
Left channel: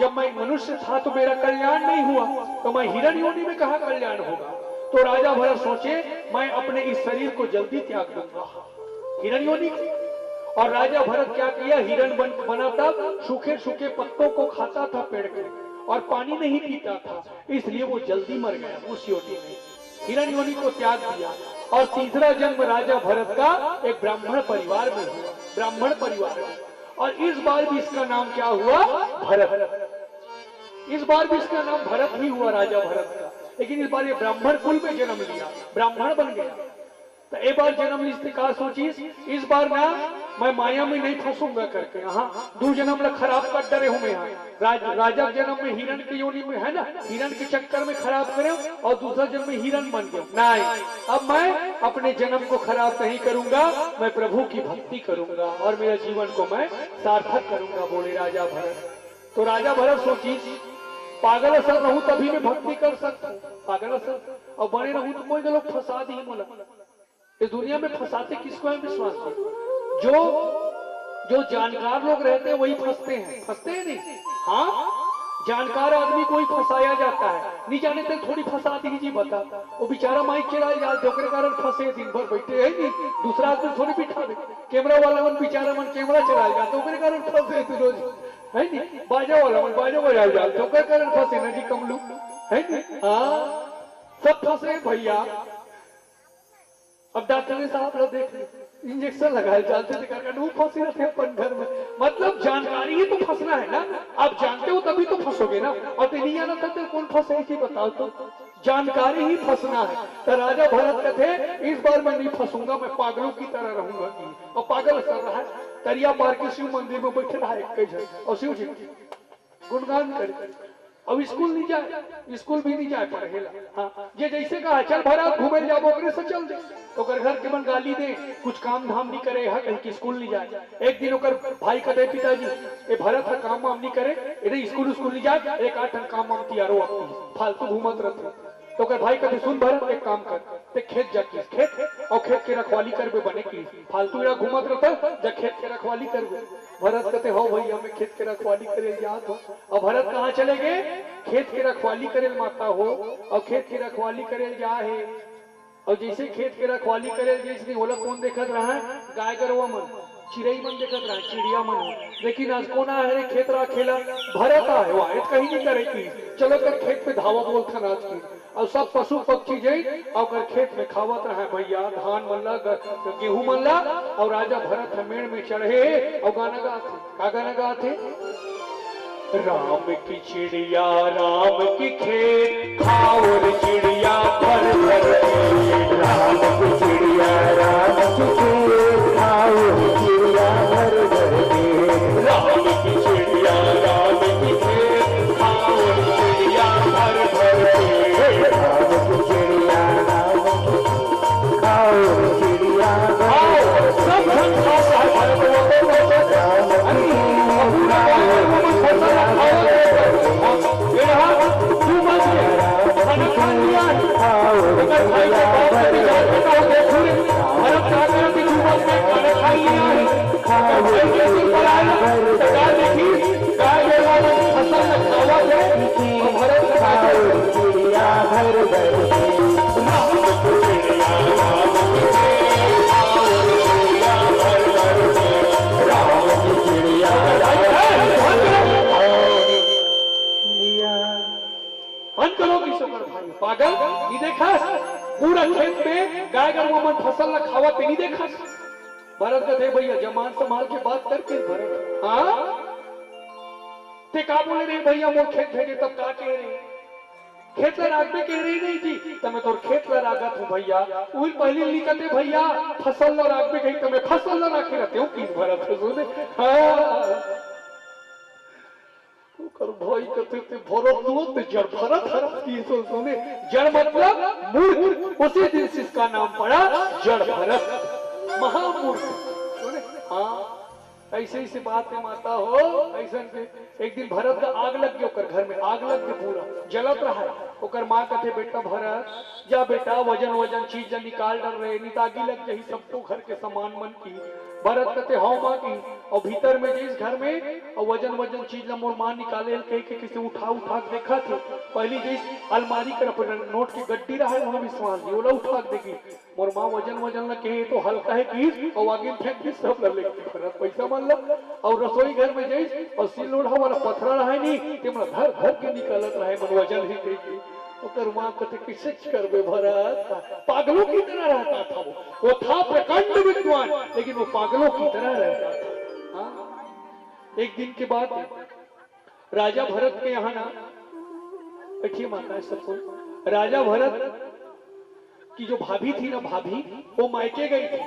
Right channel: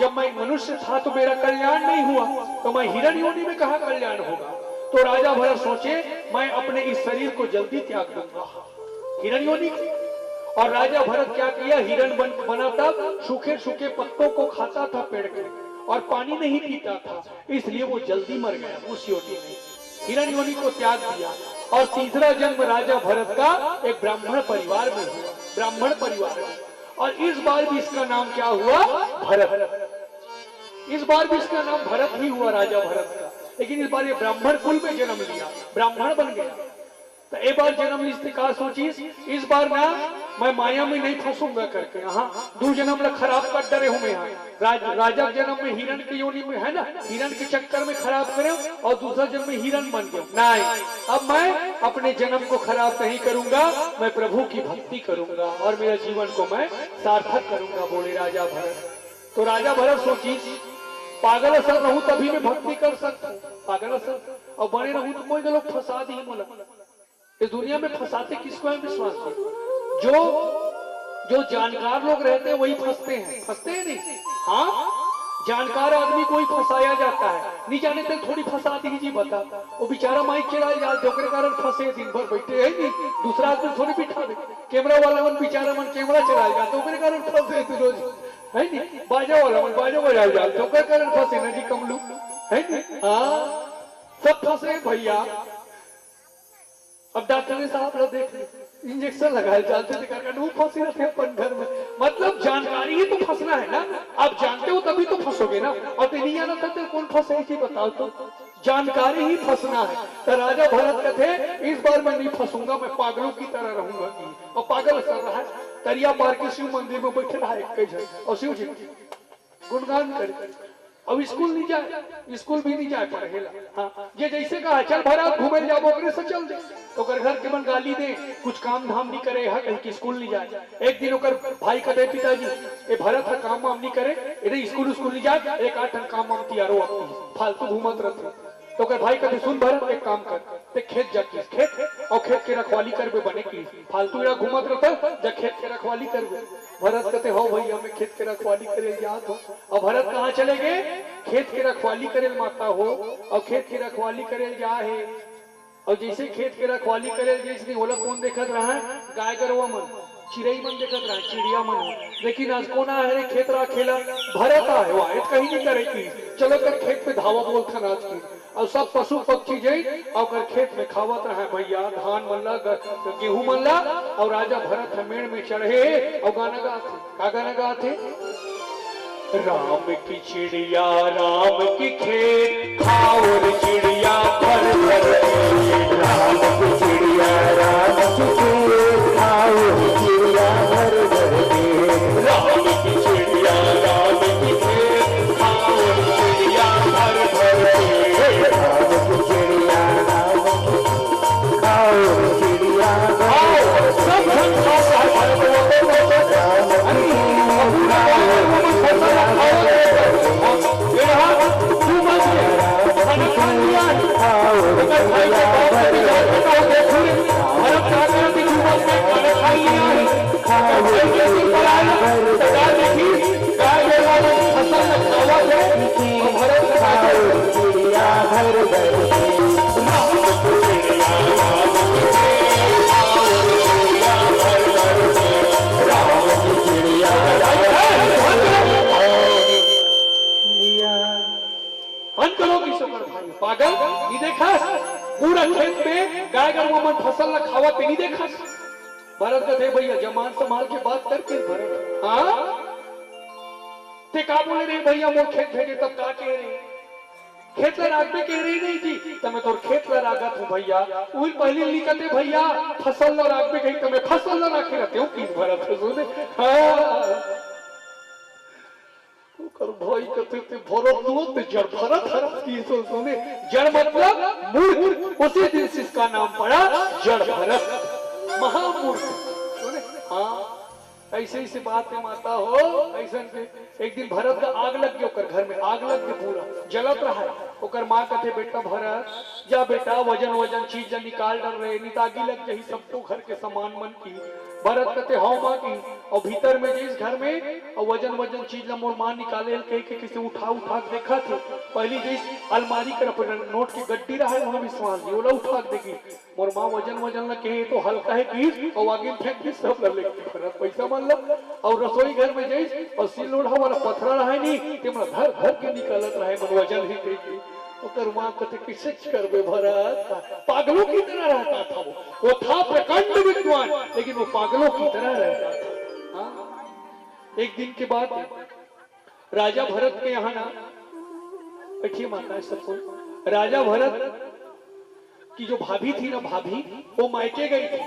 जब मैं मनुष्य था तो मेरा कल्याण नहीं हुआ, तो मैं हिरण योनि में कहाँ कल्याण होगा। तो राजा भरत सोचे, मैं अपने इस शरीर को जल्दी त्याग दूंगा हिरण योनि। और राजा भरत क्या किया, हिरण बना था, सूखे सूखे पत्तों को खाता था पेड़ के, और पानी नहीं पीता था, इसलिए वो जल्दी मर गया उस योनि में। हिरण योनि को त्याग दिया। और तीसरा जन्म राजा भरत का एक ब्राह्मण परिवार में हुआ, ब्राह्मण परिवार में। और इस बार भी इसका नाम क्या हुआ, भरत। इस बार भी इसका नाम भरत ही हुआ राजा भरत का, लेकिन इस बार ये ब्राह्मण कुल में जन्म लिया, ब्राह्मण बन गया। तो एक बार जन्म लिस्ते का सोचिस, इस बार ना मैं माया में नहीं फंसूंगा करके। हाँ, दो जन्म ला खराब कर डरे हूं मैं यहाँ। राजा जन्म में हिरण के योनि में है ना, हिरण के चक्कर में खराब करे, और दूसरा जन्म में हिरण बन गया। नहीं, अब मैं अपने जन्म को खराब नहीं करूंगा, मैं प्रभु की भक्ति करूंगा और मेरे जीवन को मैं सार्थक करूंगा, बोले राजा भरत। तो राजा भरत सोची, पागल असर रहूं तभी मैं भक्ति कर सकता हूँ, पागल असर और बड़े रहूं तो कोई लोग फंसा दी बोला। इस दुनिया में फंसाते किसको है विश्वास की? जो जानकार लोग रहते हैं वही फंसते हैं नहीं। हाँ, जानकार आदमी को ही फंसाया जाता है, नहीं जाने तक थोड़ी फंसा दीजिए। बता, वो बेचारा माइक चला जाते ओकरे कारण फंसे, दिन भर बैठे है नहीं, दूसरा आदमी थोड़ी बिठा दे, कैमरा वाला मन बेचारा मन कैमरा चला जाते ओकरे कारण फंसे रोज है नहीं, बाजा वाला मन बाजा बजा जाते ओकरे कारण फंसे ना जी कमलू है नहीं। हाँ, सब फंसे भैया। अब डॉक्टर ने साहब लोग देख इंजेक्शन लगाए जाते थे, फंसे रहते अपन घर में। मतलब जानकारी ही तो फंसना है ना, आप जानते हो तभी तो फंसोगे ना, और नहीं आना था तो कौन फंसे थी बताओ तो, जानकारी ही फंसना है। तो राजा भरत कहते, इस बार मैं नहीं फंसूंगा, मैं पागलों की तरह रहूंगा। और पागल असर रहा है, तरिया पार के शिव मंदिर में बैठे रहा एक, और शिव जी गुणगान करे। अब स्कूल नहीं जाए, स्कूल भी नहीं जाए पढ़ेला। हाँ, ये जैसे कहा चल भरत घूमे जाओ, ओकरे से चल जाए, तो घर के मन गाली दे, कुछ काम धाम नहीं करे, है कहीं स्कूल नहीं जाए। एक दिन ओकर भाई कहते, पिताजी ये भरत है काम वाम नहीं करे, इधर स्कूल नहीं जाए, एक 8 काम वाम किया रो अपनी फालतू घूमत रहते। तो ओकर भाई कहते, सुन भरत एक काम कर, ते खेत जाके खेत और खेत के रखवाली करबे, बने की फालतू यहाँ घूमत रहता, जा खेत के रखवाली करबे। भरत कहते, हो भैया मैं खेत के रखवाली करे याद हो। और भरत कहाँ चले गए, खेत के रखवाली करे माता हो, और खेत के रखवाली करे जा है। और जैसे खेत के रखवाली करे, जैसे बोला कौन देखत रहा है, गाय गरवा मन, चिड़ई मन देखत रहा, चिड़िया मन हो। लेकिन आज कौन है रे खेत रहा खेला, भरत आए हुआ कहीं नहीं करे की, चलो कर खेत पे धावा बोलता नाच की। और सब पशु पक्षी जाई और खेत में खावत रहा भैया, धान मल्ला गेहूं मल्ला। और राजा भरत मेड़ में चढ़े और गाना गाते, का गाना गाते, राम की चिड़िया राम की खेत खाओ रे चिड़िया भर भर के, राम की चिड़िया राम की खेत खाओ रे चिड़िया भर भर के, राम की चिड़िया राम की खेत खाओ रे चिड़िया भर भर के, राम की चिड़िया राम की खाओ रे चिड़िया भर भर के, सब धन खाता है भरत वो पागल नहीं देखा, पूरा खेत में गाय गरवा मन फसल न खावा पे नहीं देखा। भरत का थे भैया जमान संभाल के बात करके भरत, हाँ ते का बोले रे भैया वो खेत भेजे तब का कह रही, खेत ला रागबे कह रही नहीं थी, तब मैं तोर खेत ला रागत हूँ भैया। वही पहले लिखते भैया फसल ला रागबे कही, तब मैं फसल ला राखे रहते हूँ किस भरत सुने। हाँ भाई कहते थे भरत दो तो जड़ भरत हरत की सुने जड़ मतलब मूर्ख, उसी दिन से इसका नाम पड़ा जड़ भरत, महामूर्ख। हाँ ऐसे ही से बात है माता हो। ऐसा एक दिन भरत का आग लग गया, घर में आग लग गया, पूरा जलत रहा है। ओकर माँ कहते बेटा भरत जा बेटा वजन वजन चीज निकाल डर रहे नितागी लग जाही सबको घर के सामान मन की। भरत कहते हाँ माँ की, और भीतर में जिस घर में और वजन वजन चीज मोर माँ निकाले कह के किसी उठा उठा के देखा थे। पहली जिस अलमारी कर नोट की गड्डी रहा है वहां विश्वास जी ओला उठा के देखी मोर माँ वजन वजन न कहे तो हल्का है की और आगे फेंक दी सब भरत पैसा मान लो। और रसोई घर में जैस और सिल लोढ़ा वाला पथरा रहा है नहीं ते धर धर के निकालत रहा है मन वजन ही कही। ओकर माँ कहते किसे करबे भरत, पागलों की तरह रहता था वो था प्रकांड विद्वान लेकिन वो पागलों की तरह रहता था। हाँ? एक दिन के बाद राजा भरत के यहाँ ना बैठिए माता है सबको, राजा भरत की जो भाभी थी ना भाभी वो मायके गई थी।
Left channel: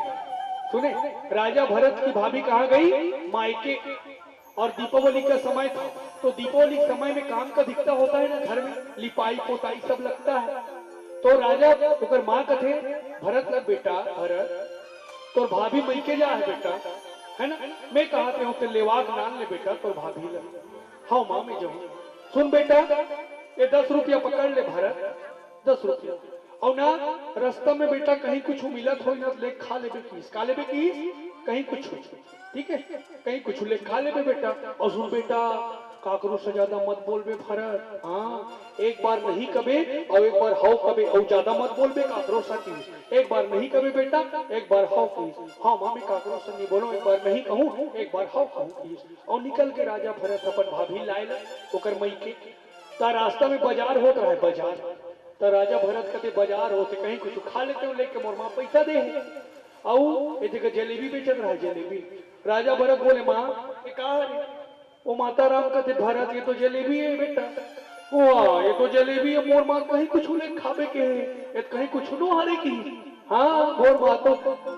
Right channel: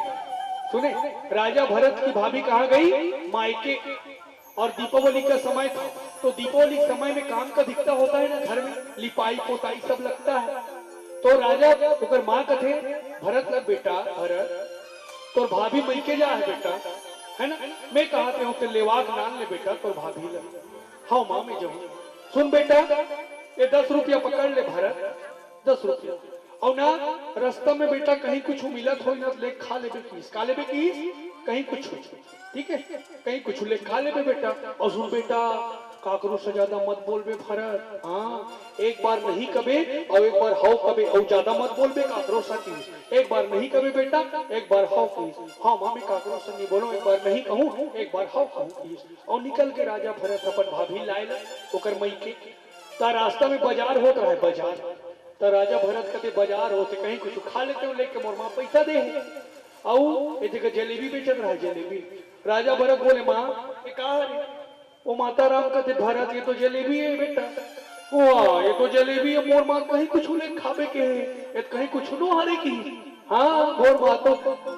सुने राजा भरत की भाभी कहाँ गई, मायके। और दीपावली का समय था तो दीपावली के समय में काम का दिखता होता है ना, घर में लिपाई पोताई सब लगता है। तो राजा तो माँ कथे भरत लग बेटा भरत तो भाभी मैके जा है बेटा है ना, मैं कहते हूँ तो लेवाक नान ले बेटा तो भाभी लग। हाँ माँ मैं जाऊँ, सुन बेटा ये 10 रुपया पकड़ ले भरत, 10 रुपया और ना रास्ता में बेटा कहीं कुछ मिलत हो ना ले खा ले बेकीस, खा ले बेकीस कहीं कुछ ठीक है कहीं कुछ ले खा ले बेटा। और सुन बेटा काकरो से ज्यादा मत बोल बे भरत, हाँ एक बार नहीं कबे और एक बार हाउ कबे और ज्यादा मत बोल बे काकरो से की, एक बार नहीं कबे बेटा एक बार हाउ की। हाँ मामी काकरो से नहीं बोलो, एक बार नहीं कहूँ एक बार हाउ कहूँ की। और निकल के राजा भरत अपन भाभी लाए ओकर मई के ता रास्ता में बाजार होता है बाजार, तो राजा भरत कहते बाजार होते कहीं कुछ खा लेते हो लेके मोर माँ पैसा दे और एक जगह जलेबी बेचत रहा है जलेबी। राजा भरत बोले माँ ये कहा है, वो माता राम कहते भरत ये तो जलेबी है बेटा, वाह ये तो जलेबी है मोर माँ कहीं कुछ ले खावे के है ये कहीं कुछ नो हरे की। हाँ मोर माँ तो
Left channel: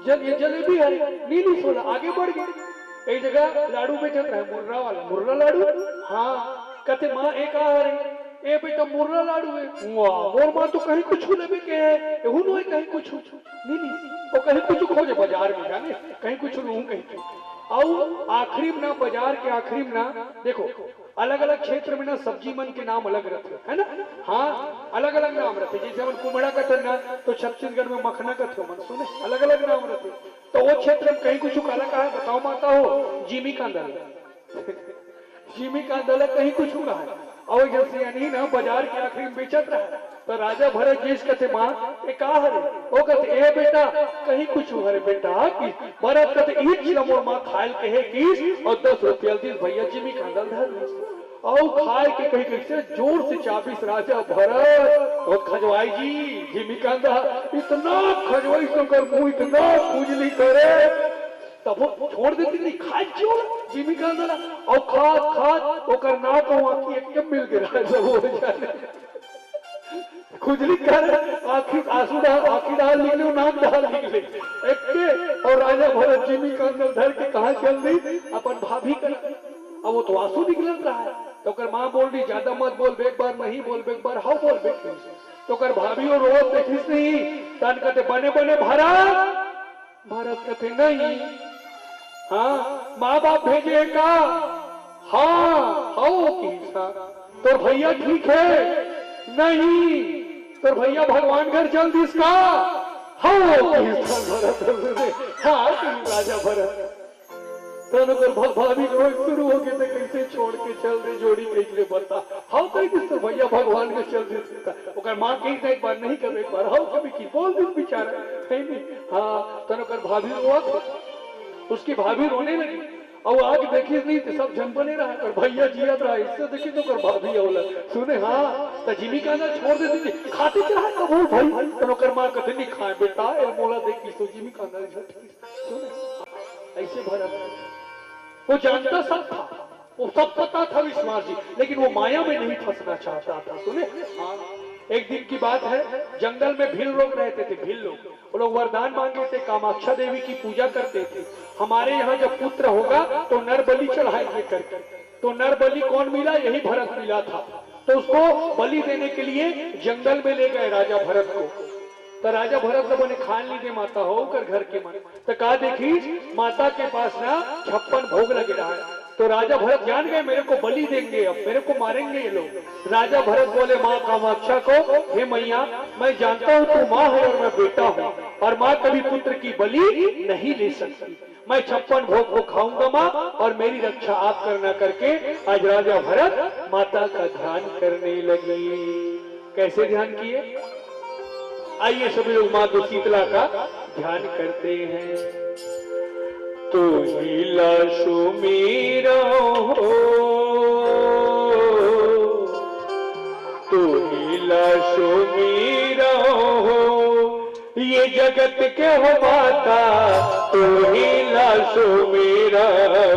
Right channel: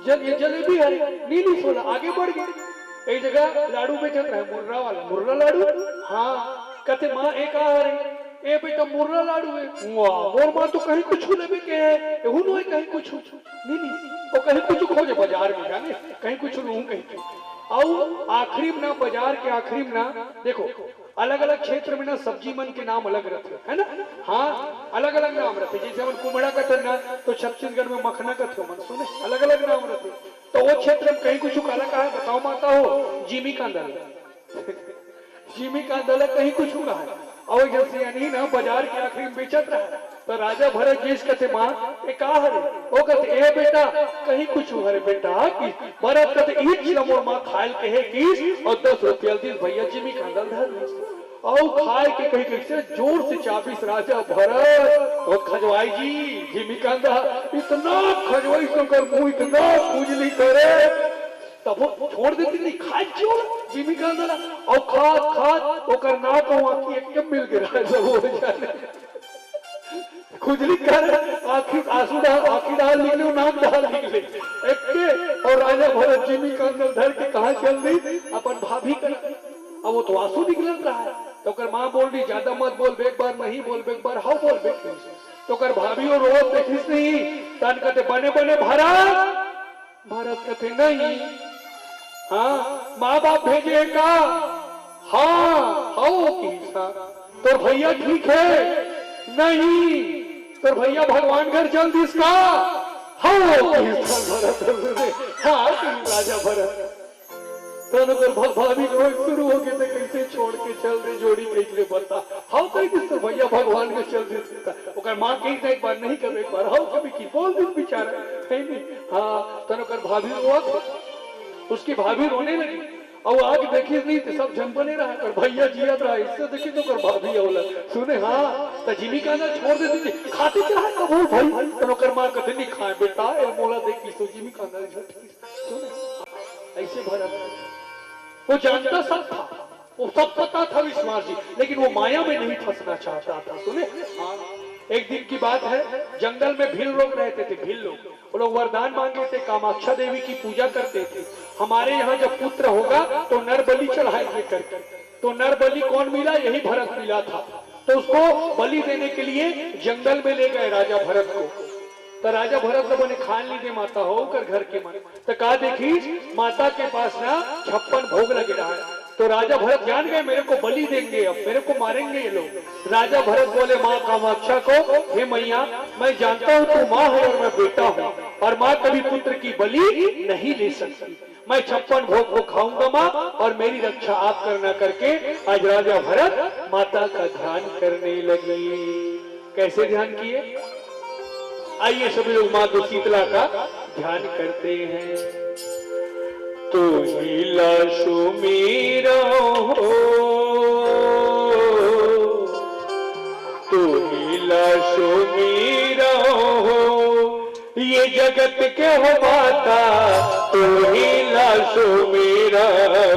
ये जलेबी है नीली सोना आगे बढ़ गई। एक जगह लाडू बेचत रहा है मुर्रा वाला मुर्रा लाडू। हाँ कहते माँ एक हरे ए बेटा मुर्रा लाडू है, वाह मोर माँ तो कहीं कुछ लेवे के है हुनो है कहीं कुछ नहीं तो कहीं कुछ खोजे बाजार में जाने कहीं कुछ लूं कहीं। और आखिरी में ना बाजार के आखिरी में ना देखो अलग अलग क्षेत्र में ना सब्जी मन के नाम अलग रहते है ना। हाँ अलग अलग नाम रहते, जैसे हम कुमड़ा का ना तो छत्तीसगढ़ में मखना का थे मन सुने अलग अलग नाम रहते। तो वो क्षेत्र में कहीं कुछ काला कहा है बताओ माता हो, जिमी कांदल जिमी कांदल कहीं कुछ कहा है। और जैसे यानी ना बाजार के आखिरी में बेचत रहा तो राजा भरत जिस कहते माँ ये का हरे वो कहते ए बेटा कहीं कुछ हरे बेटा की। भरत कहते ईट मोर माँ खायल कहे की और 10 रुपया दिन भैया जिमी कांदल धर और खाए के कहीं कैसे जोर से चाबीस राजा भरत और खजवाई जी जिमी कांदा इतना खजवाई तो कर मुंह इतना पूजली करे तब वो छोड़ देती नहीं खाए क्यों जिमी कांदा और खात खात ओकर ना को आंखी एकदम मिल गया जब हो जाने खुजली कर आखिर आंसू डाल आखिर डाल निकले नाम डाल निकले एक के। और राजा भरत जिमी कांदा धर के कहा चल रही अपन भाभी कर अब वो तो आंसू निकल रहा है। तो कर माँ बोल रही ज्यादा मत बोल एक बार नहीं बोल एक बार हाउ बोल बे। तो कर भाभी और रोज देखिस नहीं तन कहते बने बने भरत भरत कहते नहीं हाँ माँ बाप भेजेगा हाँ हाउ की तो भैया ठीक है नहीं तो भैया भगवान घर चल दिसका हाँ राजा भरत भाभी रोज शुरू हो गए थे कैसे छोड़ के चल रहे जोड़ी कैसे बता हाँ कहीं तो भैया भगवान के चल रहे माँ कही एक बार नहीं कर एक बार हाँ कभी की बोल दिन बेचारा कहीं नहीं। हाँ तनकर भाभी रोआ उसकी भाभी रोने लगी और आग देखी नहीं तो सब जन बने रहा कर भैया जिया रहा इससे देखी तो कर भाभी औला सुने हाँ तो जिमी का ना छोड़ देती थी खाती क्या है वो भाई तो कर माँ कहते नहीं खाए बेटा ए मोला देखी तो जिमी का ना सुने ऐसे भरा वो जानता सब था वो सब पता था विश्वास जी लेकिन वो माया में नहीं फंसना चाहता था। सुने हाँ एक दिन की बात है जंगल में भील लोग रहते थे, भील लोग वो लोग वरदान मांगे थे कामाक्षा देवी की पूजा करते थे हमारे यहाँ जब पुत्र होगा तो नर बलि चढ़ाएंगे करके। तो नर बलि कौन मिला? यही भरत मिला था। तो उसको बलि देने के लिए जंगल में ले गए राजा भरत को। तो राजा भरत लोगों ने खान ली दे माता होकर घर के मन, तो कहा देखी माता के पास ना 56 भोग लगे रहा है। तो राजा भरत जान गए मेरे को बलि देंगे, अब मेरे को मारेंगे ये लोग। राजा भरत बोले माँ कामाक्षा को, हे मैया मैं जानता हूँ तू माँ है और मैं बेटा हूँ, और माँ कभी पुत्र की बलि नहीं ले सकती। मैं 56 भोग को खाऊंगा माँ, और मेरी रक्षा आप करना करके आज राजा भरत माता का ध्यान करने लगे। कैसे ध्यान किए? आइए सभी लोग माँ को शीतला का ध्यान करते हैं। तू ही लाशो मेरा हो, तू ही लाशो मेरा हो, ये जगत के हो माता, तू ही लाशो मेरा हो।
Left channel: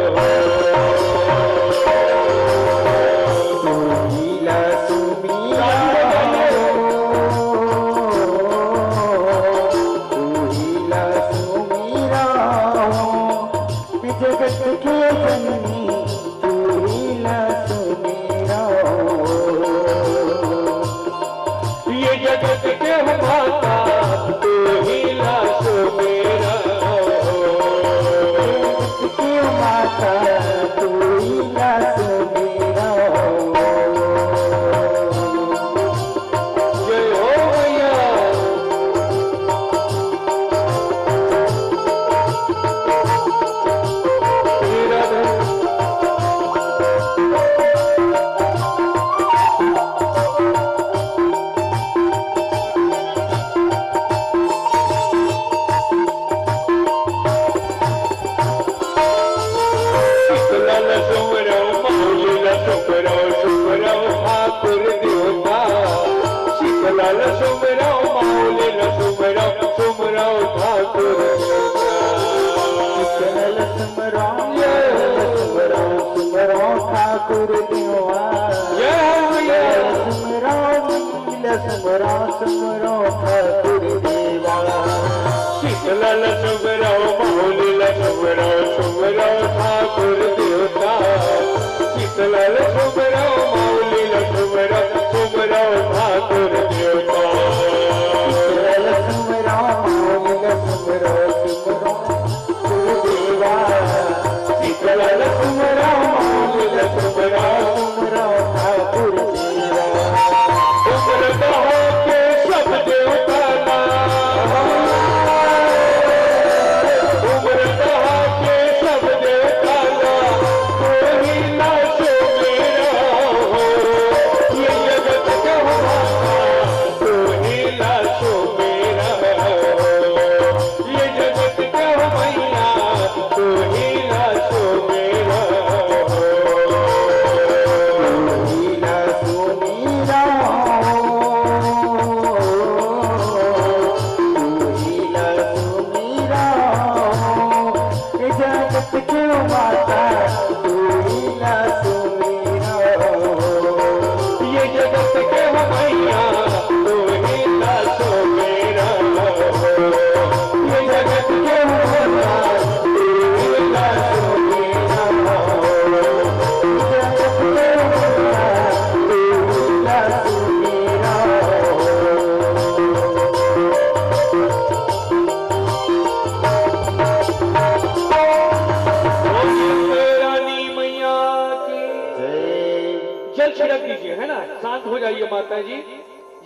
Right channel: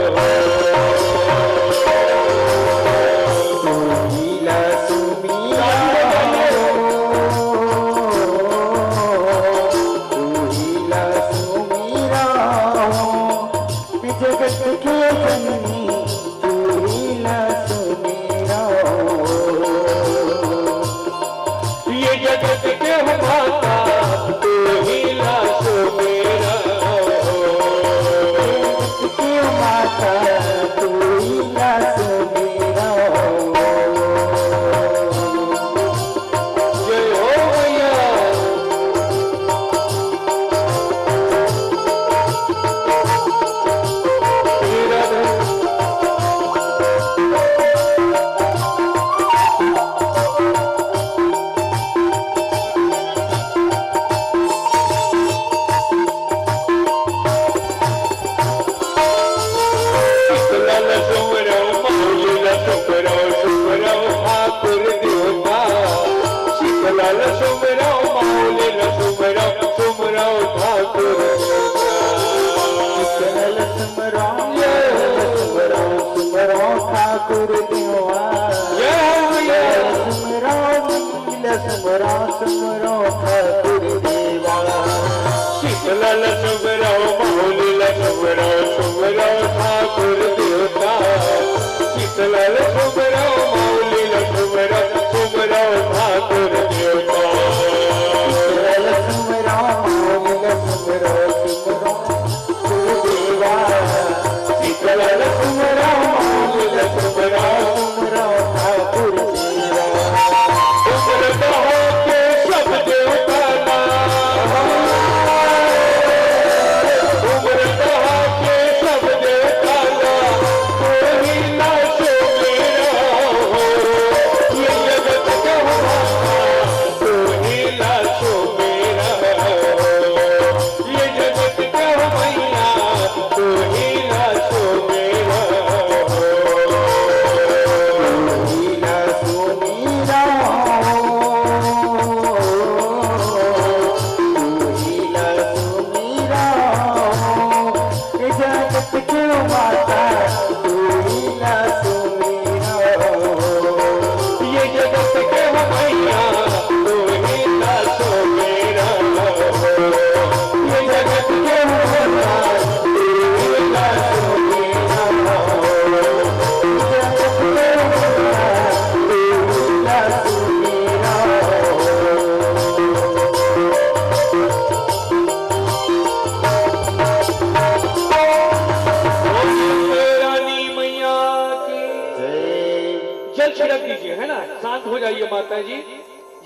माता जी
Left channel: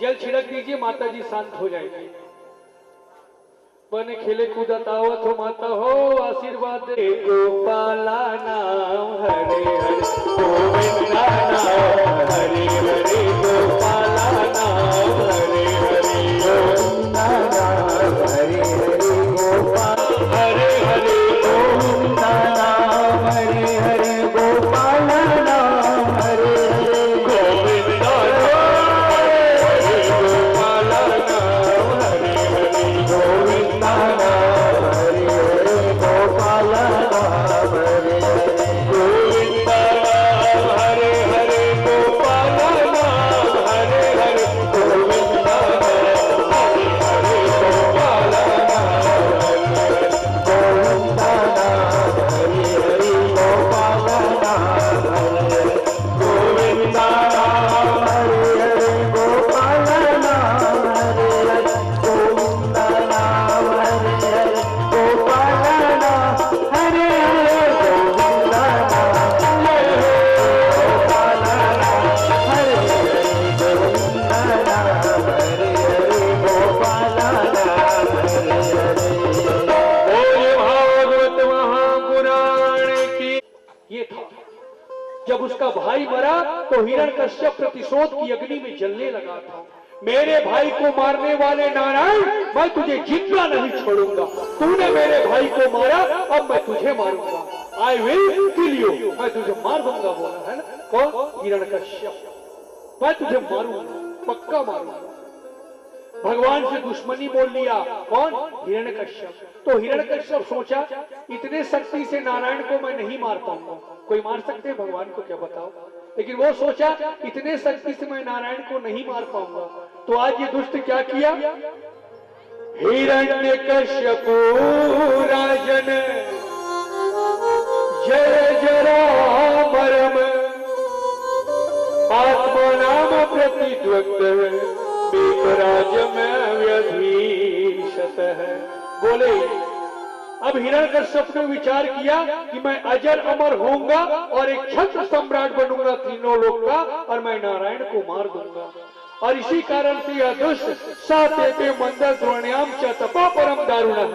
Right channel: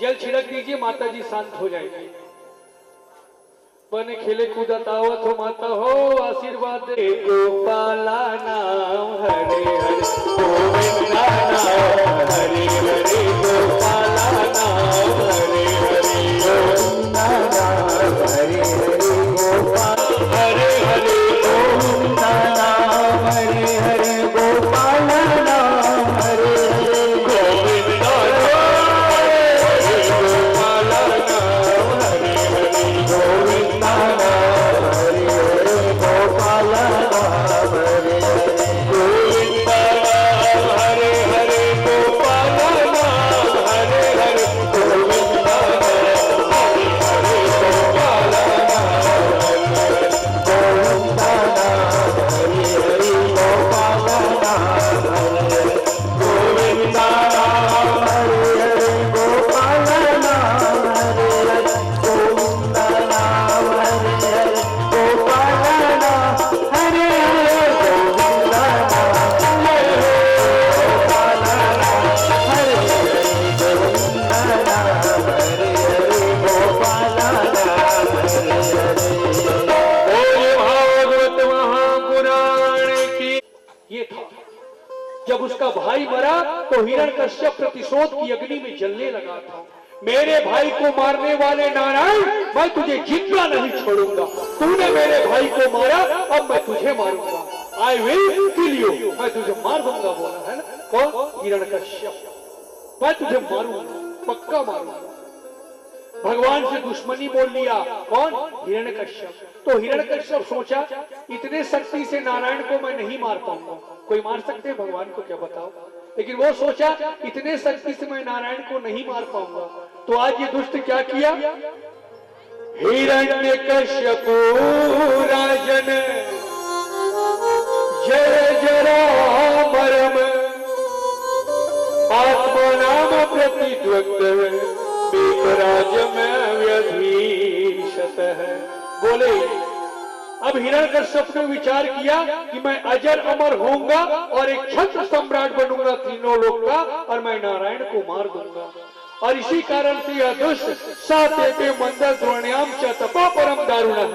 जल छिड़क दीजिए, माता जी शांत हो जाएगी। बने खेले कूदत आवत हो माता हो, आशीर्वाद दे गोपाला नाम हरे हरे गोविंदा नाम हरे हरे गोपाला नाम हरे हरे गोविंदा नाम हरे हरे गोपाल हरे हरे गोविंदा नाम हरे हरे गोपाला नाम हरे हरे गोविंदा हरे मरा तो हिरण्यकश्यप प्रतिशोध की अग्नि में जलने लगा था। मेरे भाई को मारने वाले नारायण, मैं तुझे जिंदा नहीं छोड़ूंगा। तूने मेरे भाई को मारा, अब मैं तुझे मारूंगा। आई विल किल यू, मैं तुझे मार दूंगा बोला है ना कौन? हिरण्यकश्यप। मैं तुझे मारूंगा, पक्का मारूंगा। भगवान से दुश्मनी बोल लिया कौन? हिरण्यकश्यप। तो हिरण्यकश्यप सोचा इतने शक्ति से नारायण को मैं नहीं मार पाऊंगा। कोई मार सकते हैं भगवान को क्या बताओ? लेकिन वो सोचा इतने शक्ति से मैं नारायण को नहीं मार पाऊंगा। तो आज ये दुष्ट क्या किया? हिरण्यकश्यप राजन जय जरामरम आत्मनाम प्रतिद्वक्त है। बोले अब हिरण्यकश्यप ने विचार किया कि मैं अजर अमर होऊंगा और एक क्षत्र सम्राट बनूंगा तीनों लोक का, और मैं नारायण को मार दूंगा। और इसी कारण से यह दुष्ट साते मंदर द्रोण्याम च तपा परम दारुण,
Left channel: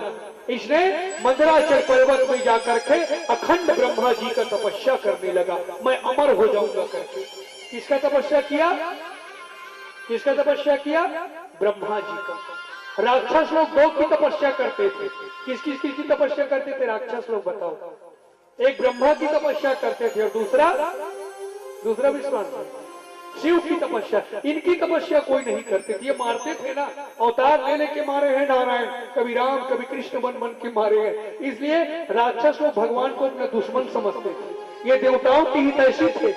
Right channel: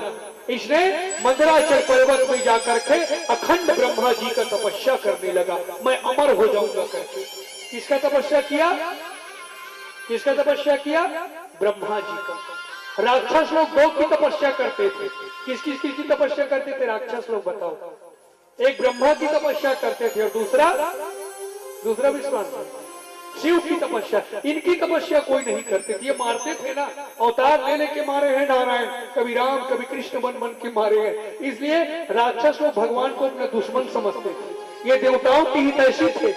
इसने मंदराचल पर्वत में जाकर के अखंड ब्रह्मा जी का तपस्या करने लगा। मैं अमर हो जाऊंगा करके। किसका तपस्या किया? किसका तपस्या किया? ब्रह्मा जी का। राक्षस लोग दो की तपस्या करते थे। किस किस की तपस्या करते थे राक्षस लोग बताओ? एक ब्रह्मा की तपस्या करते थे और दूसरा विश्वामित्र शिव की तपस्या। इनकी तपस्या कोई नहीं करते थे। ये मारते थे ना, अवतार लेने के मारे हैं नारायण, कभी राम कभी कृष्ण बन बन के मारे हैं। इसलिए राक्षस लोग भगवान को अपना दुश्मन समझते थे। ये देवताओं की ही तैसी थे,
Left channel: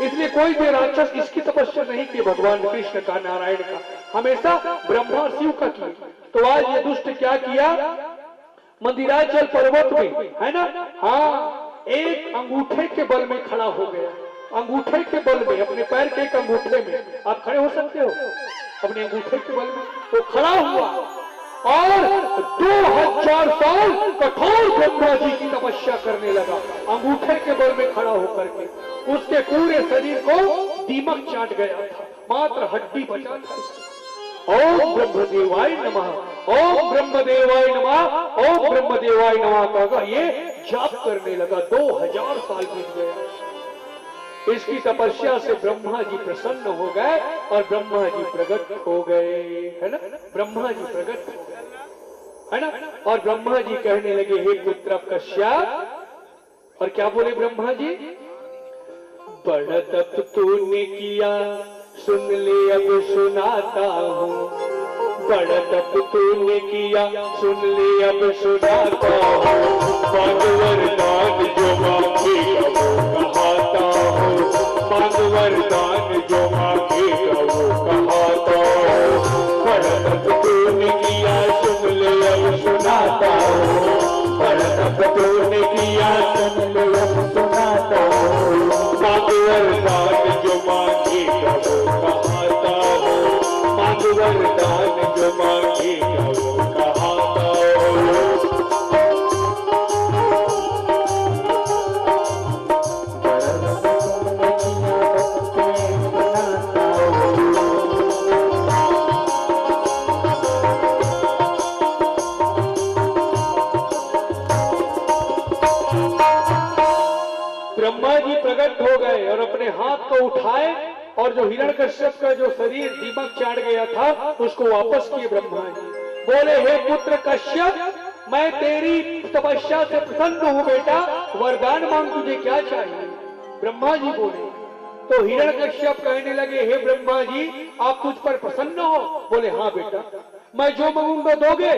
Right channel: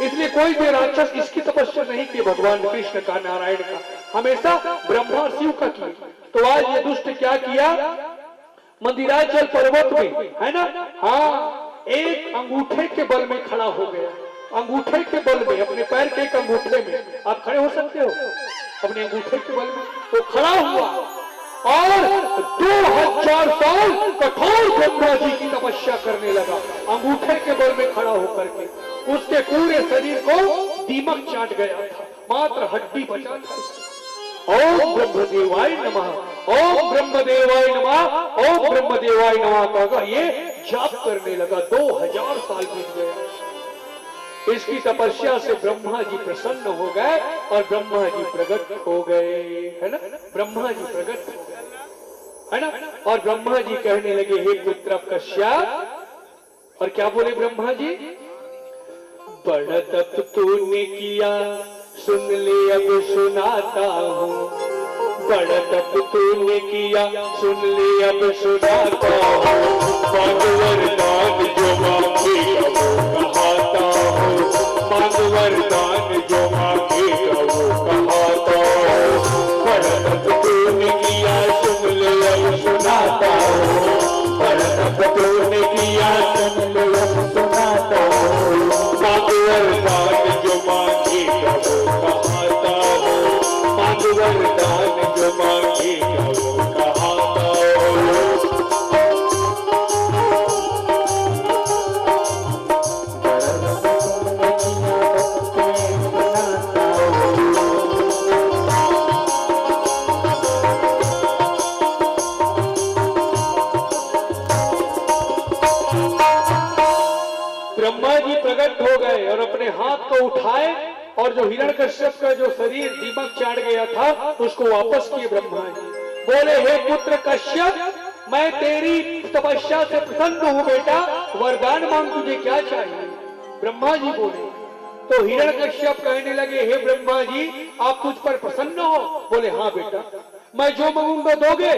इसलिए कोई भी राक्षस इसकी तपस्या नहीं की भगवान कृष्ण का, नारायण का, हमेशा ब्रह्मा शिव का किए। तो आज ये दुष्ट क्या किया? मंदिराचल पर्वत में है ना, हाँ, एक अंगूठे के बल में खड़ा हो गया। अंगूठे के बल में, अपने पैर के एक अंगूठे में आप खड़े हो सकते हो अपने अंगूठे के बल में। तो खड़ा हुआ और 2000 साल कठोर ब्रह्मा जी की तपस्या करने लगा अंगूठे के बल में खड़ा होकर के। उसके पूरे शरीर को दीमक चाट गया था, मात्र हड्डी बचा था। ओम ब्रह्मदेवाय नमः, ओम ब्रह्मदेवाय नमः, ओम ब्रह्मदेवाय नमः का ये जाप करने लगा। 2000 साल बीत गया। इसकी तपस्या से ब्रह्मा जी प्रसन्न हो गए और ब्रह्मा जी प्रकट हो गए, है ना, ब्रह्मा जी प्रकट हो गए, है ना। और ब्रह्मा जी कहने लगे हे पुत्र कश्यप, और क्या बोले ब्रह्मा जी? बड़ा तप तूने किया सुन ले अब सुनाता हूँ, बड़ा तप तूने किया सुन ले अब सुनाता हूँ। मांग वरदान जो मांगेगा वो कहाता हूँ, मांग वरदान जो मांगेगा वो कहाता हूँ। बड़ा तप तूने किया सुन ले अब सुनाता हूँ, बड़ा तप तूने किया सुन ले अब सुनाता हूँ। मांग वरदान जो मांगेगा वो कहाता हूँ, मांग वरदान जो मांगेगा वो कहाता हूँ। ब्रह्मा जी प्रकट हो गए और अपने हाथ को उठाए और जो हिरण्यकश्यप का जो शरीर दीमक चाट गया था उसको वापस किए ब्रह्मा जी। बोले हे पुत्र कश्यप, मैं तेरी तपस्या से प्रसन्न हूँ बेटा, वरदान मांग, तुझे क्या चाहिए? ब्रह्मा जी बोले। तो हिरण्यकश्यप कहने लगे हे ब्रह्मा जी, आप तुझ पर प्रसन्न हो? बोले हाँ बेटा, मैं जो मांगूंगा दोगे?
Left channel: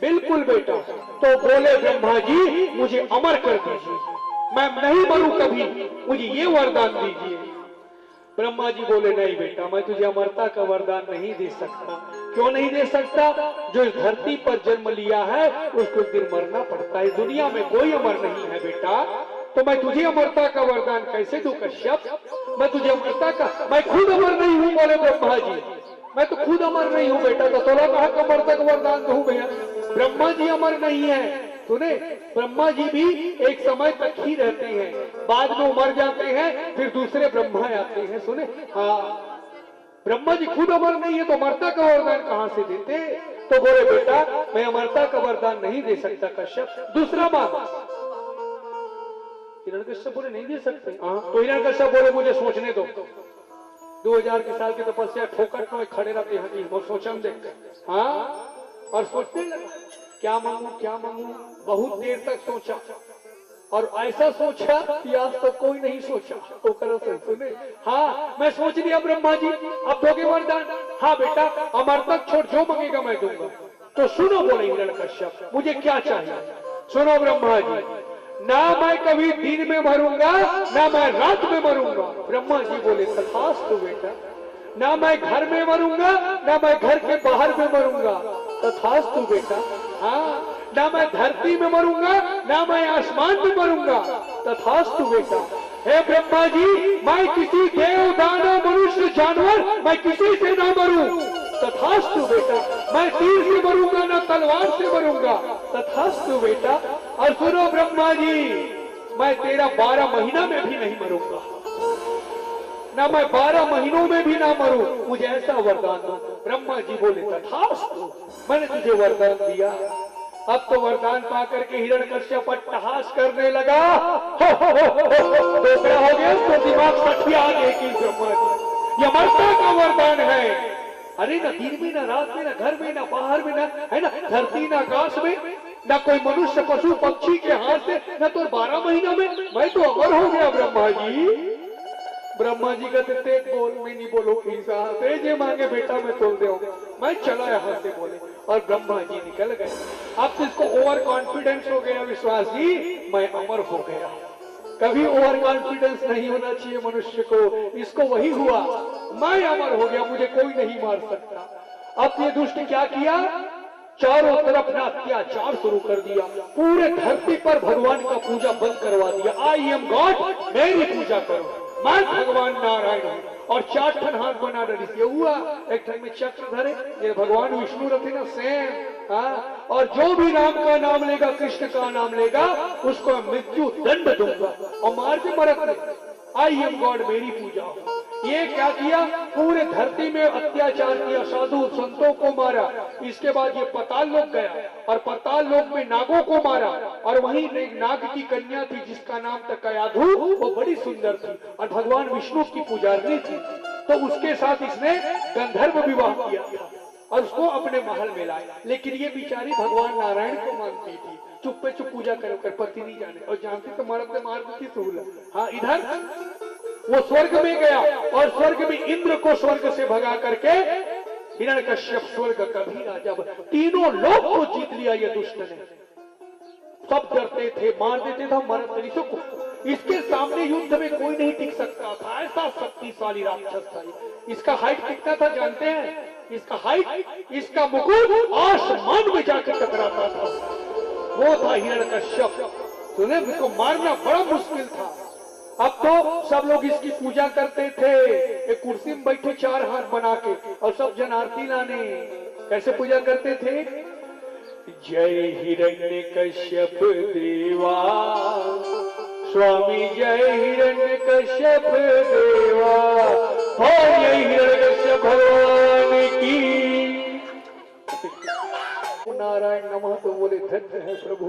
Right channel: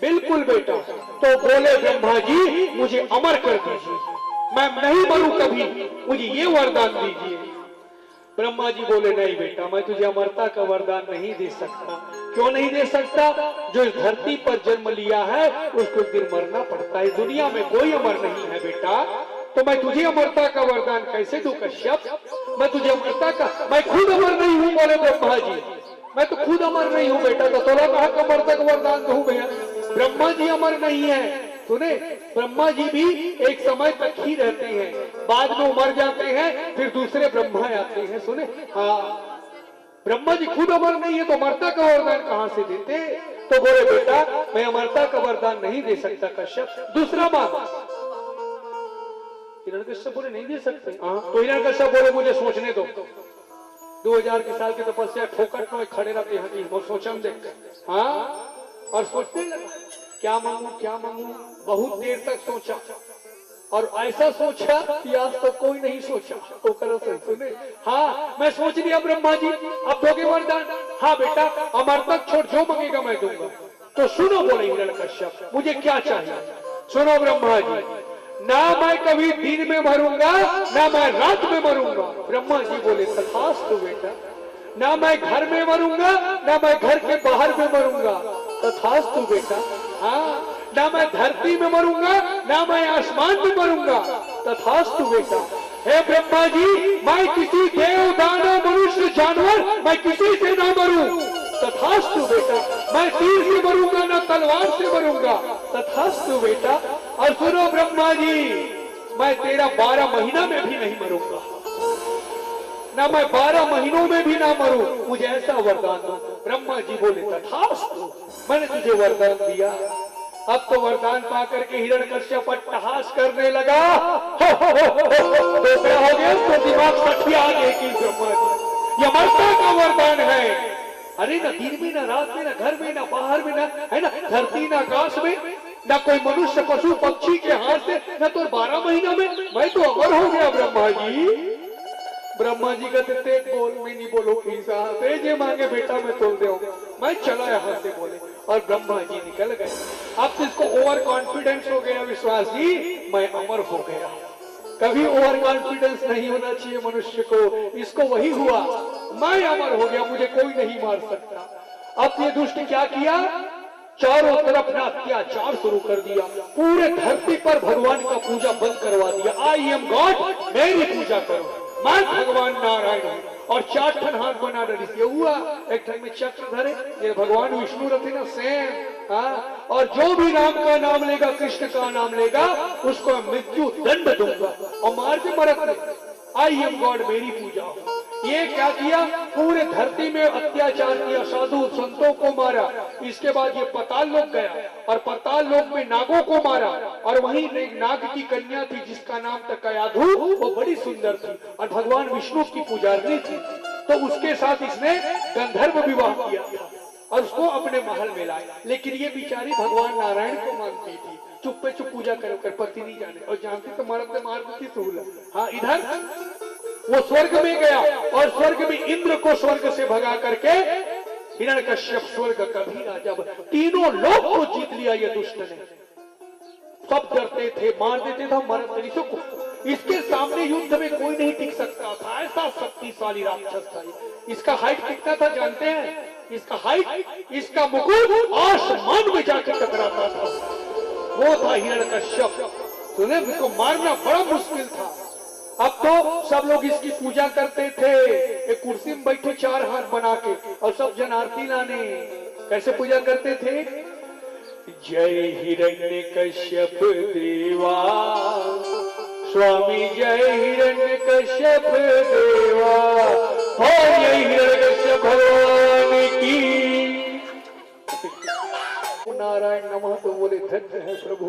बिल्कुल बेटा। तो बोले ब्रह्मा जी मुझे अमर कर दीजिए, मैं नहीं मरूं कभी, मुझे ये वरदान दीजिए। ब्रह्मा जी बोले नहीं बेटा, मैं तुझे अमरता का वरदान नहीं दे सकता। क्यों नहीं दे सकता? जो इस धरती पर जन्म लिया है उसको एक दिन मरना पड़ता है। दुनिया में कोई अमर नहीं है बेटा, तो मैं तुझे अमरता का वरदान कैसे दूं कश्यप? मैं तुझे अमरता का, मैं खुद अमर नहीं हूं। बोले ब्रह्मा जी मैं तो खुद अमर नहीं हूं बेटा, तो तोला कहा अमरता का वरदान दूं भैया? ब्रह्मा जी अमर नहीं है। सुने, ब्रह्मा जी भी एक समय तक ही रहते हैं, बाद में मर जाते हैं, फिर दूसरे ब्रह्मा आते हैं। सुने, हाँ, ब्रह्मा जी खुद अमर नहीं है तो अमरता का वरदान कहां से देते? तो बोले बेटा मैं अमरता का वरदान नहीं दे सकता कश्यप, दूसरा मांग। हिरण्यकश्यप बोले नहीं दे सकते। तो हिरण्यकश्यप बोले मुझे सोचने दो, 2000 की साल की तपस्या ठोकर में खड़े रहते हैं कि वो सोचम देखते। हाँ, और सोचने लगा क्या मांगू। बहुत देर तक सोचा और ऐसा सोचा कि आज तक कोई नहीं सोचा। तो करो सुने, हाँ मैं सोच लिया ब्रह्मा जी अब दोगे वरदान। हाँ बेटा अमर तक छोड़, जो मांगेगा मैं दूंगा। तो सुनो बोले हिरण्यकश्यप मुझे क्या चाहिए। सुनो ब्रह्मा जी, ना मैं कभी दिन में मरूंगा ना मैं रात में मरूंगा। ब्रह्मा जी बोले तथास्तु बेटा, ना मैं घर में मरूंगा ना मैं घर के बाहर में मरूंगा। तथास्तु बेटा, हाँ ना मैं धरती में मरूंगा ना मैं आसमान में मरूंगा। तथास्तु बेटा। हे ब्रह्मा जी, मैं किसी देव दानव मनुष्य जानवर मैं किसी से ना मरूं। तथास्तु बेटा। मैं तीर से मरूंगा ना तलवार से मरूंगा। तथास्तु बेटा। और सुनो ब्रह्मा जी, मैं तेरा 12 महीना में भी नहीं मरूंगा, ना मैं 12 महीनों में भी ना मरूं, मुझे ऐसा वरदान दो। ब्रह्मा जी बोले तथास्तु, मैंने तुझे वरदान दिया। अब तो वरदान पा करके हिरण्यकश्यप अट्टहास करने लगा। क्या हो गया तो दिमाग सठिया गए कि ब्रह्मा जी ये मरता का वरदान है। अरे ना दिन में ना रात में ना घर में ना बाहर में ना है ना धरती ना आकाश में ना कोई मनुष्य पशु पक्षी के हाथ से ना तो 12 महीना में मैं तो अमर हो गया ब्रह्मा जी। ब्रह्मा जी कहते तेज बोल, मैं नहीं बोलो तेज ये मांगे बेटा मैं तोल दे, मैं चला यहाँ से बोले। और ब्रह्मा जी निकल गए। अब तो इसको ओवर कॉन्फिडेंस हो गया विश्वास जी मैं अमर हो गया। कभी ओवर कॉन्फिडेंस नहीं होना चाहिए मनुष्य को, इसको वही हुआ मैं अमर हो गया, मुझे कोई नहीं मार सकता। अब ये दुष्ट क्या किया, चारों तरफ ना अत्याचार शुरू कर दिया, पूरे धरती पर भगवान का पूजा बंद करवा दिया। आई एम गॉड, मेरी पूजा करो, मैं भगवान नारायण हूँ। और 4 ठन हाथ बना डरी हुआ, एक ठन में चक्र धरे, ये भगवान विष्णु रखे ना सेम। हाँ, और जो भी राम का नाम लेगा कृष्ण का नाम लेगा उसको मृत्यु दंड दूंगा और मार के मरत नहीं। आई एम गॉड, मेरी पूजा हो। ये क्या किया, पूरे धरती में अत्याचार किया, साधु संतों को मारा। इसके बाद ये पाताल लोक गया और पाताल लोक में नागों को मारा। और वहीं एक नाग की कन्या थी जिसका नाम था कयाधु, वो बड़ी सुंदर थी और भगवान विष्णु की पुजारनी थी। तो उसके साथ इसने गंधर्व विवाह किया और उसको अपने महल में लाया। लेकिन ये बिचारी भगवान नारायण को मानती थी, चुप्पे चुप पूजा कर पति नहीं जाने, और जानती तो मरद मार देती सहूलत। हाँ, इधर वो स्वर्ग में गया और स्वर्ग में इंद्र को स्वर्ग से भगा करके हिरण्यकश्यप स्वर्ग कभी ना जब तीनों लोग को जीत लिया ये दुष्ट ने। सब डरते थे, मार देते थे, मरते को इसके सामने युद्ध में कोई नहीं टिक सकता था, ऐसा शक्तिशाली राक्षस था। इसका हाइट कितना था जानते हैं, इसका हाइट, इसका मुकुट आसमान में जाकर टकराता था। वो था हिरण्यकश्यप। सुने, उसको मारना बड़ा मुश्किल था। अब तो सब लोग इसकी पूजा करते थे, एक कुर्सी में बैठे 4 हाथ बना के और सब जन आरती लाने। कैसे पूजा करते थे, जय हिरण्यकश्यप देवा स्वामी, जय हिरण्यकश्यप देवा, जय हिरण्यकश्यप भगवान की नारायण नमः। तो बोले धन्य है प्रभु,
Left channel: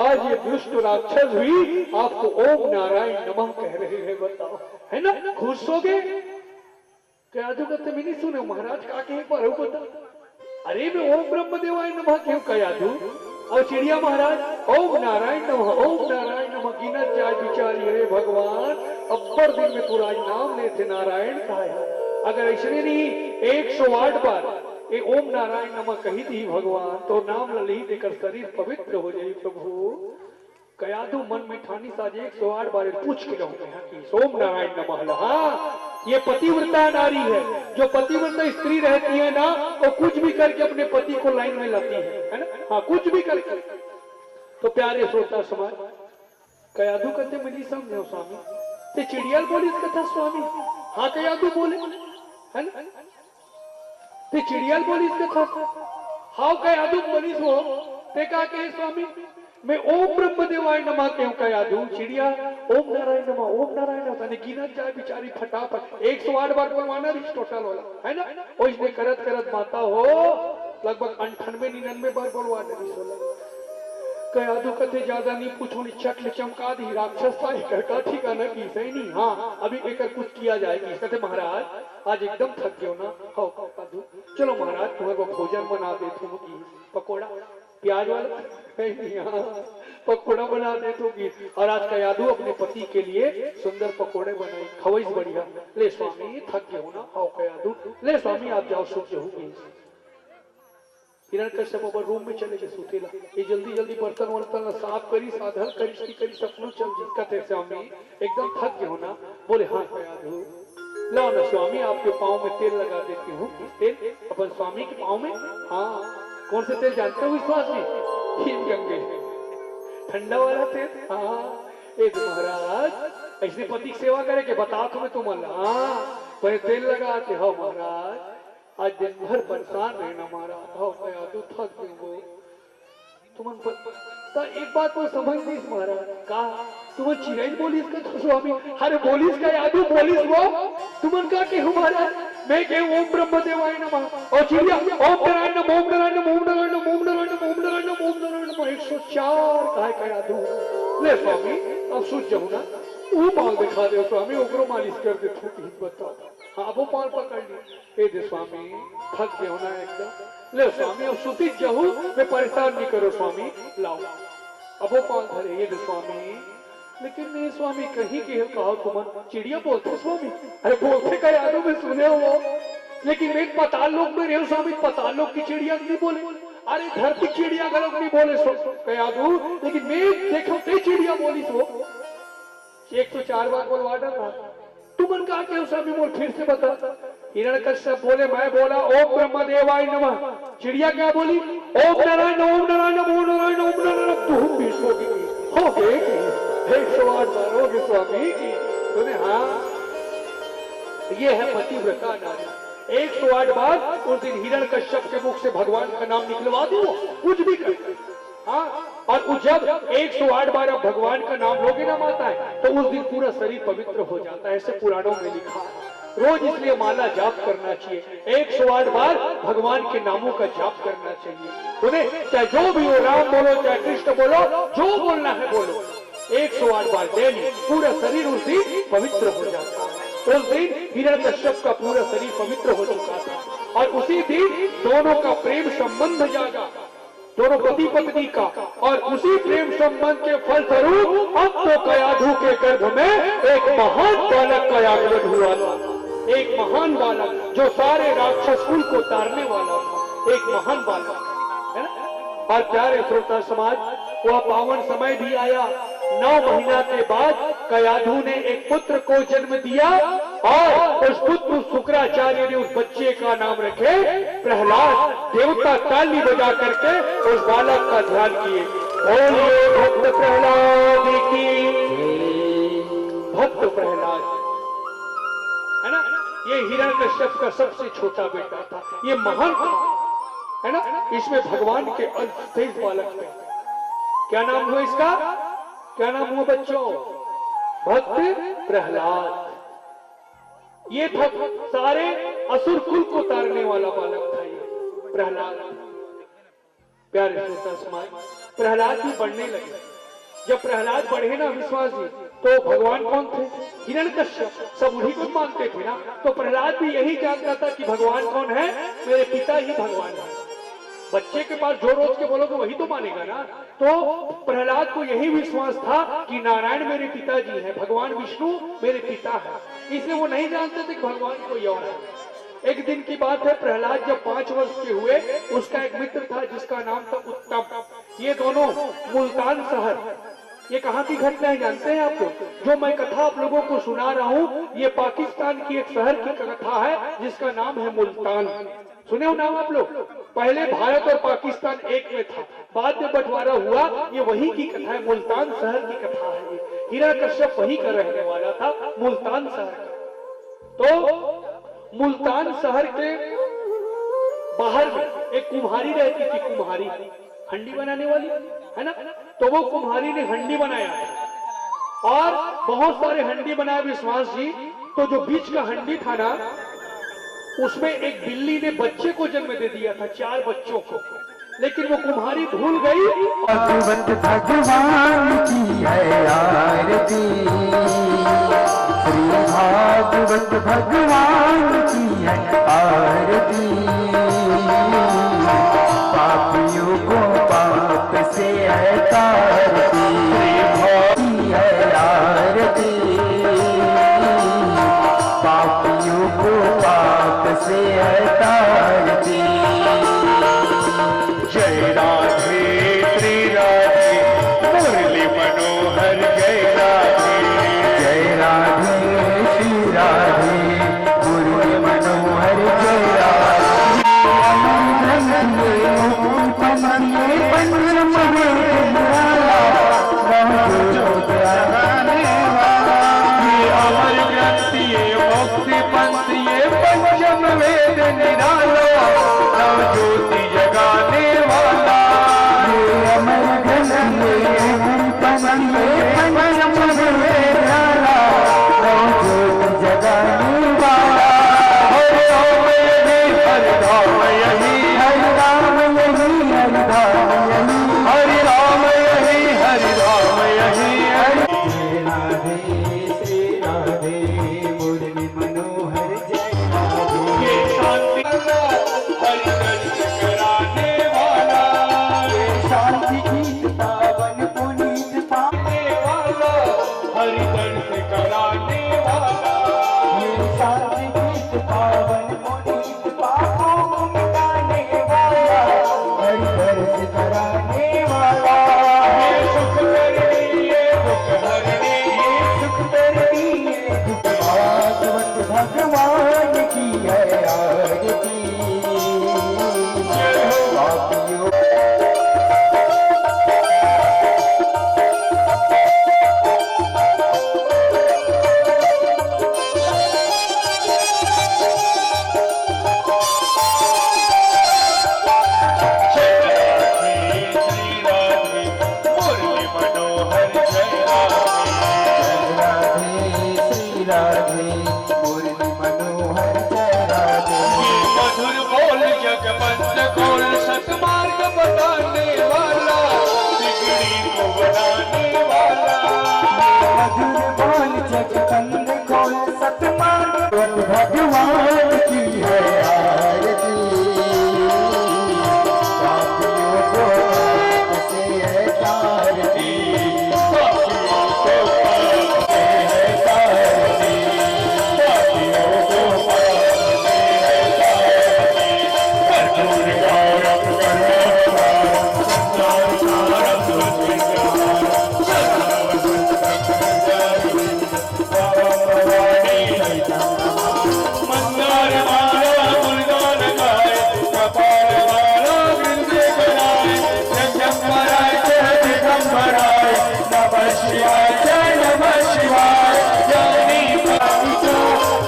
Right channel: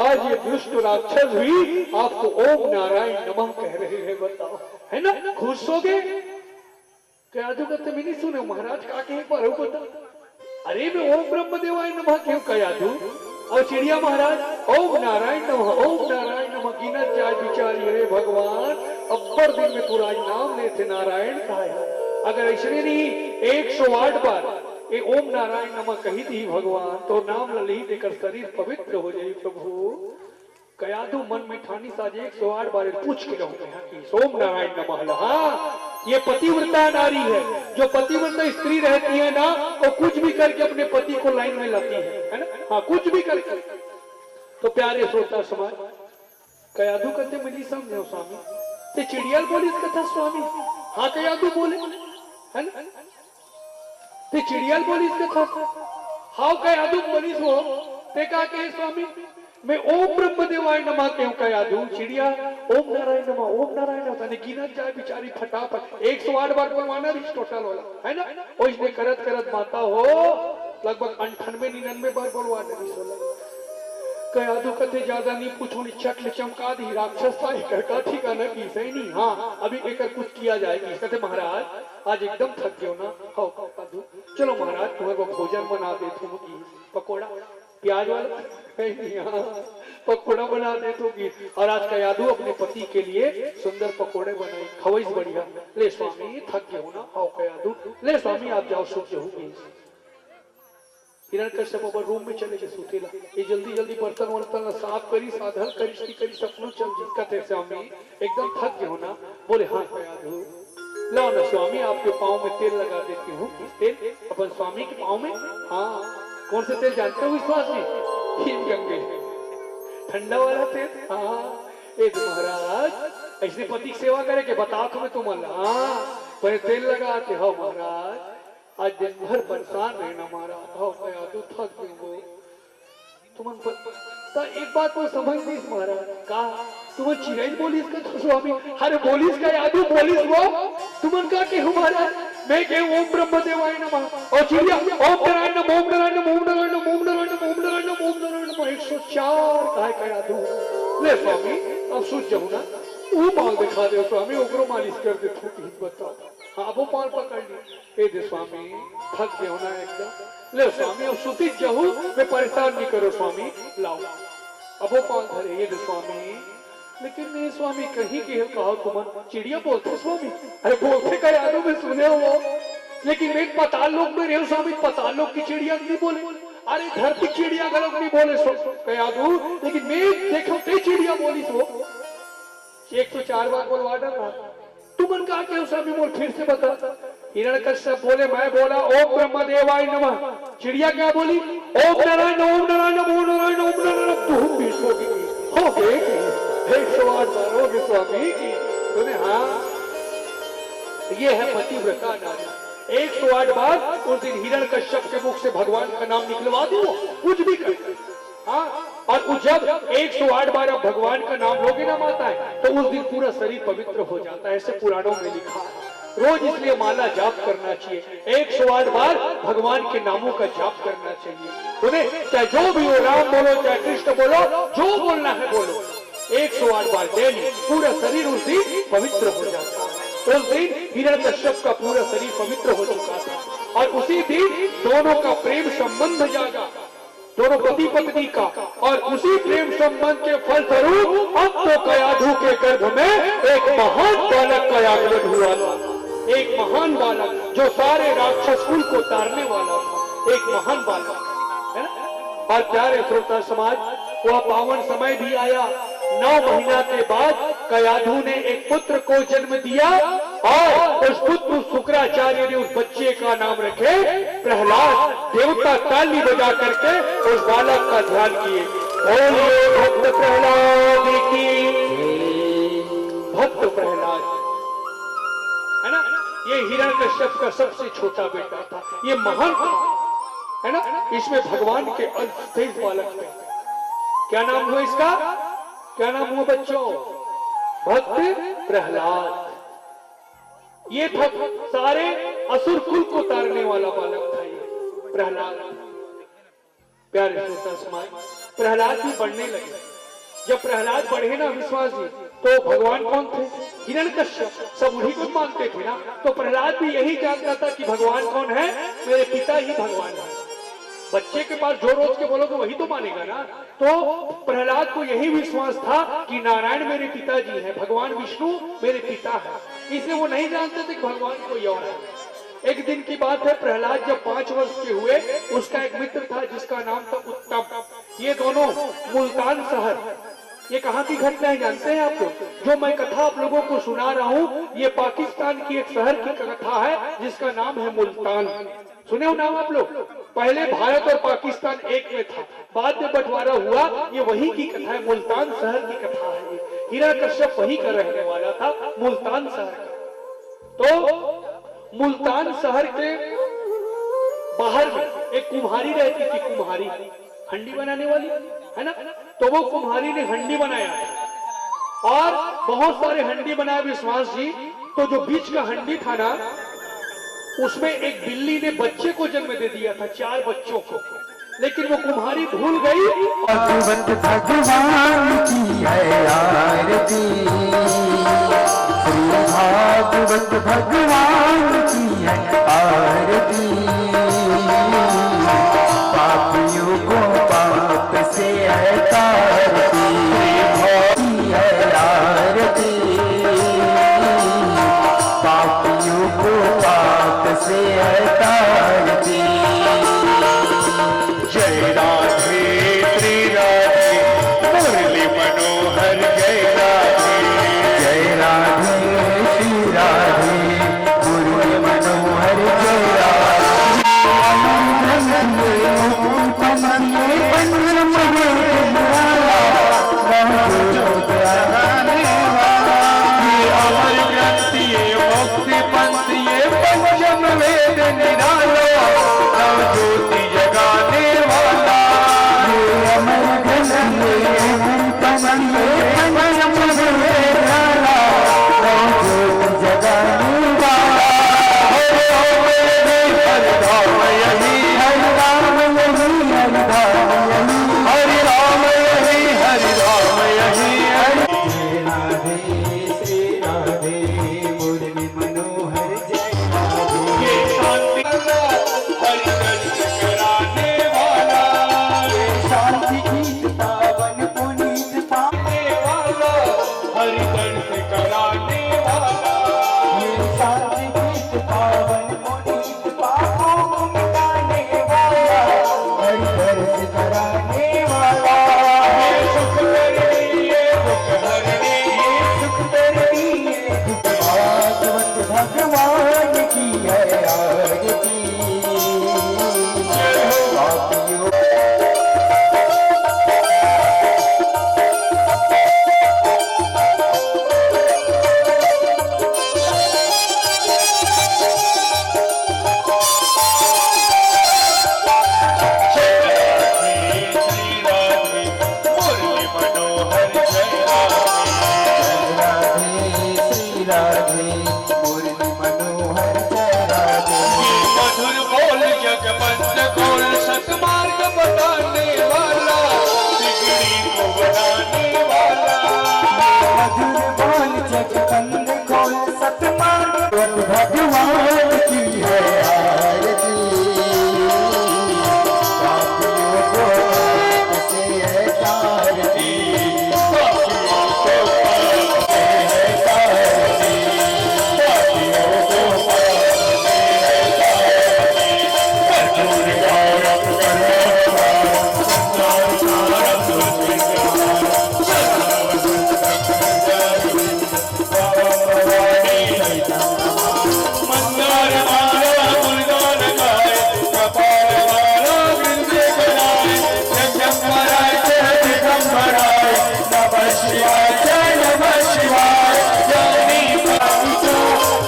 आज ये दुष्ट राक्षस भी आपको ओम नारायण नमः कह रहे हैं, बताओ है ना, खुश हो गए। क्या कहते मैं नहीं सुने महाराज का के पर बता, अरे मैं ओम ब्रह्म देवाय नमः क्यों कहा तू। और चिड़िया महाराज ओम नारायण नमः, ओम नारायण नमः गिनत जाए बिचारी। अरे भगवान, अब्बर दिन में पूरा नाम लेते नारायण का है। अगर ऐसे नहीं 108 बार ये ओम नारायण नमः कही थी भगवान, तो नाम ललित देकर शरीर पवित्र हो जाए प्रभु। कयाधु मन में ठानी साज 108 बार पूछ के रहूंगा ओम नारायण नमः। हाँ, ये पतिव्रता नारी है, जो पतिव्रता स्त्री रहती है ना, वो कुछ भी करके अपने पति को लाइन में लाती है ना। हाँ, कुछ भी करके। तो प्यारे श्रोता समाज, कयाधु कहते मैं नहीं समझे स्वामी, ते चिड़ियाल बोली इस कथा स्वामी। हाँ, कयाधु बोले है ना, ते चिड़ियाल बोली इस कथा। हाँ, कयाधु बोली सो ते का कहे स्वामी, मैं ओम ब्रह्म देवाय नमः क्यों कया दूं। चिड़िया ओम नारायण नमः, ओम नारायण नमः गिनत जाए बिचारी फटाफट 108 बार बोलवाना अरिस्टोटल वाला है ना। और इसने करत करत माता हो लगभग 98-99 बार बोलवाना। कया दो कते ज्यादा नहीं पूछो, चट चमका दी राक्षस था कहता ठिकाना की सही नहीं। हाँ अभी एक कुछ किया जाएगी। कहते महाराज आज एकदम थक गयो ना, खाओ खाओ, चलो महाराज तुम्हें वो भोजन बना दे, तुम पकोड़ा प्याज वाला पकोड़ा बना दे दूंगी। और आज कयादू अपने पति के लिए सुंदर पकोड़े बनाई, खवैस बढ़िया। ले स्वामी थक गए हो ना, आओ कयादू, ले स्वामी आप जाओ सो जाओगे। हिरण्यकश्यप अपन रूम में चले गए सुतेला। ये जल्दी जल्दी बर्तन वर्तन साफ करी, साधन करी सपनों चल कहते स्वामी एकदम थक गए हो ना। बोले हाँ कयादू लो ना स्वामी आपके पाँव में तेल लगा देती हूँ। तेल अपन स्वामी के पाँव में? हाँ कौन से तेल जानते हो विश्वास जी? गंगे ठंडा वाला तेल। हाँ एक महाराज ऐसे पति की सेवा करे के बता तुम्हें तुम हाँ पर तेल लगा के हो महाराज आज दिन भर परेशान रहना महाराज हो गया तू थक गए तुम तो एक बात वो समझ नहीं महाराज कहा तुम चिड़ै बोलिस का तो स्वामी अरे बोलिस का यादू बोलिस वो तुमन का के हमारा मैं के ओम ब्रह्म देवाय नमः और चिड़िया ओम नारायण नमः ओम नारायण नमः ओम नारायण नमः ओम नारायण नमः ओम नारायण नमः ओम नारायण नमः 104 काहे का यादू ले स्वामी अब सूझ जाओ ना वो पाल दिखा दे स्वामी ओकरो मालिश कर दे थोड़ी बताओ। हाँ वो पाल पकड़ ली ए दे स्वामी थक गए होना एकदम। ले स्वामी अब सुती जाऊं मैं परेशान नहीं करो स्वामी लाओ अब वो पाल धरे ये दे स्वामी। लेकिन नहीं स्वामी कहीं की कहो तुम चिड़िया बोलते स्वामी अरे बोलते का यादों में सुने हो लेकिन मैं पाताल लोक में रहे स्वामी पाताल लोक की चिड़िया नहीं बोले अरे धरती चिड़िया का लोग नहीं बोले यादू लेकिन मैं देखो कई चिड़िया बोली तो 104 बार बोलवा डाला तुमन कहा के स्वामी बोल फिर से बता। हिरण्यकश्यप बोले मैं बोला ओम ब्रह्म देवाय नमः चिड़िया क्या बोली ओम नारायण ओम नारायण ओम नारायण ओम नारायण तुम भी सोगी हो गए 108 बार हो गए स्वामी की तूने। हाँ ये है पतिव्रता नारी 108 बार उस दिन हिरण्यकश्यप के मुख से भगवान का नाम निकलवा दो कुछ भी कर। हाँ और जब 108 बार अब भगवान का नाम लोगे ना माता है तो उस दिन पूरा शरीर पवित्र हो जाता है ऐसे पुराणों में लिखा है। रोज इसलिए माला जाप करना चाहिए 108 बार भगवान के नामों का जाप करना चाहिए। उन्हें चाहे जो भी हो राम बोलो चाहे कृष्ण बोलो जो बोलना है बोलो 108 बार डेली पूरा शरीर उस दिन पवित्र हो जाता है। उस दिन हिरण्यकश्यप का पूरा शरीर पवित्र हो चुका था और उसी दिन दोनों का प्रेम संबंध जागा दोनों पति पत्नी का और उसी प्रेम संबंध के फलस्वरूप अब तो कयाधु के गर्भ में एक महान बालक का आगमन हुआ था। एक महान बालक जो सारे राक्षस कुल को तारने वाला था एक महान बालक है ना। और प्यारे श्रोता समाज वह पावन समय भी आया 9 महीना के बाद कयाधु ने एक पुत्र को जन्म दिया और उस पुत्र शुक्राचार्य ने उस बच्चे का नाम रखे प्रहलाद। देवता ताली बजा करके उस बालक का ध्यान किए बोलिए भक्त प्रहलाद की भक्त प्रहलाद है ना। ये हिरण्यकश्यप का सबसे छोटा बेटा था ये महान था है ना। इसमें भगवान के अल्पतेज बालक थे। क्या नाम हुआ इसका क्या नाम हुआ बच्चों भक्त प्रहलाद। ये था सारे असुर कुल को तारने वाला बालक था ये प्रहलाद। प्यारे श्रोता समाज प्रहलाद भी बढ़ने लगे। जब प्रहलाद बढ़े ना विश्वास जी तो भगवान कौन थे हिरण्यकश्यप सब उन्हीं को मानते थे ना। तो प्रहलाद भी यही जानता था कि भगवान कौन है मेरे पिता ही भगवान है। बच्चे के पास जो रोज के बोलोगे वही तो मानेगा ना। तो प्रहलाद को यही विश्वास था कि नारायण मेरे पिताजी है भगवान विष्णु मेरे पिता है इसलिए वो नहीं जानते थे कि भगवान कोई और है। एक दिन की बात है प्रहलाद जब 5 वर्ष के हुए उसका एक मित्र था जिसका नाम था उत्तम। ये दोनों मुल्तान शहर ये कहाँ की घटना है जानते हैं आप लोग। जो मैं कथा आप लोगों को सुना रहा हूँ ये पाकिस्तान की एक शहर की कथा है जिसका नाम है मुल्तान। सुने हो नाम आप लोग। पहले भारत और पाकिस्तान एक में था बाद में बंटवारा हुआ ये वही की कथा है मुल्तान शहर की कथा है। हिरण्यकश्यप वही का रहने वाला था मुल्तान शहर का। तो मुल्तान शहर के बाहर में एक कुम्हारी रहती थी कुम्हारी हंडी बनाने वाली है ना। तो वो कुम्हारी ने हंडी बनाया और बहुत सारे हंडी बनाए विश्वास जी। तो जो बीच का हंडी था ना उसमें एक बिल्ली ने बच्चे को जन्म दे दिया था 4 बच्चों को लेकिन वो कुम्हारी भूल गई। भागवत भगवान की है आरती, श्री भागवत भगवान की है आरती। पापियों को पाप से है तारती, की है आरती। पापियों को पाप से है तारती। जय राधे श्री राधे मुरली मनोहर जय राधे। जय राधे श्री राधे मुरली मनोहर जय राधे। अमर ग्रंथ ये मुक्ति पंथ ये पंचम वेद निराला, नव ज्योति जगाने वाला। अमर ग्रंथ जगाने वाला। हर धाम यही हर धाम यही हर राम यही हर धाम यही। हरि राम यही हरि राम यही हरि। जय राधे श्री राधे मुरली मनोहर जय राधे। ये शांति हरि दर्श कराने वाला, ये शांति गीत पावन पुनीत पाने वाला हरि दर्श कराने वाला। ये शांति गीत पावन पुनीत पापों को मिटाने वाला, हरि दर्श कराने वाला। ये सुख करनी ये दुख हरनी, ये सुख करनी ये दुख। भागवत भगवान की है आरती। पापियों जय राधे श्री राधे मुरली मनोहर जय राधे। जय राधे श्री राधे मुरली मनोहर जय राधे। ये मधुर बोल जगबंद खोल सतमार्ग बताने वाला, बिगड़ी को बनाने वाला। मधुर बोल जगबंद खोल सतमार्ग भगवान की है आरती। पापियों को पाप से है तारती, पापियों को पाप से है तारती। पापियों को पाप से है तारती। कर्पूर गौरव करो संसार सारम दुर्विज्ञान, मंदार माला गुणगान गाए, कपाल माला वृंदे कराए, जगदम्बराय जय जगदम्बराय, नमः शिवाय जय नमः शिवाय। जानी पावितो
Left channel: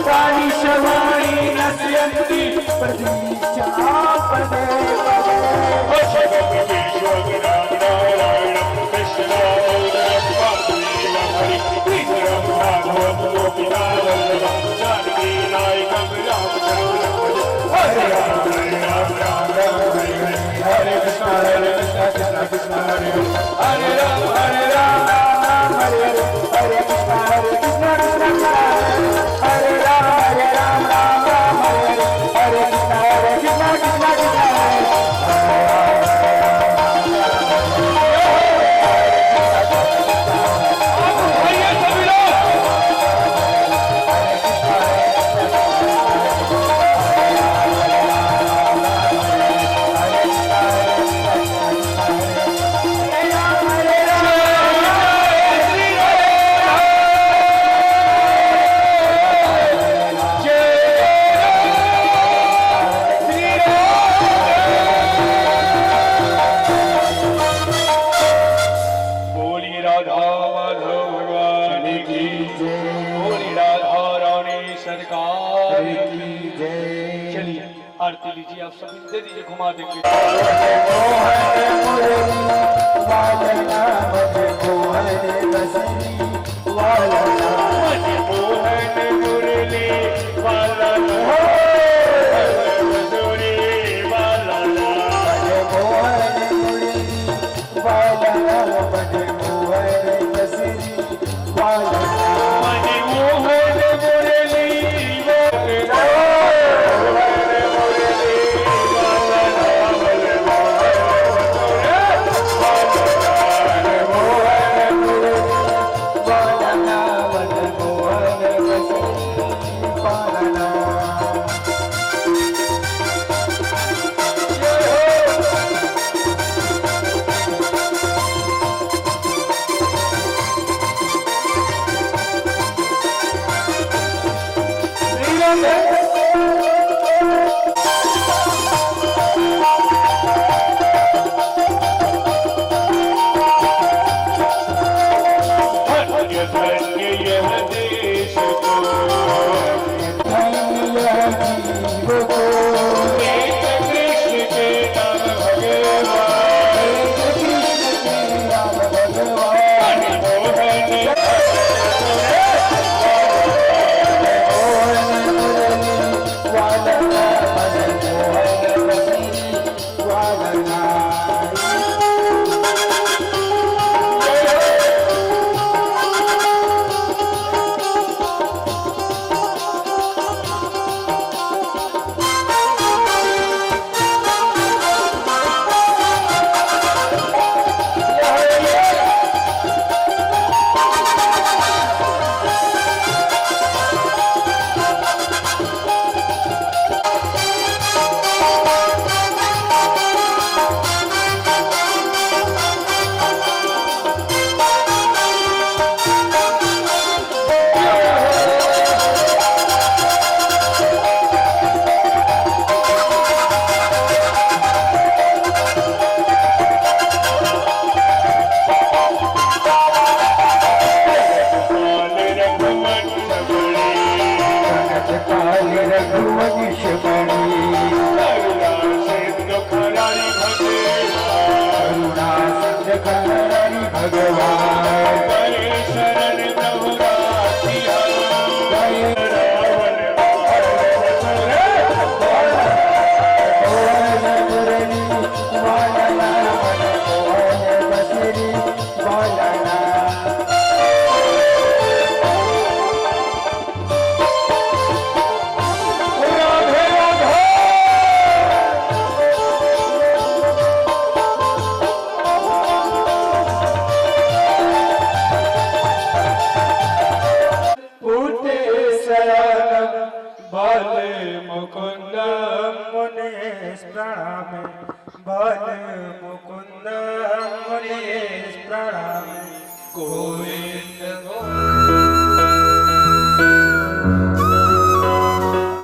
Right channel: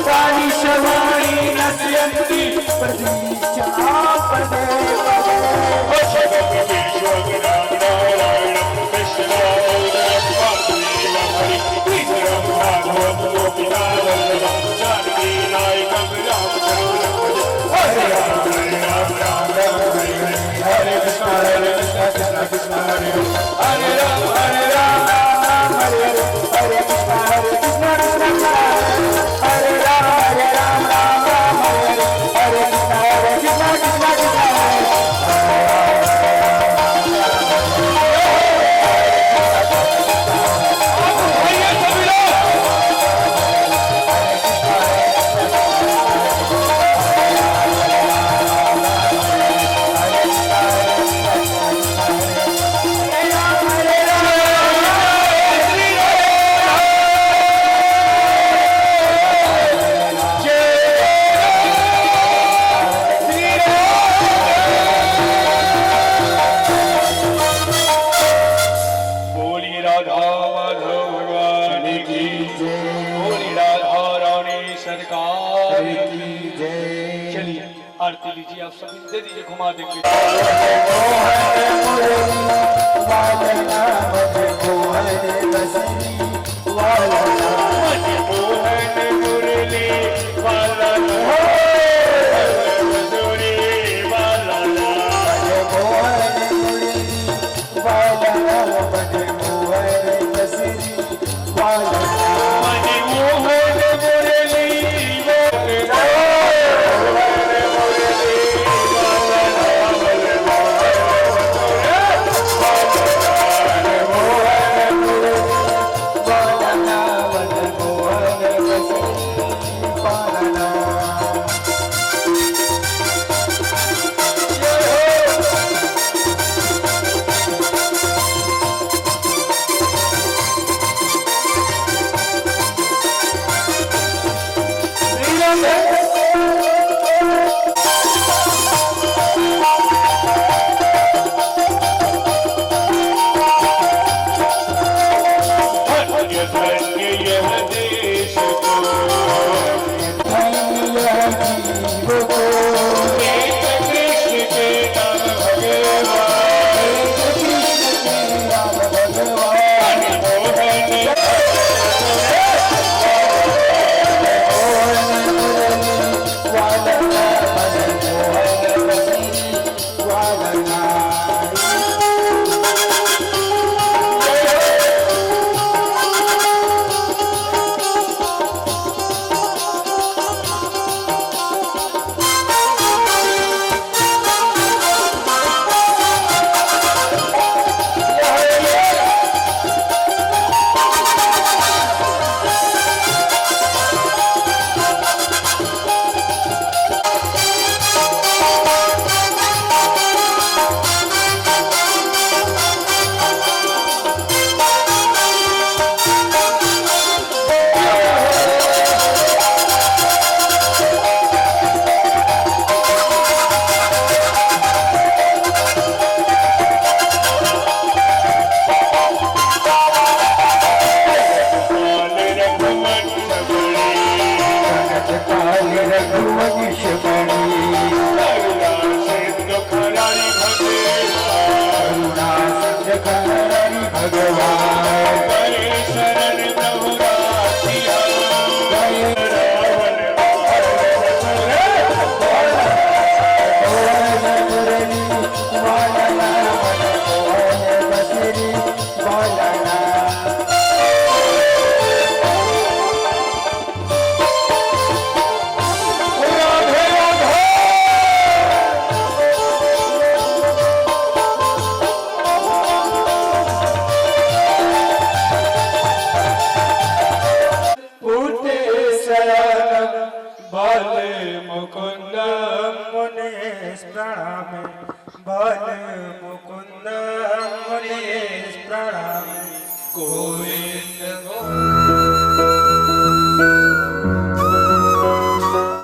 काली शवाणी नश्यन्ति प्रतीक्षा पदे पदे। अशगम विश्वगुणां नारायणं कृष्णदामोदरं वासुदेवं हरि ईश्वरं भागवतं गोपिकावल्लभं जानकी नायकं रामचन्द्रं भजे। हरे राम राम राम हरे हरे, हरे कृष्ण कृष्ण कृष्ण हरे हरे, हरे राम राम राम हरे हरे, हरे कृष्ण कृष्ण कृष्ण हरे राम राम राम हरे हरे, हरे कृष्ण कृष्ण कृष्ण भैया सभी लोग बोली राधा माधव भगवान की जय, बोली राधा रानी सरकार की जय। चलिए आरती लीजिए, आप सभी दे दीजिए, घुमा देंगे। मनमोहन मुरली वाला मधुरी वाला धन्य धन्य यह देश को एक कृष्ण के नाम भगवान मोहन मुकुंद मुनीश प्रणाम बल मुकुंद मुनीश प्रणाम गोविंद